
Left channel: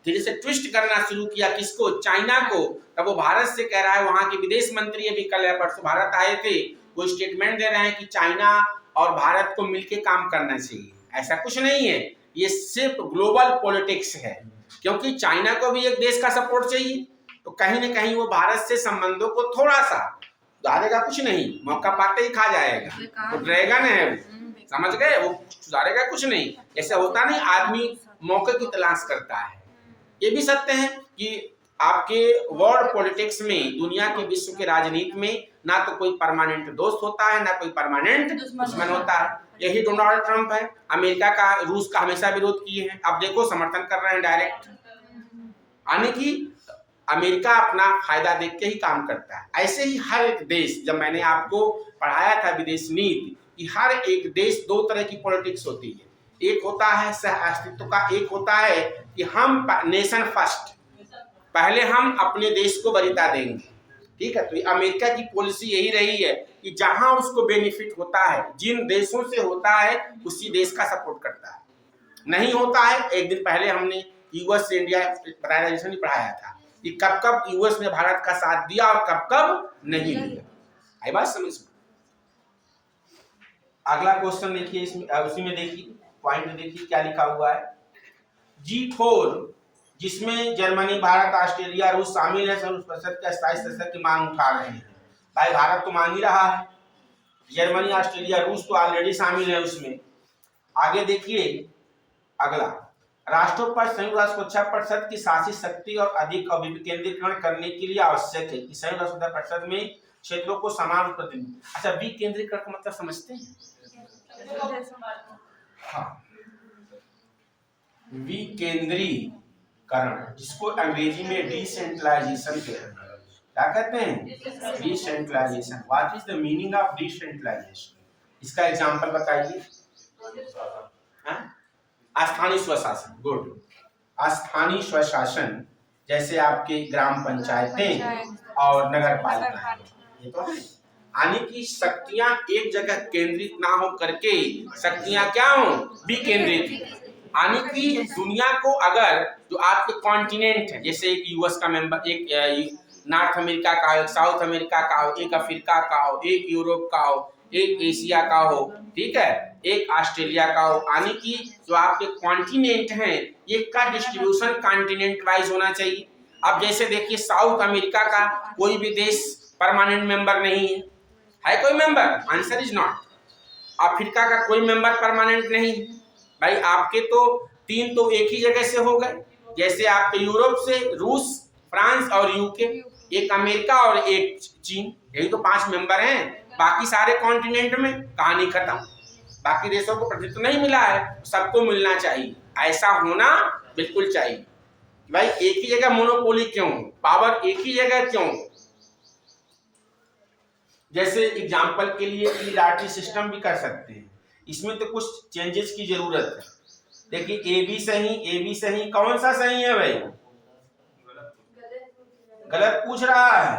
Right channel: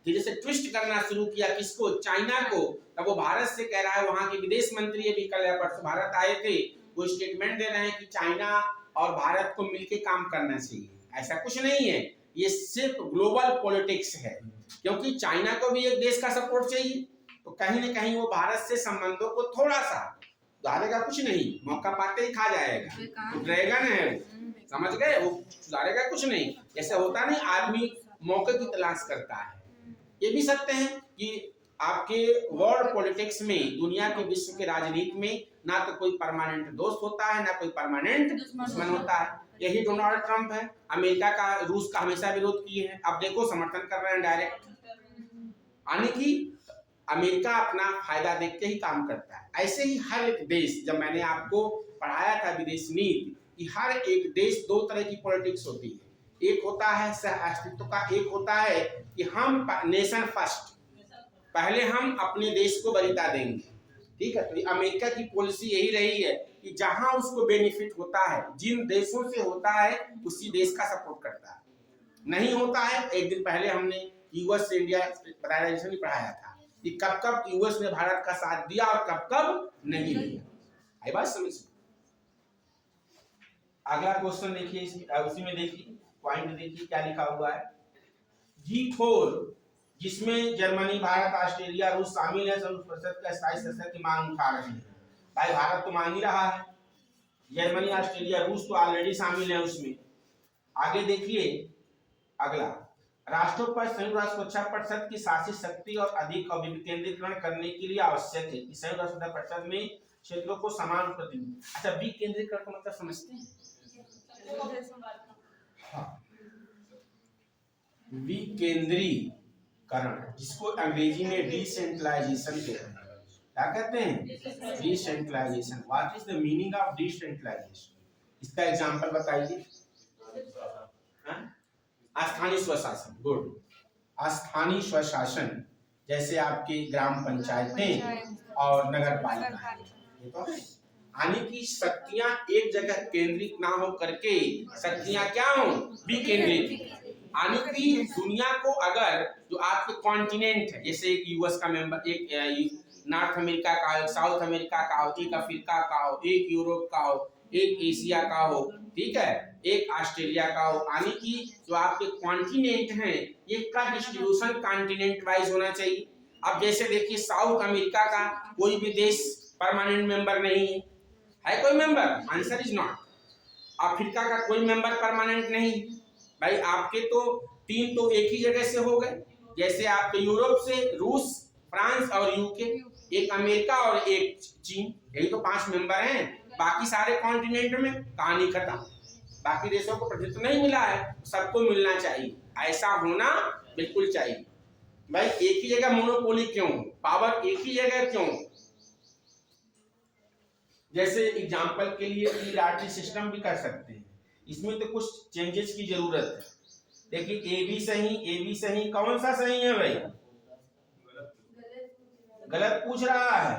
धीरे से ट्विस्ट करना शुरू किया किसको, चाइना को, तब वो भारत से कह रहा है, वहां के विदेश मंत्री अभी कल या परसों भारत आए थे, वो स्टेटमेंट दे रहे हैं कि चाइना और भारत को मिलके काम करना चाहिए। ऐसा कुछ नहीं है, ये सिर्फ ग्लोबल पॉलिटिक्स है, क्योंकि चाइना को भी एक देश का सपोर्ट चाहिए, तो कहीं न कहीं वो भारत से संबंधों को थोड़ा सा सुधारेगा, कुछ नहीं, मौका पाते ही खा जाएगा। तो ड्रैगन है वो, समझ गए, वो सुधारेगा कुछ नहीं। जैसे होता नहीं, आदमी मौके की तलाश करता है। ये भी सत्य है कि आपके वर्ल्ड पॉलिटिक्स में, दुनिया के विश्व के राजनीति में ना तो कोई परमानेंट दोस्त होता है, ना कोई परमानेंट दुश्मन होता है। यही डोनाल्ड ट्रंप है, अमेरिका का, रूस का हमेशा विरोध किए हैं, अब देखो समर्थन कर रहे हैं डायरेक्ट, यानी कि अमेरिका अपना फायदा देख के ही काम करता है। ऐसे ही हर एक देश, जब मैंने आपको पढ़ाया था विदेश नीति, कि हर एक देश दो तरह की पॉलिटिक्स होती है, एक होता है सह अस्तित्व का, एक होता है कि हम नेशन फर्स्ट, पहले हम अपने देश को वरीयता देंगे, ठीक है। तो अमेरिका की पॉलिसी यही रही है कि जहां उसको बेनिफिट होता है, जिन देशों से होता है, उसी देश का सपोर्ट करता है। नहीं होता है, एक दिन पहले हमने यूएस से इंडिया प्राइवेटाइजेशन ही पढ़ाया था कि कब कब यूएस ने भारत का साथ दिया और कब कब नहीं दिया। आई बात समझ में? अगला क्वेश्चन देखिए, इसमें उसी में देखिए पॉइंट देखिए क्या लिखा हुआ है। G4 जिसमें जर्मनी, भारत, ऑस्ट्रेलिया, रूस शामिल है, संयुक्त परिषद के स्थायी सदस्य की मांग उठा रहे हैं। भाई भारत तो मांग ही रहा है, जर्मनी, ऑस्ट्रेलिया, रूस तो ऑलरेडी शामिल है उसमें। आगे देखिए अगला, राष्ट्रों पर संयुक्त राष्ट्र सुरक्षा परिषद की शासी शक्ति और अधिक विकेंद्रीकरण करने के लिए आवश्यक है कि संयुक्त राष्ट्र सुरक्षा परिषद में क्षेत्रों को समान प्रतिनिधि। अच्छा, विकेंद्रीकरण का मतलब समझते हैं? हाँ, विकेंद्रीकरण, जिसको अंग्रेजी में डिसेंट्रलाइजेशन कहते हैं। क्या कहते हैं? Decentralisation. What is the meaning of decentralisation? इसका एग्जांपल बताइए। स्थानीय स्वशासन, गुड। स्थानीय स्वशासन जैसे आपके ग्राम पंचायतें और नगर पालिका, ये तो है। यानी कि शक्तियां एक जगह केंद्रित ना हो करके शक्तियां क्या हो, विकेंद्रित। यानी कि दुनिया को, अगर जो आपके कॉन्टिनेंट है, जैसे एक यूएस का मेंबर, एक नॉर्थ अमेरिका का हो, एक साउथ अमेरिका का हो, एक अफ्रीका का हो, एक यूरोप का हो, एक एशिया का हो, ठीक है, एक ऑस्ट्रेलिया का हो, यानी कि जो आपके कॉन्टिनेंट हैं, ये का डिस्ट्रीब्यूशन कॉन्टिनेंट वाइज होना चाहिए। अब जैसे देखिए साउथ अमेरिका का कोई भी देश परमानेंट मेंबर नहीं है कोई member? Answer is not. Africa का कोई मेंबर परमानेंट नहीं है। भाई आपके तो 3 तो एक ही जगह से हो गए, जैसे आपके यूरोप से रूस, फ्रांस और यूके, एक अमेरिका और एक चीन, यही तो 5 मेंबर हैं। बाकी सारे कॉन्टिनेंट में कहानी खत्म, बाकी देशों को प्रतिनिधित्व नहीं मिला है, सबको मिलना चाहिए। ऐसा होना बिल्कुल चाहिए। भाई एक ही जगह मोनोपोली क्यों हो, पावर एक ही जगह क्यों हो? जैसे एग्जाम्पल के लिए ई लॉटरी सिस्टम भी कर सकते हैं, इसमें तो कुछ चेंजेस की जरूरत है। देखिए ए बी सही, कौन सा सही है भाई? गलत पूछ रहा है।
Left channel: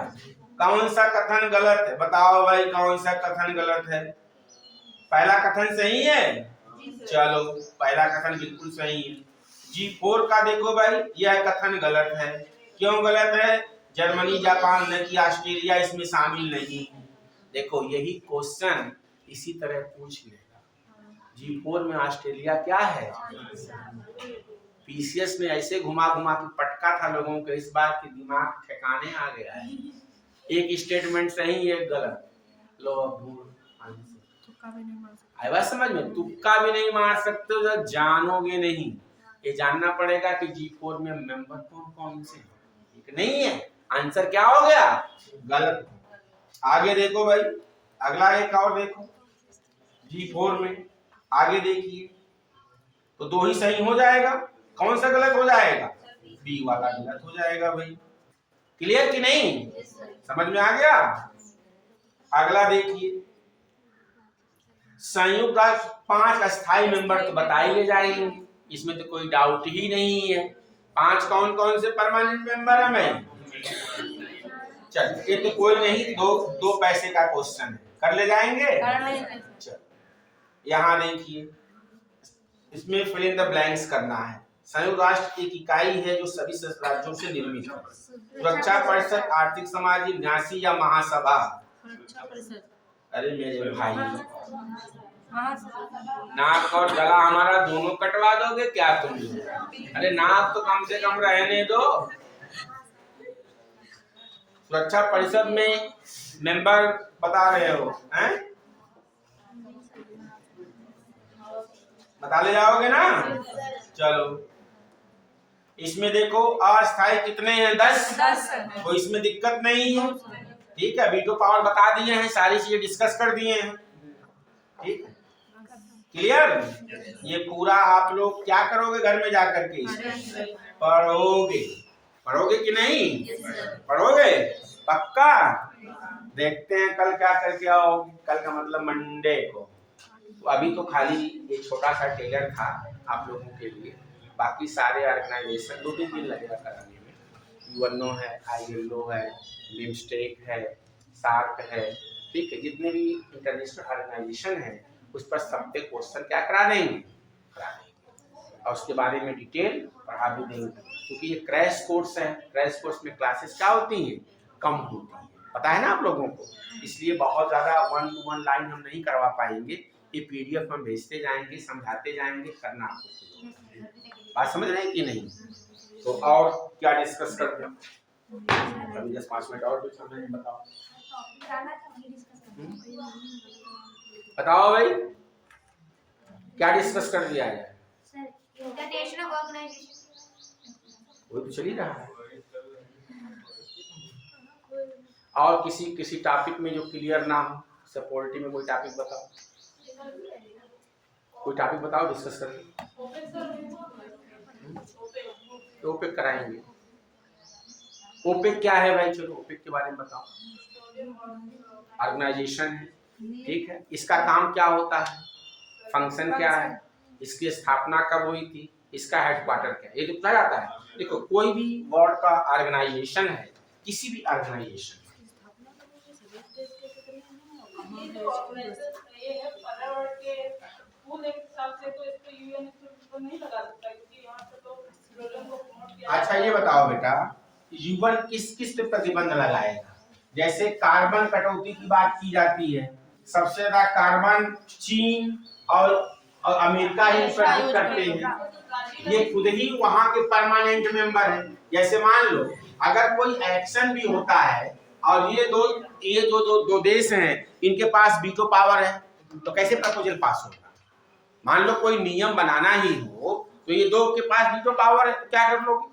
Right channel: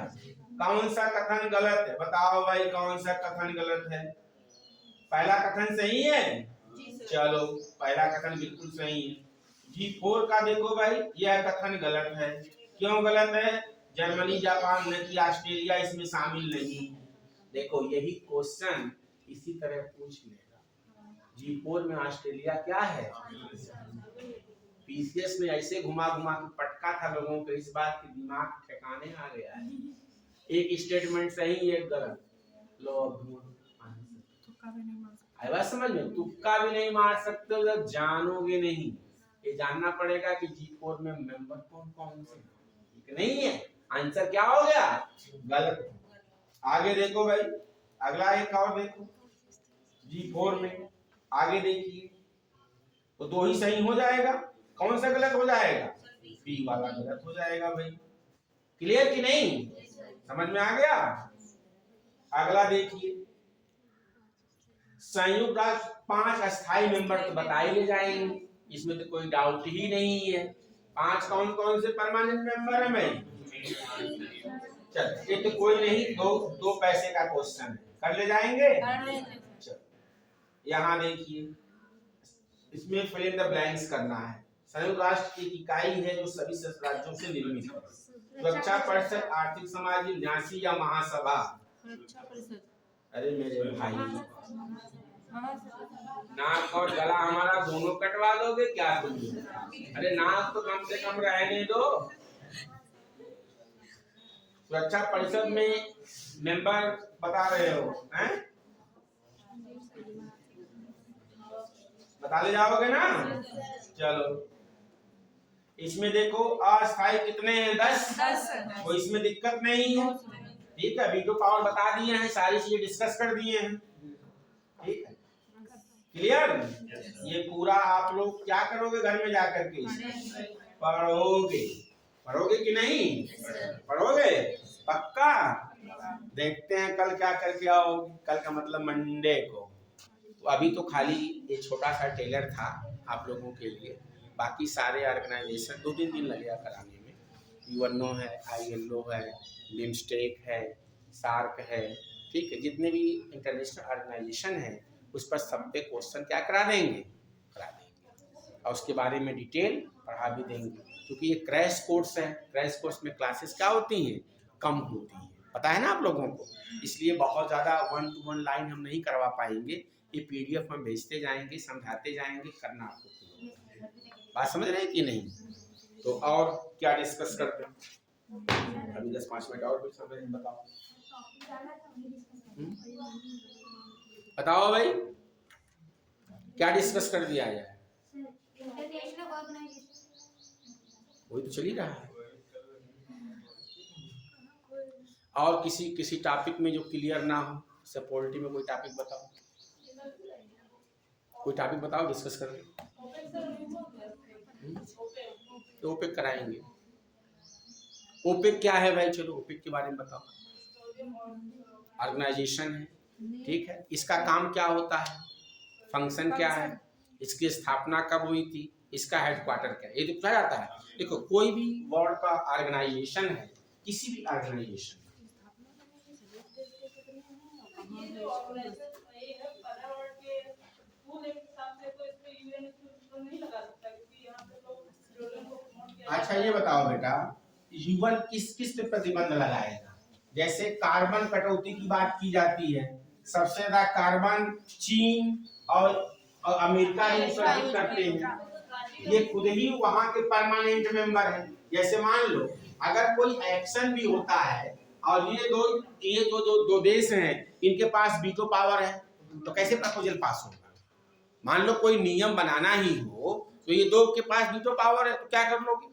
कौन सा कथन गलत है, बताओ भाई कौन सा कथन गलत है? पहला कथन सही है? चलो पहला कथन बिल्कुल सही है। G4 का देखो भाई, यह कथन गलत है। क्यों गलत है? जर्मनी, जापान न कि ऑस्ट्रेलिया इसमें शामिल नहीं है। देखो यही क्वेश्चन इसी तरह पूछ लेगा। G4 में ऑस्ट्रेलिया क्या है? पीसीएस में ऐसे घुमा घुमा के पटका था लोगों को, इस बात के दिमाग ठिकाने आ गया है। एक स्टेटमेंट सही एक गलत, लो आई बात समझ में? तुक्का भी नहीं मार सकते हो, जानोगे नहीं। ये जानना पड़ेगा कि G4 में मेंबर कौन कौन से हैं। नहीं है, आंसर क्या हो गया? गलत। आगे देखो भाई, अगला एक और देखो G4 में, आगे देखिए तो दो ही सही हो जाएगा। कौन सा गलत हो जाएगा? बी वाला गलत हो जाएगा भाई। क्लियर कि नहीं? समझ में आ गया? अगला देखिए, संयुक्त राष्ट्र 5 अस्थायी मेंबर तो बताए जाएंगे, इसमें तो कोई डाउट ही नहीं है। 5 कौन कौन से परमानेंट मेंबर है भाई? चल ये तो कोई नहीं, दो पैसे का क्वेश्चन है, कर ले जाएंगे। चल यहाँ देखिए, इसमें फिल इन द ब्लैंक्स करना है। संयुक्त राष्ट्र एक इकाई है जो सभी सदस्य राज्यों से निर्मित है। सुरक्षा परिषद, आर्थिक समाजी, न्यासी या महासभा? अरे मेरे भाई, नाक और गला हमारा दोनों कटवा दोगे क्या तुम? अरे नाक तो कम से कम रहने दो। सुरक्षा परिषद में मेंबर बता रहे हो हैं? बता ले जाओगे ना? चलो इसमें देखो अस्थायी कितने हैं? 10। तो इसमें दिक्कत नहीं है, ठीक है। वीटो पावर बता दिए हैं, सारी चीजें डिस्कस कर दिए हैं, ठीक है। क्लियर? ये पूरा आप लोग क्या करोगे घर में जाकर के? पढ़ोगे। पढ़ोगे कि नहीं? पढ़ोगे पक्का? देखते हैं कल क्या करके आओगे। कल का मतलब मंडे को। तो अभी तो खाली एक छोटा सा टेलर था आप लोगों के लिए, बाकी सारे ऑर्गेनाइजेशन 2-3 दिन लगेगा कराने में। यूएनओ है, आईएलओ है, बिमस्टेक है, सार्क है, ठीक है। जितने भी इंटरनेशनल ऑर्गेनाइजेशन है उस पर सब पे क्वेश्चन क्या करा देंगे, और उसके बारे में डिटेल पढ़ा भी देंगे। क्योंकि ये क्रैश कोर्स है, क्रैश कोर्स में क्लासेस क्या होती हैं? कम होती हैं, पता है ना आप लोगों को। इसलिए बहुत ज़्यादा 1 to 1 लाइन हम नहीं करवा पाएंगे। ये पीडीएफ हम भेजते जाएंगे, समझाते जाएंगे, करना आपको। बात समझ रहे हैं कि नहीं? तो और क्या डिस्कस करते हैं? अभी 10-5 मिनट और कुछ समझ बताओ। बताओ भाई क्या डिस्कस कर दिया जाए? इंटरनेशनल ऑर्गेनाइजेशन वो तो चल ही रहा है। और किसी टॉपिक में जो क्लियर ना हो, सपोर्टिव में कोई टॉपिक बताओ, कोई टॉपिक बताओ, डिस्कस करें। तो ओपेक कराएंगे। ओपेक क्या है भाई? चलो ओपेक के बारे में बताओ। ऑर्गेनाइजेशन है, ठीक है। इसका काम क्या होता है, फंक्शन क्या है, इसकी स्थापना कब हुई थी, इसका हेडक्वार्टर क्या है, ये तो पूछा जाता है। देखो कोई भी वर्ल्ड का ऑर्गेनाइजेशन है, किसी भी ऑर्गेनाइजेशन, अच्छा ये बताओ बेटा, यूएन किस किस पे प्रतिबंध लगाएगा? जैसे कार्बन कटौती की बात की जाती है, सबसे ज्यादा कार्बन चीन और अमेरिका ही उत्सर्जित करते हैं। ये खुद ही वहां के परमानेंट मेंबर हैं। जैसे मान लो अगर कोई एक्शन भी होता है और ये दो देश हैं, इनके पास वीटो पावर है, तो कैसे प्रपोजल पास होगा? मान लो कोई नियम बनाना ही हो तो ये दो के पास वीटो पावर है, तो क्या कर लोगे?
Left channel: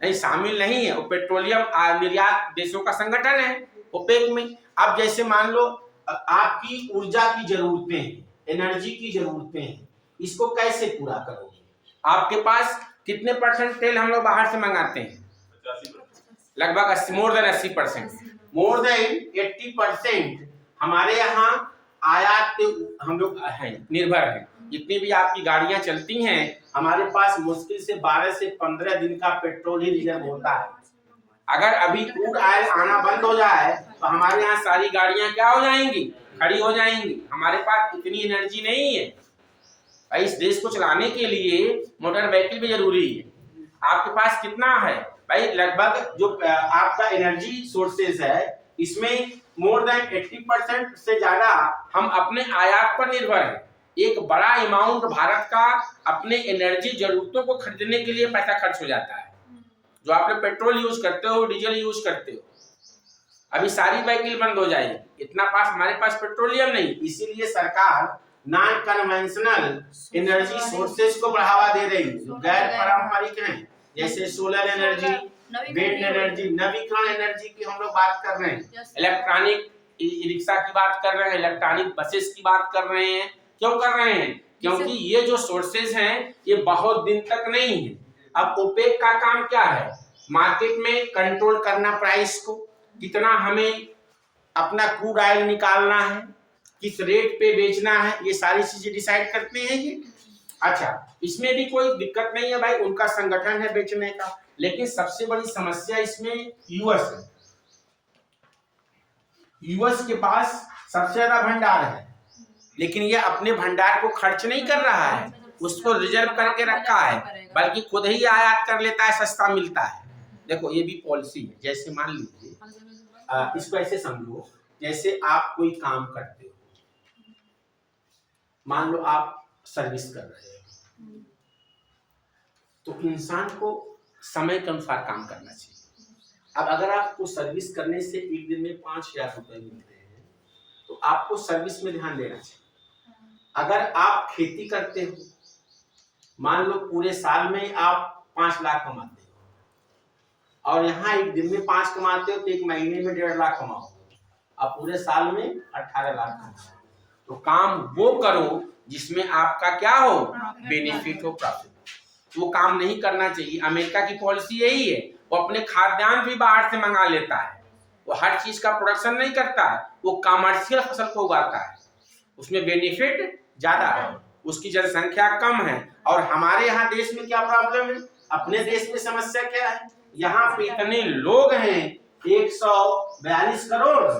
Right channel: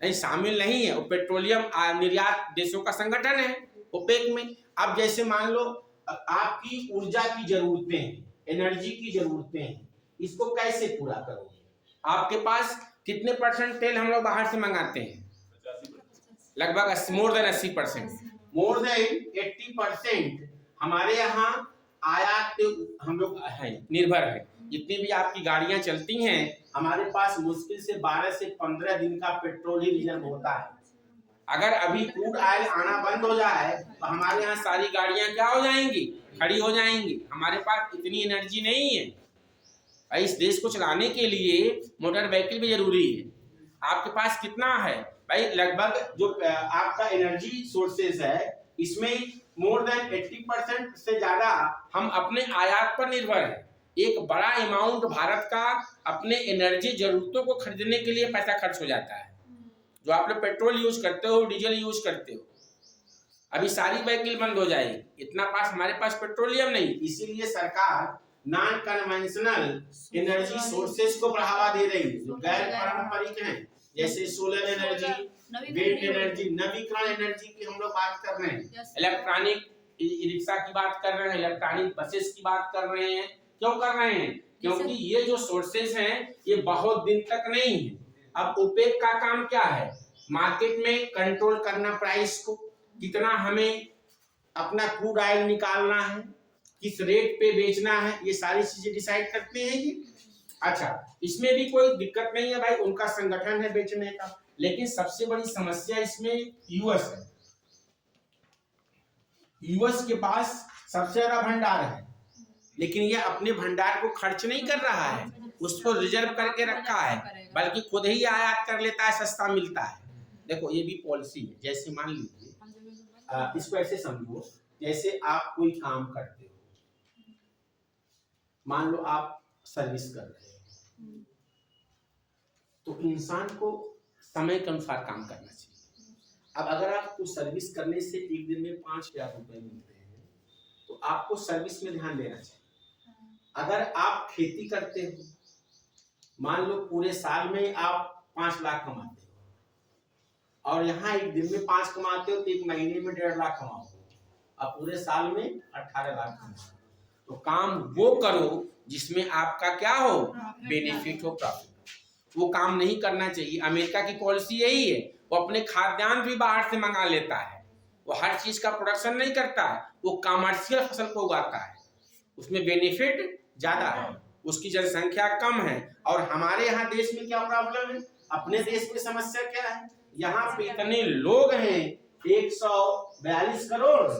नहीं शामिल नहीं है, वो पेट्रोलियम निर्यात देशों का संगठन है ओपेक में। अब जैसे मान लो आपकी ऊर्जा की जरूरतें हैं, एनर्जी की जरूरतें हैं, इसको कैसे पूरा करोगे? आपके पास कितने % तेल हम लोग बाहर से मंगाते हैं? लगभग मोर देन 80%, मोर देन 80% हमारे यहाँ आयात पे हम लोग हैं, निर्भर है। जितनी भी आपकी गाड़ियां चलती हैं, हमारे पास मुश्किल से 12 से 15 दिन का पेट्रोल ही रिजर्व होता है। अगर अभी क्रूड ऑयल आना बंद हो जाए तो हमारे यहाँ सारी गाड़ियां क्या हो जाएंगी, खड़ी हो जाएंगी। हमारे पास इतनी एनर्जी नहीं है। इस देश को चलाने के लिए मोटर व्हीकल भी जरूरी है। आपके पास कितना है भाई, लगभग जो आपका एनर्जी सोर्सेज है, इसमें मोर देन 80% से ज्यादा हम अपने आयात पर निर्भर है। एक बड़ा अमाउंट भारत का अपने एनर्जी जरूरतों को खरीदने के लिए पैसा खर्च हो जाता है। जो आप लोग पेट्रोल यूज करते हो, डीजल यूज करते हो, अभी सारी व्हीकल बंद हो जाएगी, इतना पास हमारे पास पेट्रोलियम नहीं। इसीलिए सरकार नॉन कन्वेंशनल एनर्जी सोर्सेज को बढ़ावा दे रही, जो गैर पारंपरिक हैं, जैसे सोलर एनर्जी, विंड एनर्जी, नवीकरण एनर्जी की हम लोग बात कर रहे हैं, इलेक्ट्रॉनिक रिक्शा की बात कर रहे हैं, इलेक्ट्रॉनिक बसेस की बात कर रहे हैं। क्यों कर रहे हैं? क्योंकि ये जो सोर्सेज हैं ये बहुत दिन तक नहीं है। अब ओपेक का काम क्या है? मार्केट में कंट्रोल करना प्राइस को, कितना हमें अपना क्रूड ऑयल निकालना है, किस रेट पे बेचना है, ये सारी चीजें डिसाइड करते हैं ये। अच्छा, इसमें भी कोई दिक्कत नहीं है भाई, उनका संगठन है बेचने का। लेकिन सबसे बड़ी समस्या इसमें यूएस है। यूएस के पास सबसे ज्यादा भंडार है, लेकिन ये अपने भंडार को खर्च नहीं कर रहा है, उसको रिजर्व करके रखा है, बल्कि खुद ही आयात कर लेता है, सस्ता मिलता है। देखो ये भी पॉलिसी है। जैसे मान लीजिए, इसको ऐसे समझो, जैसे आप कोई काम करते हो, मान लो आप सर्विस कर रहे हो, तो इंसान को समय के अनुसार काम करना चाहिए। अब अगर आपको सर्विस करने से एक दिन में 5,000 रुपए मिलते हैं, तो आपको सर्विस में ध्यान देना चाहिए। अगर आप खेती करते हो, मान लो पूरे साल में आप 5 लाख कमाते हो, और यहाँ एक दिन में 5 कमाते हो, तो एक महीने में 1.5 लाख कमाओ, अब पूरे साल में 18 लाख कमाओ। तो काम वो करो जिसमें आपका क्या हो, बेनिफिट हो, प्रॉफिट। वो काम नहीं करना चाहिए। अमेरिका की पॉलिसी यही है, वो अपने खाद्यान्न भी बाहर से मंगा लेता है, वो हर चीज का प्रोडक्शन नहीं करता, वो कमर्शियल फसल को उगाता है, उसमें बेनिफिट ज्यादा है, उसकी जनसंख्या कम है। और हमारे यहाँ देश में क्या प्रॉब्लम है? अपने देश में समस्या क्या है? यहाँ पे इतने लोग हैं, 142 करोड़,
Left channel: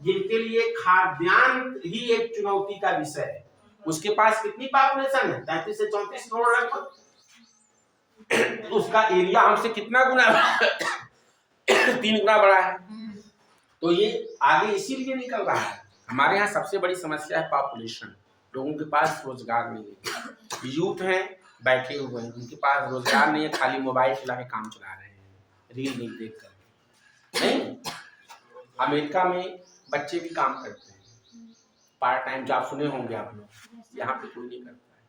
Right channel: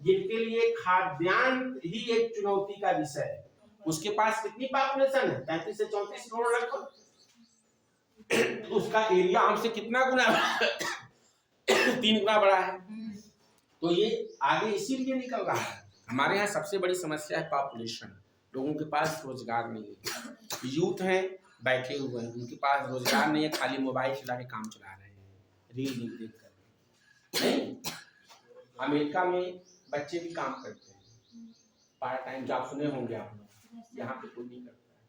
जिनके लिए खाद्यान्न ही एक चुनौती का विषय है। उसके पास कितनी पॉपुलेशन है? 33 से 34 करोड़ लगभग। उसका एरिया हमसे कितना गुना 3 गुना बड़ा है। तो ये आगे इसीलिए निकल रहा है। हमारे यहाँ सबसे बड़ी समस्या है पॉपुलेशन। लोगों के पास रोजगार नहीं है, यूथ हैं बैठे हुए हैं, उनके पास रोजगार नहीं है, खाली मोबाइल चला के काम चला रहे हैं, रील देख कर। नहीं, अमेरिका में बच्चे भी काम करते हैं, पार्ट टाइम जॉब सुने होंगे आप लोग। यहाँ पे कोई नहीं करता है।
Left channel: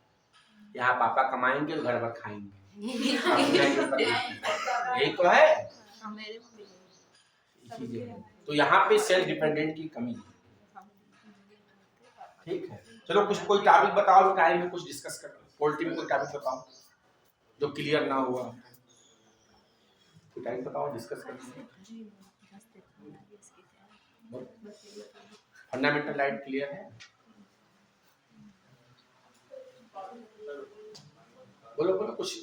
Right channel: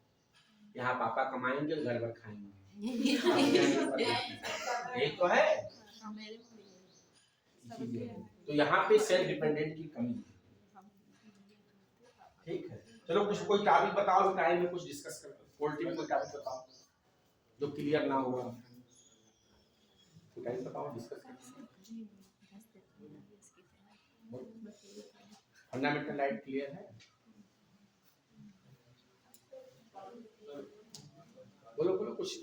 यहाँ पापा कमाएंगे और घर भर खाएंगे। यही तो है चीजें। तो यहाँ पे सेल्फ डिपेंडेंट की कमी है। ठीक है, चलो कुछ कोई टॉपिक बताओ, टाइम में कुछ डिस्कस कर। पॉलिटी में कोई टॉपिक बताओ जो क्लियर ना हुआ, कोई टॉपिक बताओ, डिस्कस करते हैं। फंडामेंटल राइट क्लियर है? बोलो बोलो कुछ।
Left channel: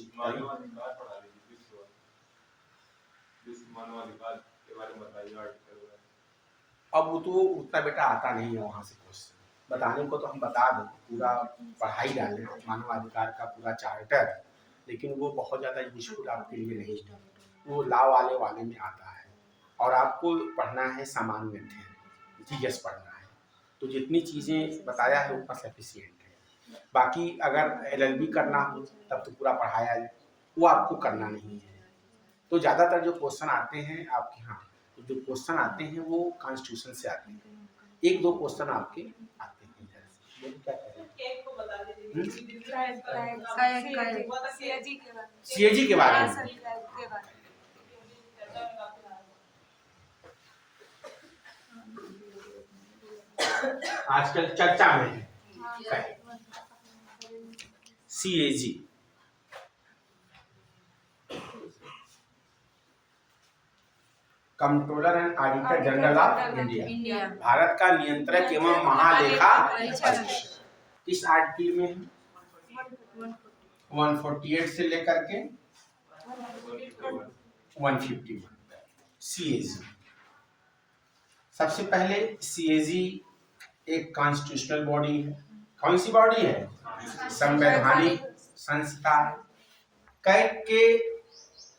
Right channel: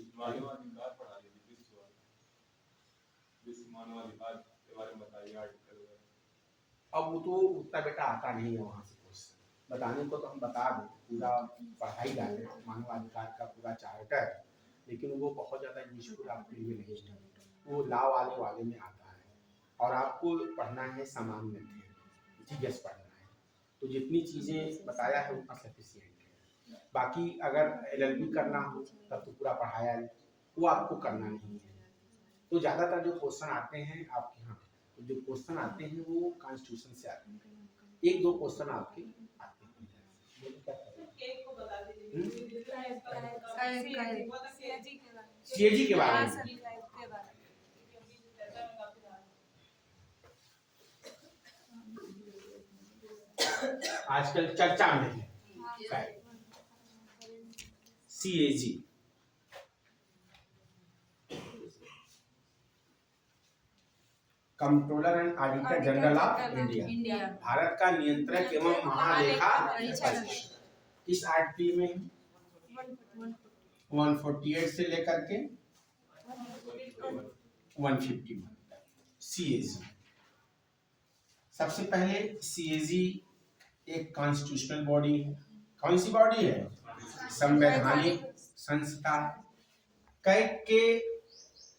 अब वो तो उतना बेटा आता नहीं है वहाँ से क्वेश्चन बताने को, तो हम बता दें, पूरा पढ़ाई डालें मानवाधिकार का पूरा चार्टर, लेकिन वो बहुत ज़्यादा यूजफुल आपके लिए नहीं है। वो लॉ वाले में आता है, और आपको पढ़ना है सामान्य जीएस पढ़ना है, तो जितनी चीज़ें बताया है उतना सफिशिएंट है। बाकी अगर LLB करना हो तब तो पूरा पढ़ाया है, वो आपको करना नहीं है। तो ज़्यादातर जो क्वेश्चन आते हैं आपके यहाँ, जो क्वेश्चन आते हैं वो कॉन्स्टिट्यूशन से आते हैं, 1-2 क्वेश्चन आपके आते हैं इधर से। क्या करें? CAG के बारे में आजकल चर्चा में है। CAG controller and auditor general of India, Bharat का नियंत्रक एवं महालेखा परीक्षक। इस आर्टिकल में 148 से लेकर के 151 सीएजी। सबसे पहले सीएजी एक कॉन्स्टिट्यूशनल बॉडी है। कौन सी बॉडी है? संवैधानिक संस्था है। कैग के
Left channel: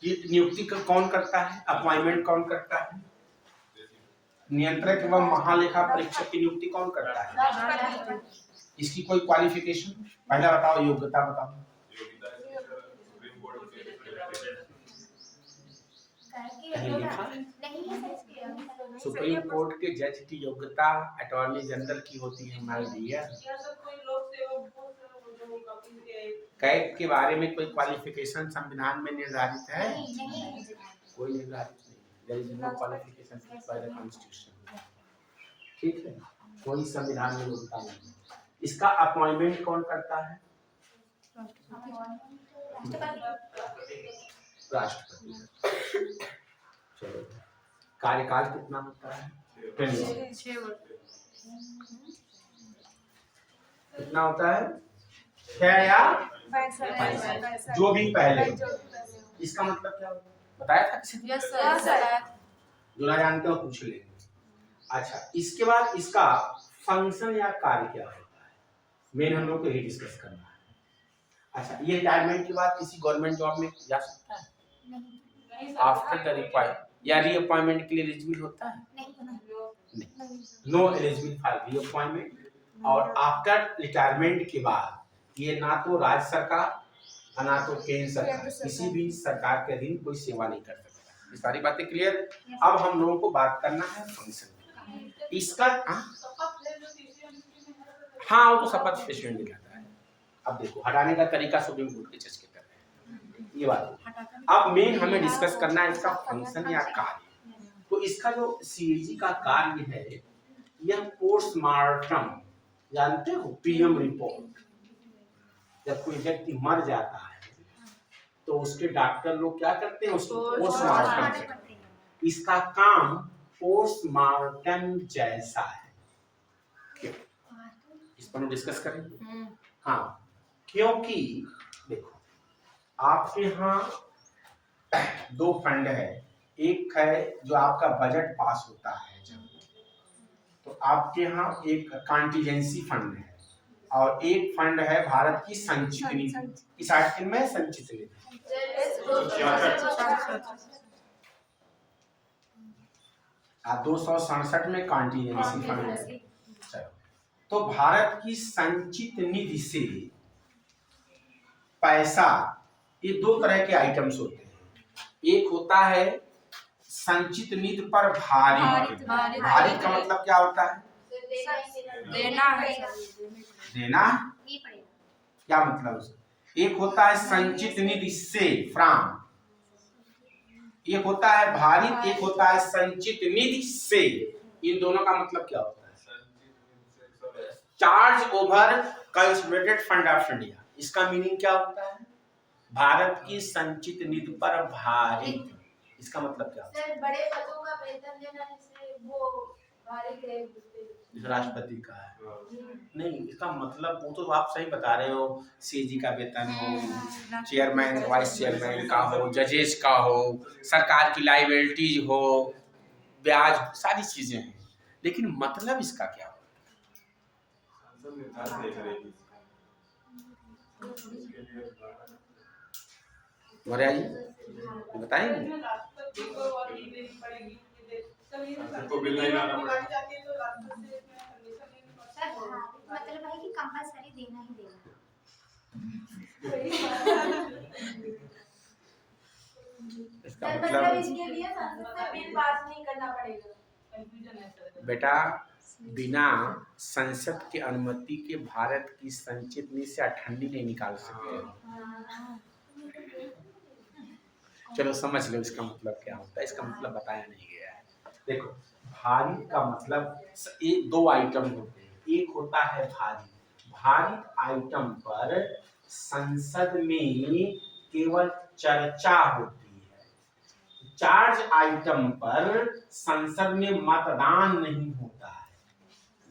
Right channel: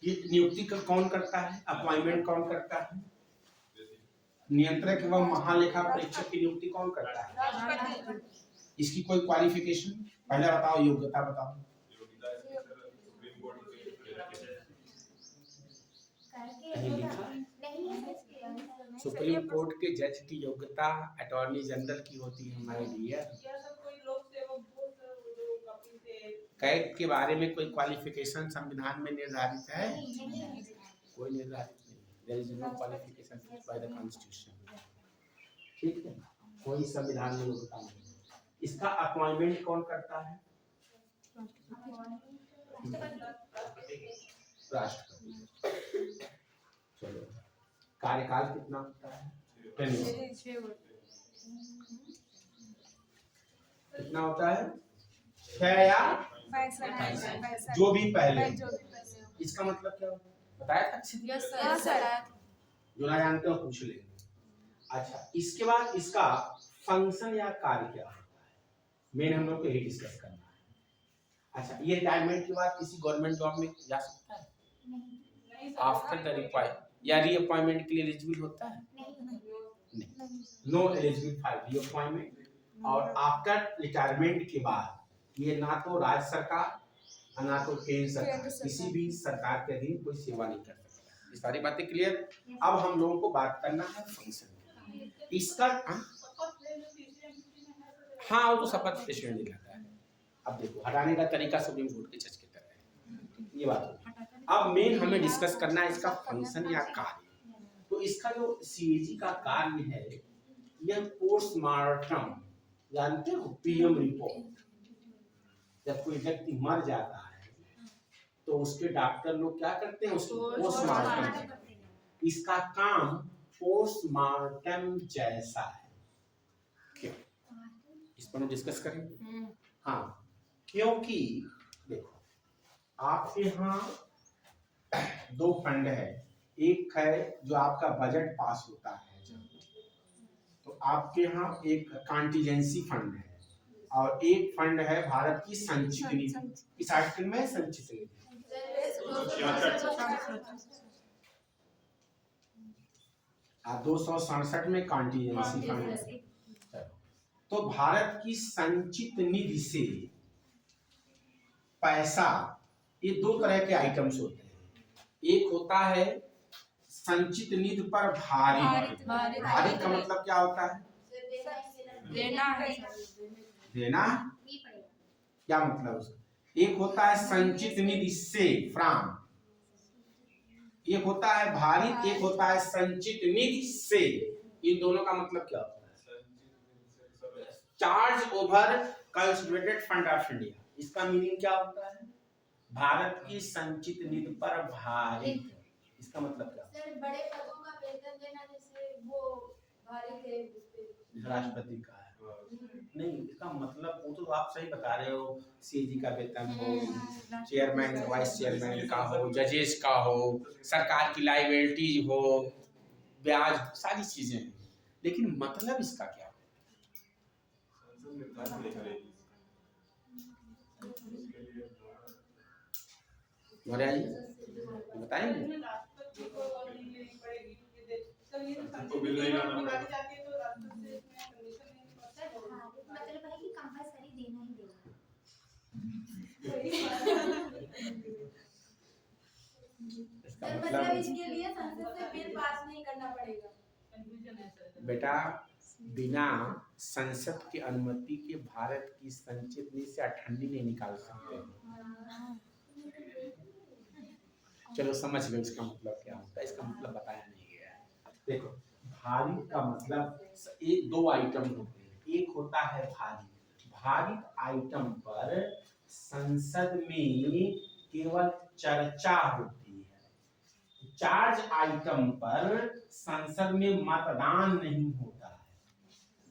नियुक्ति का कौन करता है? अपॉइंटमेंट कौन करता है? नियंत्रक एवं महालेखा परीक्षक की नियुक्ति कौन करता है? इसकी कोई क्वालिफिकेशन? पहला बताओ, योग्यता बताओ। सुप्रीम कोर्ट के जज की योग्यता अटॉर्नी जनरल की होती है हमारे लिए। कैग के बारे में कोई क्वालिफिकेशन संविधान में निर्धारित है? कोई निर्धारित नहीं। There is no qualification by the constitution. ठीक है, कोई संविधान में योग्यता नहीं। इसका अपॉइंटमेंट कौन करता है? राष्ट्रपति। चलो, कार्यकाल कितना होता है? 6 वर्ष। कितना होता है? 6 या 65, जो भी पहले। इसका मतलब क्या होता है? बताया था किसी? जो ना जानते हो पूछ लेंगे। अच्छा, इसके बाद इसका फंक्शन या कार्य क्या होता है, मेन हम लोग को यही डिस्कस करना है। अच्छा, ये रिटायरमेंट के बाद किसी गवर्नमेंट जॉब में जा सकता है? नहीं। आफ्टर द रिक्वायर या रीअपॉइंटमेंट के लिए एलिजिबल होता है? नहीं। No eligible for reappointment. और आफ्टर रिटायरमेंट के बाद ये ना तो राज्य सरकार ना तो केंद्र सरकार, किसी भी सरकार के अधीन कोई सेवा नहीं कर सकता। ये सारी बातें क्लियर? अब हम लोगों को बात करना है फंक्शन। इसका हाँ, वो तो शपथ स्टेशन में जाता है। अब देखो, हटाने का तरीका सुप्रीम कोर्ट के जज की तरह है, ये बात। अब मेन हमें डिस्कस करना है इसका फंक्शन या कार्य। तो इसका जो सीएजी का कार्य है, यह पोस्टमार्टम, जानते हो, पीएम रिपोर्ट। जब कोई व्यक्ति मर जाता है तो उसके डॉक्टर लोग क्या करते हैं? उसको पोस्टमार्टम करते हैं। इसका काम पोस्टमार्टम जैसा है। इस पर हम डिस्कस करेंगे। हाँ, क्योंकि देखो, आपके यहाँ 2 फंड है। एक है जो आपका बजट पास होता है जब, तो आपके यहाँ एक कॉन्टीजेंसी फंड है और एक फंड है भारत की संचित निधि। इस आर्टिकल में संचित निधि 267 में कॉन्टीजेंसी फंड है। चलो, तो भारत की संचित निधि से पैसा, ये 2 तरह के आइटम्स होते हैं। एक होता है संचित निधि पर भारित। भारित का मतलब क्या होता है? देना। क्या मतलब उसका? एक होता है संचित निधि से, फ्रॉम। एक होता है भारित, एक होता है संचित निधि से। इन दोनों का मतलब क्या होता है? Charge over consolidated fund of India. इसका मीनिंग क्या होता है? भारत की संचित निधि पर भारित। इसका मतलब क्या होता है? सर, बड़े पदों का वेतन देना जैसे वो भारित है, राष्ट्रपति का है। नहीं, इसका मतलब वो तो आप सही बता रहे हो, सीजी का वेतन हो, चेयरमैन वाइस चेयरमैन का हो, जजेस का हो, सरकार की लाइबिलिटीज हो, ब्याज, सारी चीजें हैं। लेकिन मतलब इसका क्या हो? बताएंगे? मतलब है कि कंपलसरी देना ही देना। इसका मतलब इसके लिए संसद से बिल पास नहीं करना पड़ेगा। बेटा, बिना संसद की अनुमति के भारत की संचित निधि से अठन्नी नहीं निकाल सकते। चलो समझ लो इसका मतलब क्या होता है। इसका मतलब बताया नहीं गया है। देखो, भारित का मतलब एक 2 आइटम होते हैं। एक होता है भारित। भारित आइटम पर संसद में केवल चर्चा होती है। चार्ज आइटम पर संसद में मतदान नहीं होता है।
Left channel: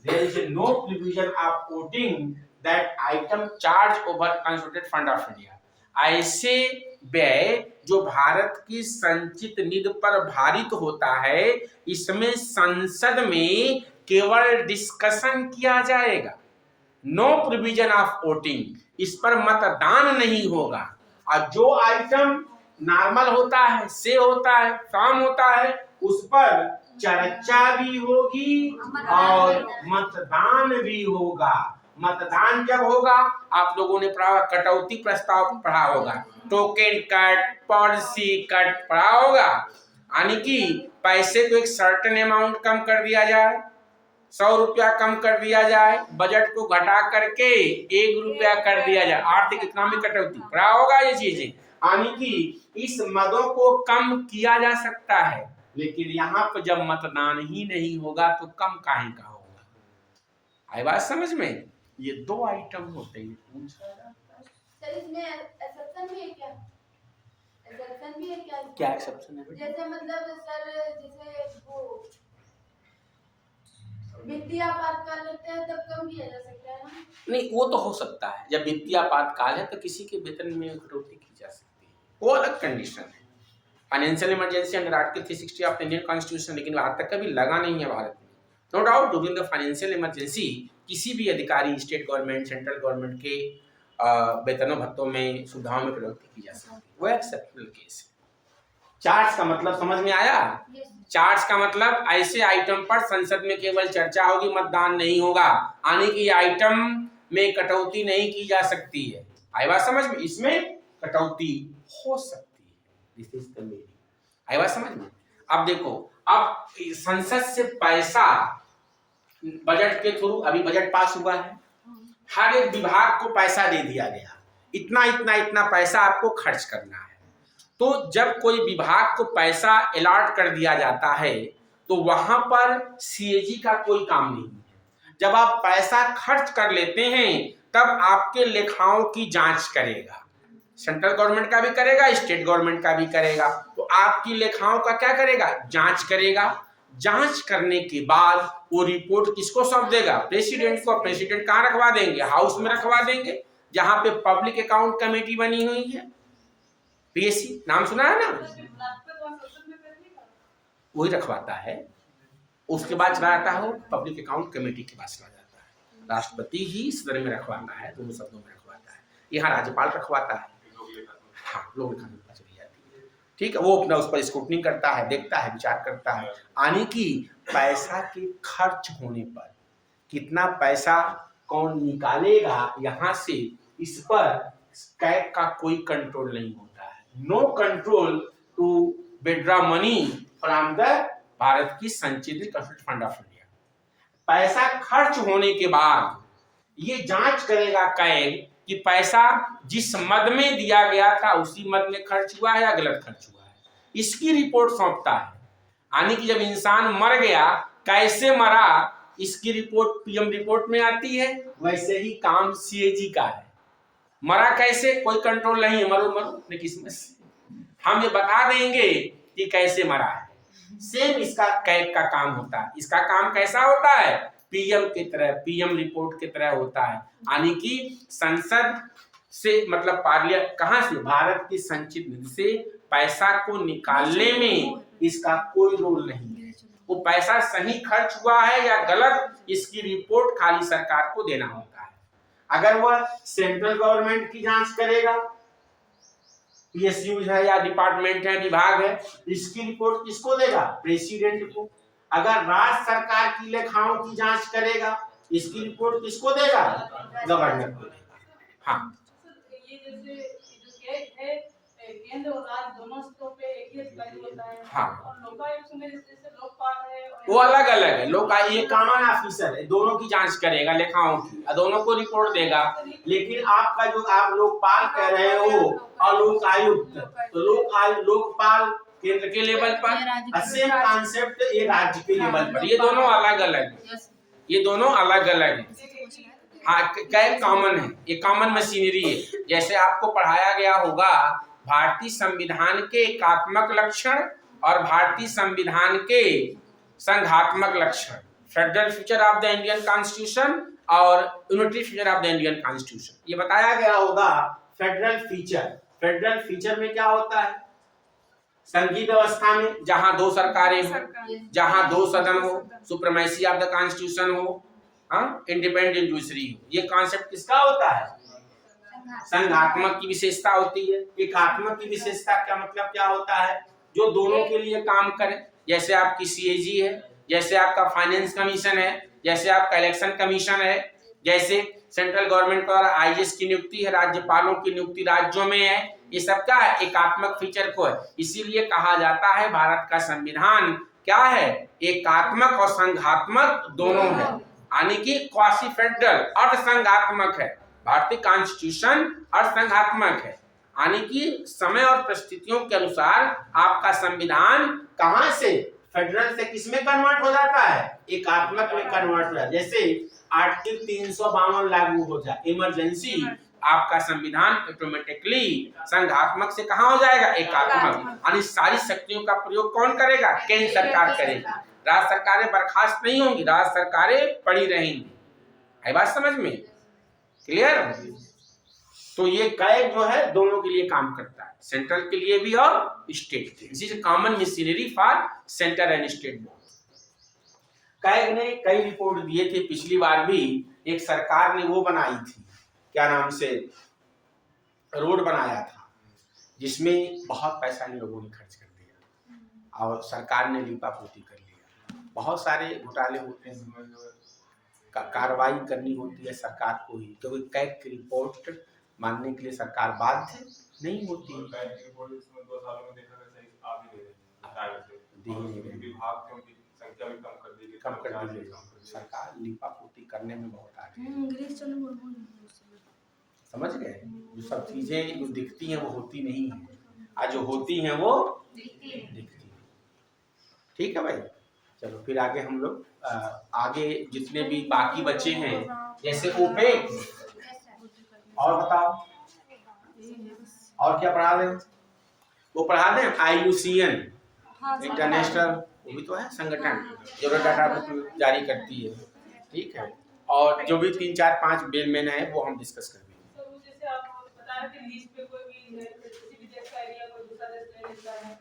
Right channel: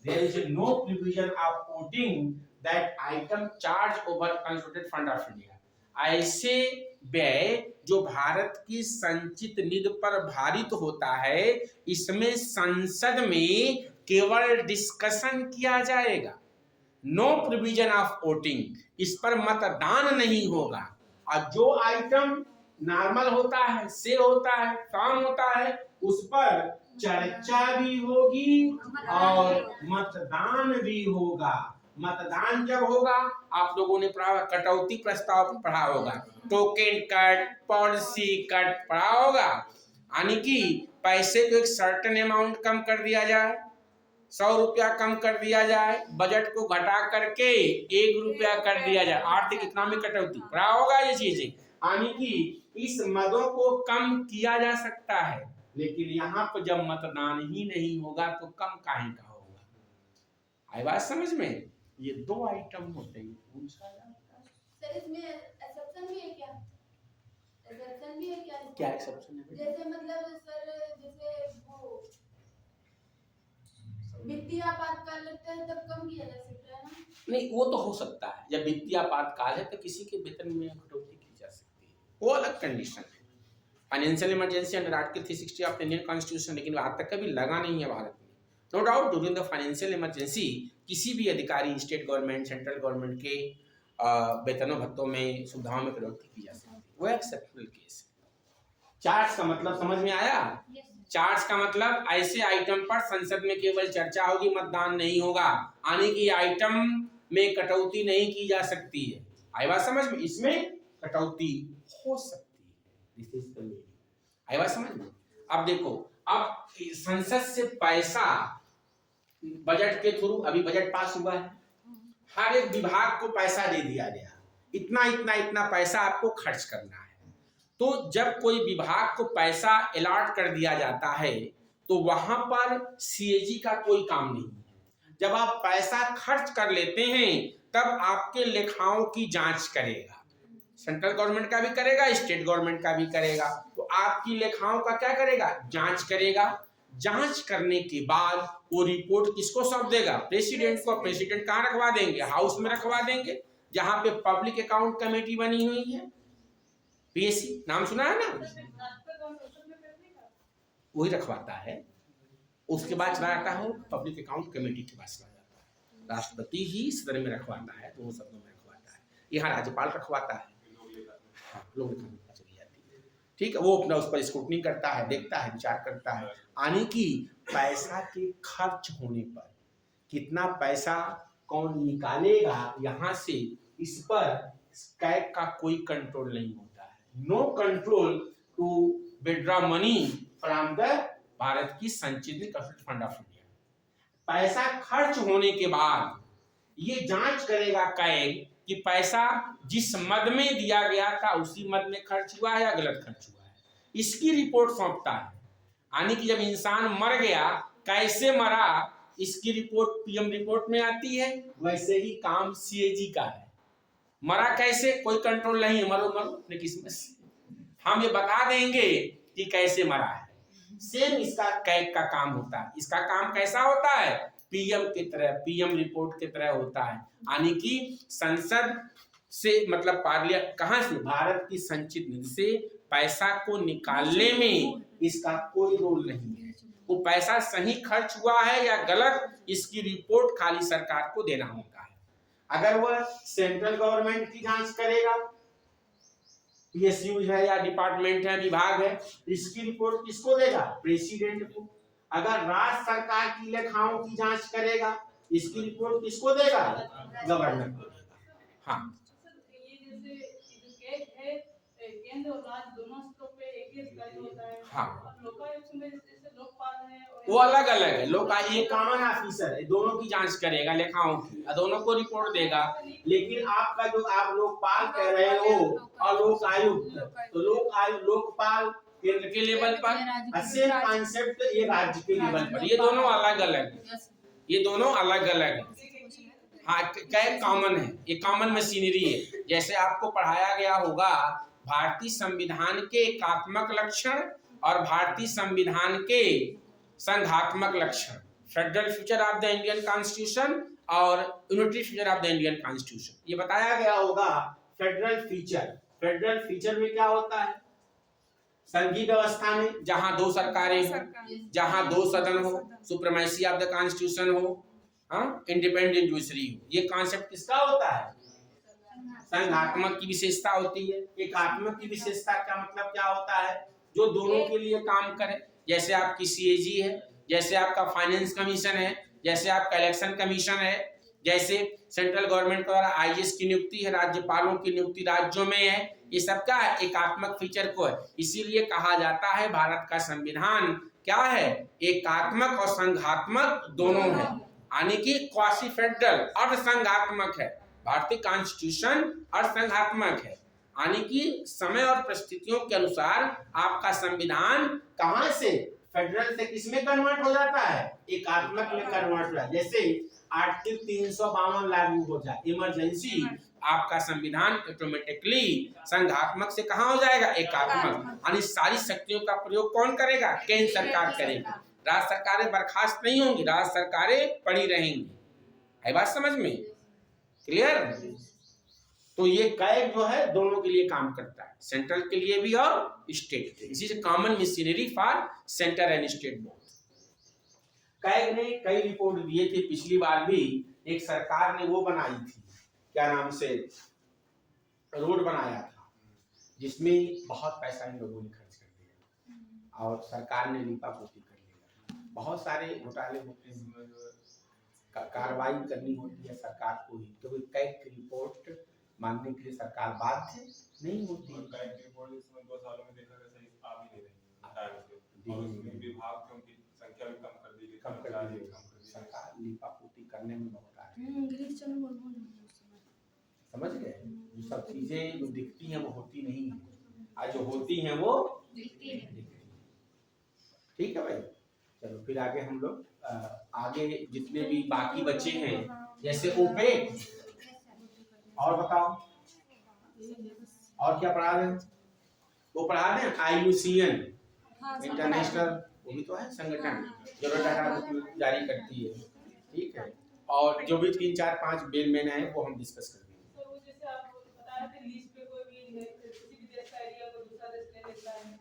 There is no provision of voting that item charge over consolidated fund of India. ऐसे व्यय जो भारत की संचित निधि पर भारित होता है, इसमें संसद में केवल डिस्कशन किया जाएगा, नो प्रोविजन ऑफ वोटिंग, इस पर मतदान नहीं होगा। और जो आइटम नॉर्मल होता है, से होता है, काम होता है, उस पर चर्चा भी होगी और मतदान भी होगा। मतदान जब होगा, आप लोगों ने पढ़ा कटौती प्रस्ताव पढ़ा होगा, टोकन कट, पॉलिसी कट पढ़ा होगा, यानी कि पैसे को एक सर्टेन अमाउंट कम कर दिया जाए, 100 रुपया कम कर दिया जाए, बजट को घटा करके 1 रुपया कर दिया जाए, आर्थिक इकोनॉमिक कटौती पढ़ा होगा ये चीजें, यानी कि इस मदों को कम किया जा सकता है। लेकिन यहाँ पर जब मतदान ही नहीं होगा तो कम काहे का होगा? आई बात समझ में? ये 2 आइटम होते हैं। सर इसमें एक्सेप्शन भी है क्या? एक्सेप्शन भी है क्या? क्या एक्सेप्शन है? जैसे मतलब सर जैसे वो वित्तीय आपातकाल लगता है तब कम किया जा सकता है ना? नहीं, वो तो हो सकता है, जब वित्तीय आपातकाल है तो किसी के वेतन में कटौती की जा सकती है, वो अलग कंडीशन है। Financial emergency under article 360 of Indian constitution, लेकिन आज तक कभी लगा नहीं है भारत में। No doubt during the financial emergency किसी भी अधिकारी, स्टेट गवर्नमेंट, सेंट्रल गवर्नमेंट के वेतनों भत्तों में, सुविधाओं में कटौती की जा सकती है, वो एक्सेप्शनल केस है। चार्ज का मतलब समझ में आया? चार्ज का मतलब ऐसे आइटम पर संसद में केवल चर्चा होगी, मतदान नहीं होगा, यानी कि आइटम में कटौती नहीं की जा सकती है। आई बात समझ में? इसमें कटौती हो सकती है। This is the meaning. आई बात समझ में? अब देखो, अब संसद से पैसा बजट के थ्रू, अभी बजट पास हुआ है, हर एक विभाग को पैसा दे दिया गया, इतना इतना इतना पैसा आपको खर्च करना है। तो जब कोई विभाग को पैसा अलॉट कर दिया जाता है तो वहां पर सीएजी का कोई काम नहीं है। जब आप पैसा खर्च कर लेते हैं तब आपके लेखाओं की जांच करेगा, सेंट्रल गवर्नमेंट का भी करेगा, स्टेट गवर्नमेंट का भी करेगा। तो आपकी लेखाओं का क्या करेगा? जांच करेगा। जांच करने के बाद वो रिपोर्ट किसको सौंप देगा? प्रेसिडेंट को। प्रेसिडेंट कहाँ रखवा देंगे? हाउस में रखवा देंगे, जहां पे पब्लिक अकाउंट कमेटी बनी हुई है, पीएससी नाम सुना है ना, वही रखवाता है। उसके बाद चला जाता है पब्लिक अकाउंट कमेटी के पास चला जाता है। राष्ट्रपति ही सदन में रखवाता है, दोनों शब्दों में रखवाता है। यहाँ राज्यपाल रखवाता है, हाँ, लोग लिखा चली जाती है, ठीक है। वो अपना उस पर स्क्रूटनी करता है, देखता है, विचार करता है, यानी कि पैसा के खर्च होने पर कितना पैसा कौन निकालेगा यहाँ से, इस पर कैग का कोई कंट्रोल नहीं होता है। No control to withdraw money from the Bharat की संचित फंड ऑफ इंडिया। पैसा खर्च होने के बाद ये जांच करेगा कैग कि पैसा जिस मद में दिया गया था उसी मद में खर्च हुआ है या गलत खर्च हुआ है, इसकी रिपोर्ट सौंपता है। यानी कि जब इंसान मर गया, कैसे मरा, इसकी रिपोर्ट पीएम रिपोर्ट में आती है। वैसे ही काम सीएजी का है। मरा कैसे, कोई कंट्रोल नहीं है, मरो मरो अपने किस्मत से, हम ये बता देंगे कि कैसे मरा है। सेम इसका कैग का काम होता है। इसका काम कैसा होता है? पीएम की तरह, पीएम रिपोर्ट की तरह होता है। यानी कि संसद से मतलब पार्लियामेंट, कहां से? भारत की संचित निधि से पैसा को निकालने में इसका कोई रोल नहीं है। वो पैसा सही खर्च हुआ है या गलत, इसकी रिपोर्ट खाली सरकार को देना होता है। अगर वह सेंट्रल गवर्नमेंट की जांच करेगा, पीएसयू है या डिपार्टमेंट है, विभाग है, इसकी रिपोर्ट किसको देगा? प्रेसिडेंट को। अगर राज्य सरकार की लेखाओं की जांच करेगा, इसकी रिपोर्ट किसको देगा? गवर्नर को देगा। हाँ, ये जैसे जो कैग है, केंद्र और राज्य दोनों स्तरों पे एक ही अधिकारी होता है। हाँ। और लोकायुक्त में जैसे लोकपाल है, वो अलग अलग है। लोग ये कानून ऑफिसर है, दोनों की जांच करेगा, लेखाओं की, और दोनों को रिपोर्ट देगा। लेकिन आपका जो आप लोकपाल कह रहे हो और लोक आयुक्त, तो लोकपाल केंद्र के लेवल पर, सेम कॉन्सेप्ट ये राज्य के लेवल पर, ये दोनों अलग अलग, ये दोनों अलग अलग है। हाँ, क्या कॉमन है, ये कॉमन मशीनरी है। जैसे आपको पढ़ाया गया होगा भारतीय संविधान के एकात्मक लक्षण और भारतीय संविधान के संघात्मक लक्षण, federal feature of the Indian constitution और unitary feature of the Indian constitution, ये बताया गया होगा। फेडरल फीचर फेडरल फीचर में क्या होता है? संघीय व्यवस्था में जहां दो सरकारें हो, जहां दो सदन हो, सुप्रीमेसी ऑफ द कॉन्स्टिट्यूशन हो, इंडिपेंडेंट जुडिशरी हो। ये कॉन्सेप्ट किसका होता है? संघात्मक की विशेषता होती है। एकात्मक की विशेषता क्या मतलब क्या होता है? जो दोनों के लिए काम करे। जैसे आपकी सीएजी है, जैसे आपका फाइनेंस कमीशन है, जैसे आपका इलेक्शन कमीशन है, जैसे सेंट्रल गवर्नमेंट द्वारा आईएएस की नियुक्ति है, राज्यपालों की नियुक्ति राज्यों में है। ये सब क्या है? एकात्मक फीचर को है। इसीलिए कहा जाता है भारत का संविधान क्या है? एकात्मक और संघात्मक दोनों है, यानी कि क्वासी फेडरल अर्ध संघात्मक है। भारतीय कॉन्स्टिट्यूशन अर्ध संघात्मक है, यानी कि समय और परिस्थितियों के अनुसार आपका संविधान कहां से? फेडरल से किसमें कन्वर्ट हो जाता है? एकात्मक में कन्वर्ट हो जाता है। जैसे आर्टिकल 352 लागू हो जाए, इमरजेंसी, आपका संविधान ऑटोमेटिकली संघात्मक से कहां हो जाएगा? एकात्मक। यानी सारी शक्तियों का प्रयोग कौन करेगा? केंद्र सरकार करेगी। राज्य सरकारें बर्खास्त नहीं होंगी, राज्य सरकारें पड़ी रहेंगी। है बात समझ में? क्लियर? तो ये कैग जो है दोनों के लिए काम करता है, सेंट्रल के लिए भी और स्टेट के। इसी से common machinery for centre and state board. CAG ने कई रिपोर्ट दिए थे। पिछली बार भी एक सरकार ने वो बनाई थी, क्या नाम से, रोड बनाया था, जिसमें बहुत पैसा इन लोगों ने खर्च कर दिया और सरकार ने लीपापोती कर लिया। बहुत सारे घोटाले होते हैं, कार्रवाई करनी होती है सरकार को ही, क्योंकि कैग की रिपोर्ट मानने के लिए सरकार बाध्य नहीं होती। कम कर दी गई। सरकार लीपापोती करने में बहुत आगे है। समझ गए? जो सब चीजें जो दिखती हैं वो होती नहीं है, आज जो होती हैं वो दिखती है। ठीक है भाई, चलो फिर आगे हम लोग आगे जितने भी बाकी बच्चे हैं, जैसे ओपेक, और बताओ और क्या पढ़ा रहे हैं? वो पढ़ा दें IUCN, इंटरनेशनल, वो भी तो है संगठन जो डाटा बुक जारी करती है। ठीक है, और जो भी 3 4 5 बेल में है वो हम डिस्कस कर देंगे। जैसे आप बता रहे थे लीज पे कोई भी किसी भी देश का एरिया को दूसरा देश ले लेता है,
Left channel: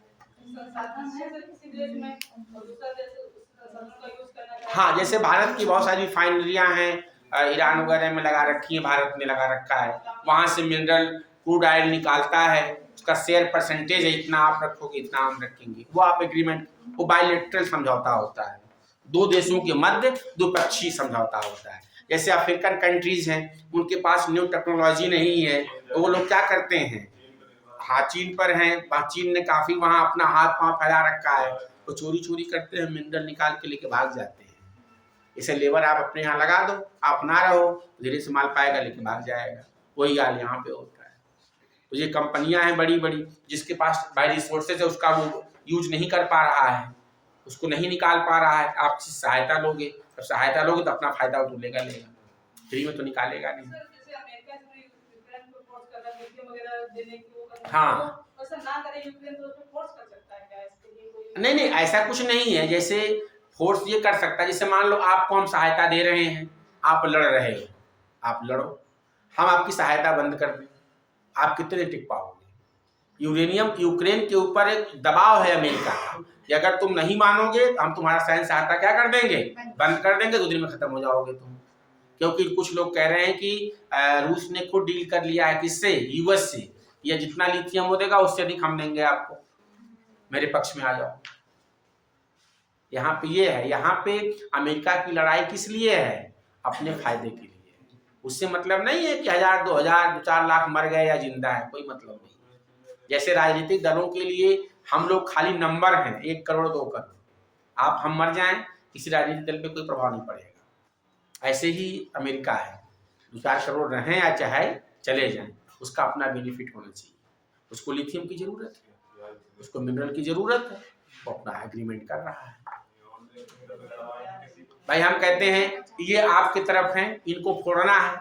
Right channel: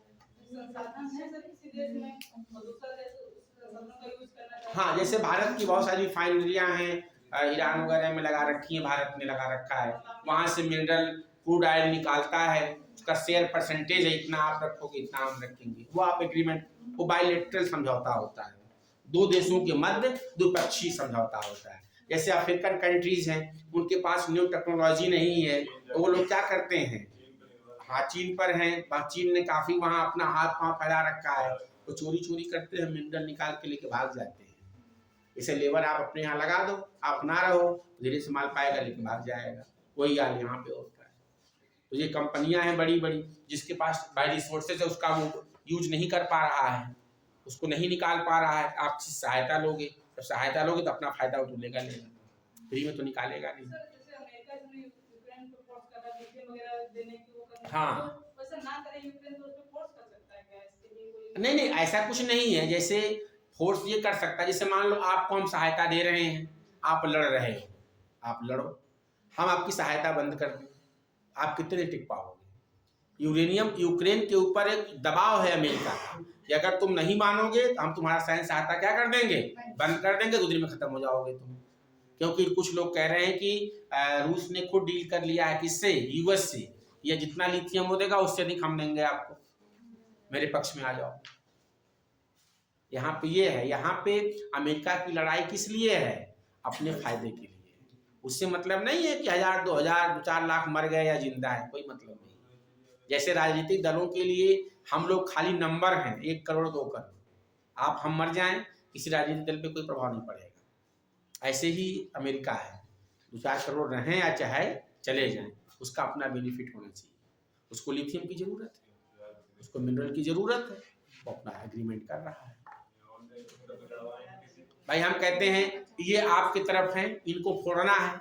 संसाधन है किसी देश में और दूसरा देश संसाधन का यूज करना चाहता है। हाँ, जैसे भारत की बहुत सारी रिफाइनरियां हैं, ईरान वगैरह में लगा रखी है, भारत ने लगा रखा है, वहां से मिनरल क्रूड ऑयल निकालता है, उसका शेयर परसेंटेज है, इतना आप रखोगे इतना हम रखेंगे। वो आप एग्रीमेंट, वो बायलैटरल समझौता होता है, दो देशों के मध्य द्विपक्षीय समझौता होता है। जैसे अफ्रीकन कंट्रीज हैं, उनके पास न्यू टेक्नोलॉजी नहीं है, तो वो लोग क्या करते हैं, हाँ चीन पर हैं, चीन ने काफी वहाँ अपना हाथ पांव फैला रखा है, तो चोरी चोरी करते हैं, मिनरल निकाल के लेके भाग जाते हैं। इसे लेबर आप अपने यहाँ लगा दो, आप ना रहो, धीरे से माल पाएगा लेके भाग जाएगा। वही हाल यहाँ पे होता है। तो ये कंपनियां हैं बड़ी बड़ी, जिसके पास बाय रिसोर्सेज है उसका वो यूज नहीं कर पा रहा है, उसको नहीं निकाल पा रहा है, आप सहायता लोगे, तो सहायता लोगे तो अपना फायदा वो लेगा, फ्री में तो निकालेगा नहीं। हाँ, नहीं नहीं ऐसा कुछ नहीं है, जैसे फोर्स ये कर सकता है, जैसे मान लो आपको हम सहायता दे रहे हैं, आप लड़ रहे हो, आप लड़ो, हम आपकी सहायता बंद कर दें, आप कितने टिक पाओगे? यूक्रेन के ऊपर एक दबाव है अमेरिका का कि अगर तुम नहीं मानोगे तो हम तुम्हारा सैन्य सहायता क्या कर देंगे? बंद कर देंगे, 2 दिन में खत्म हो जाओगे तुम। क्योंकि कुछ लोग कह रहे हैं कि रूस ने खुद डील कर लिया है, किससे? यूएस से, ये जितना लिथियम हो देगा उससे अधिक हम देंगे आपको, मेरे पक्ष में आ जाओ। यहाँ पे ये है, यहाँ पे अमेरिका की लड़ाई किस लिए है? अपने फायदे के लिए। उससे मतलब नहीं है कि 1000 2000 2-4 लाख मर गए या जिंदा है, कोई मतलब नहीं। जैसे राजनीतिक दलों के लिए हम लोग खाली नंबर हैं, 1 करोड़ 2 करोड़, आप हम मर जाएं किसी राजनीतिक दल पे कोई प्रभाव नहीं पड़ेगा। ऐसे ही अमेरिका है, 2-4 करोड़ रहें या चाहे चले जाएं, उसका अपना बेनिफिट होना चाहिए। उसको लिथियम की जरूरत है, उसको मिनरल की जरूरत है, वो अपना एग्रीमेंट कर रहा है। भाई हम कहते हैं ये आपकी तरफ हैं, इनको फोड़ना है,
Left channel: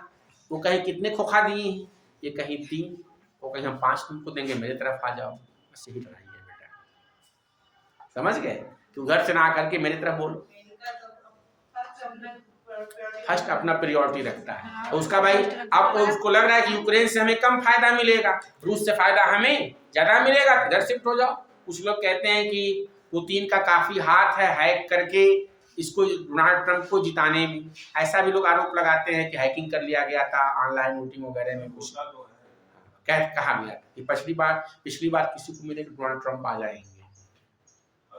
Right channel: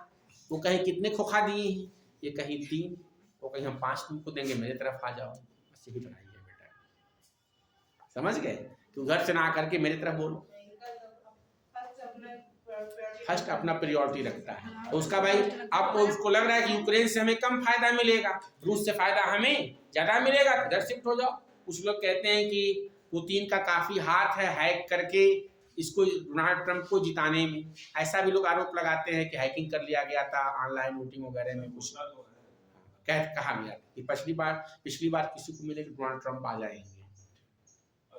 वो कहीं कितने खोखा दिए हैं, ये कहीं 3, वो कहीं हम 5 तुमको देंगे, मेरे तरफ आ जाओ, बस यही लड़ाई है बेटा। समझ गए? तू घर से ना करके मेरे तरफ बोलो। फर्स्ट अपना प्रायोरिटी रखता है। तो उसका भाई अब उसको लग रहा है कि यूक्रेन से हमें कम फायदा मिलेगा, रूस से फायदा हमें ज्यादा मिलेगा, इधर शिफ्ट हो जाओ। कुछ लोग कहते हैं कि पुतिन का काफी हाथ है हैक करके इसको डोनाल्ड ट्रंप को जिताने में, ऐसा भी लोग आरोप लगाते हैं कि हैकिंग कर लिया गया था ऑनलाइन वोटिंग वगैरह में। कुछ कहा गया कि पिछली बार किसी को मिले तो डोनाल्ड ट्रंप आ जाएंगे।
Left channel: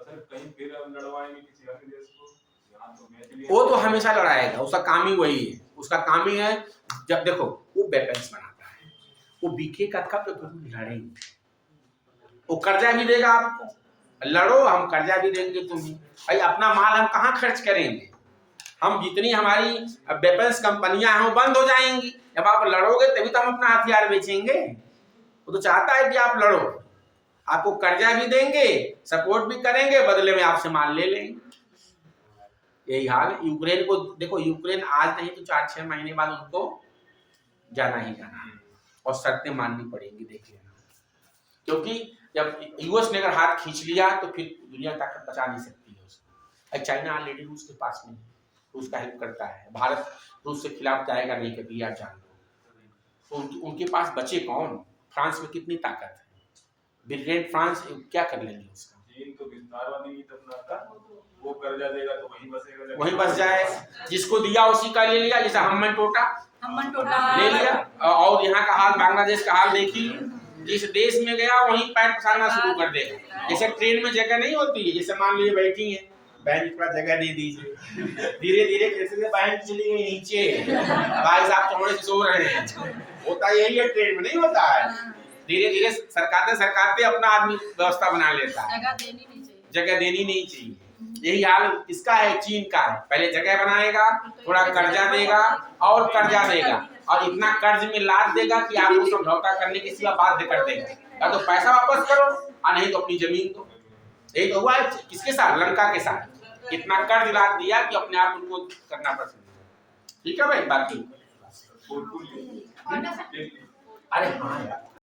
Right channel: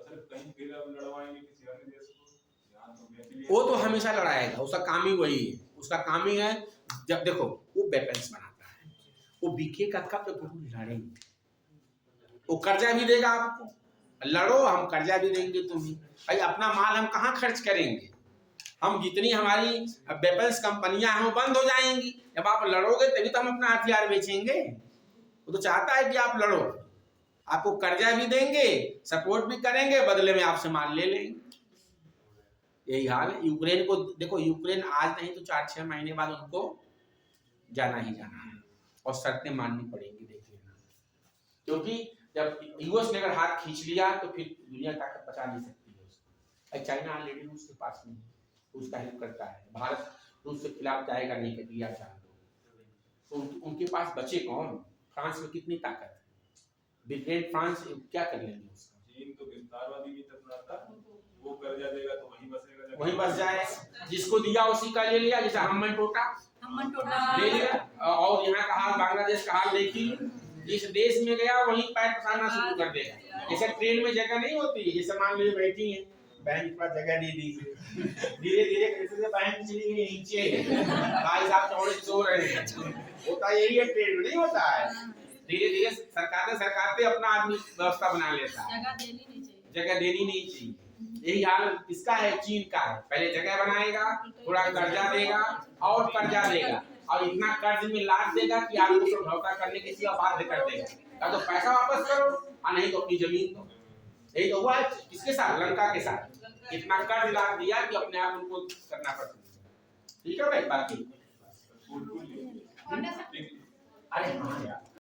कहीं फिर लड़वाएंगे किसी अन्य देश को, यहाँ तो मैच लिया। वो तो हमेशा लड़ाएगा, उसका काम ही वही है। उसका काम ही है, जब देखो वो वेपन्स बनाता है, वो बिकेगा कब जब लड़ेंगे। वो कर्जा भी देगा आपको, लड़ो हम कर्जा भी देंगे तुम्हें। भाई अपना माल हम कहाँ खर्च करेंगे? हम जितनी हमारी वेपन्स कंपनियां हैं वो बंद हो जाएंगी। जब आप लड़ोगे तभी तो हम अपना हथियार बेचेंगे। वो तो चाहता है कि आप लड़ो, आपको कर्जा भी देंगे, सपोर्ट भी करेंगे, बदले में आपसे माल ले लेंगे। यही हाल है यूक्रेन को। देखो यूक्रेन आज नहीं तो 4-6 महीने बाद उनको जाना ही जाना है और शर्तें माननी पड़ेंगी, देख लेना। क्योंकि जब यूएस ने अगर हाथ खींच लिया तो फिर दुनिया ताकत बचा नहीं सकती है उसको। चाइना ऑलरेडी रूस के पास में है, रूस का हेल्प करता है। भारत रूस के खिलाफ जाएगा नहीं कभी, आप जान लो। तो उनके पास बचे कौन? फ्रांस में कितनी ताकत है, ब्रिटेन फ्रांस क्या कर लेंगे उसका? चीन तो विस्तारवादी नीति अपनाता, वो कर्जा देगा तो वहीं बसेगा, वहीं बस जाए, जिसको दिया उसी का ले लिया। जैसे हमन टोटा ले लिया। और यहाँ का हाल, बांग्लादेश का हाल देखिए, जिस देश में गया वहीं पैर पसारना शुरू कर देगा। जैसे ट्रेन में जगह नहीं होती, जैसे मान लीजिए बैठी है, बैंक थोड़ा जगह दे दीजिए, धीरे धीरे कैसे बैंक चली गई नीचे, भाई साहब चौड़े से सो रहे हैं। होता यही है, ट्रेन में नहीं होता है, धीरे धीरे सरकाते अपना आदमी व्यवस्था बना लेता है। जगह देनी नहीं चाहिए। यही हाल किसका है? चीन का है। पहले जगह बनाएगा, थोड़ा कर्जा देगा और कर्जा देगा, और इतना कर्ज में लाद देगा कि आपको समझौता करने के सिवा बाध्य कर देगा। या तो पैसा वापस करो और नहीं तो अपनी जमीन दो। यही तो हुआ है किसके साथ? लंका के साथ। कितना कर्ज लाद दिया कि अपने आप उनको करना पसंद। ठीक है भाई। बाकी अरे हाँ यार,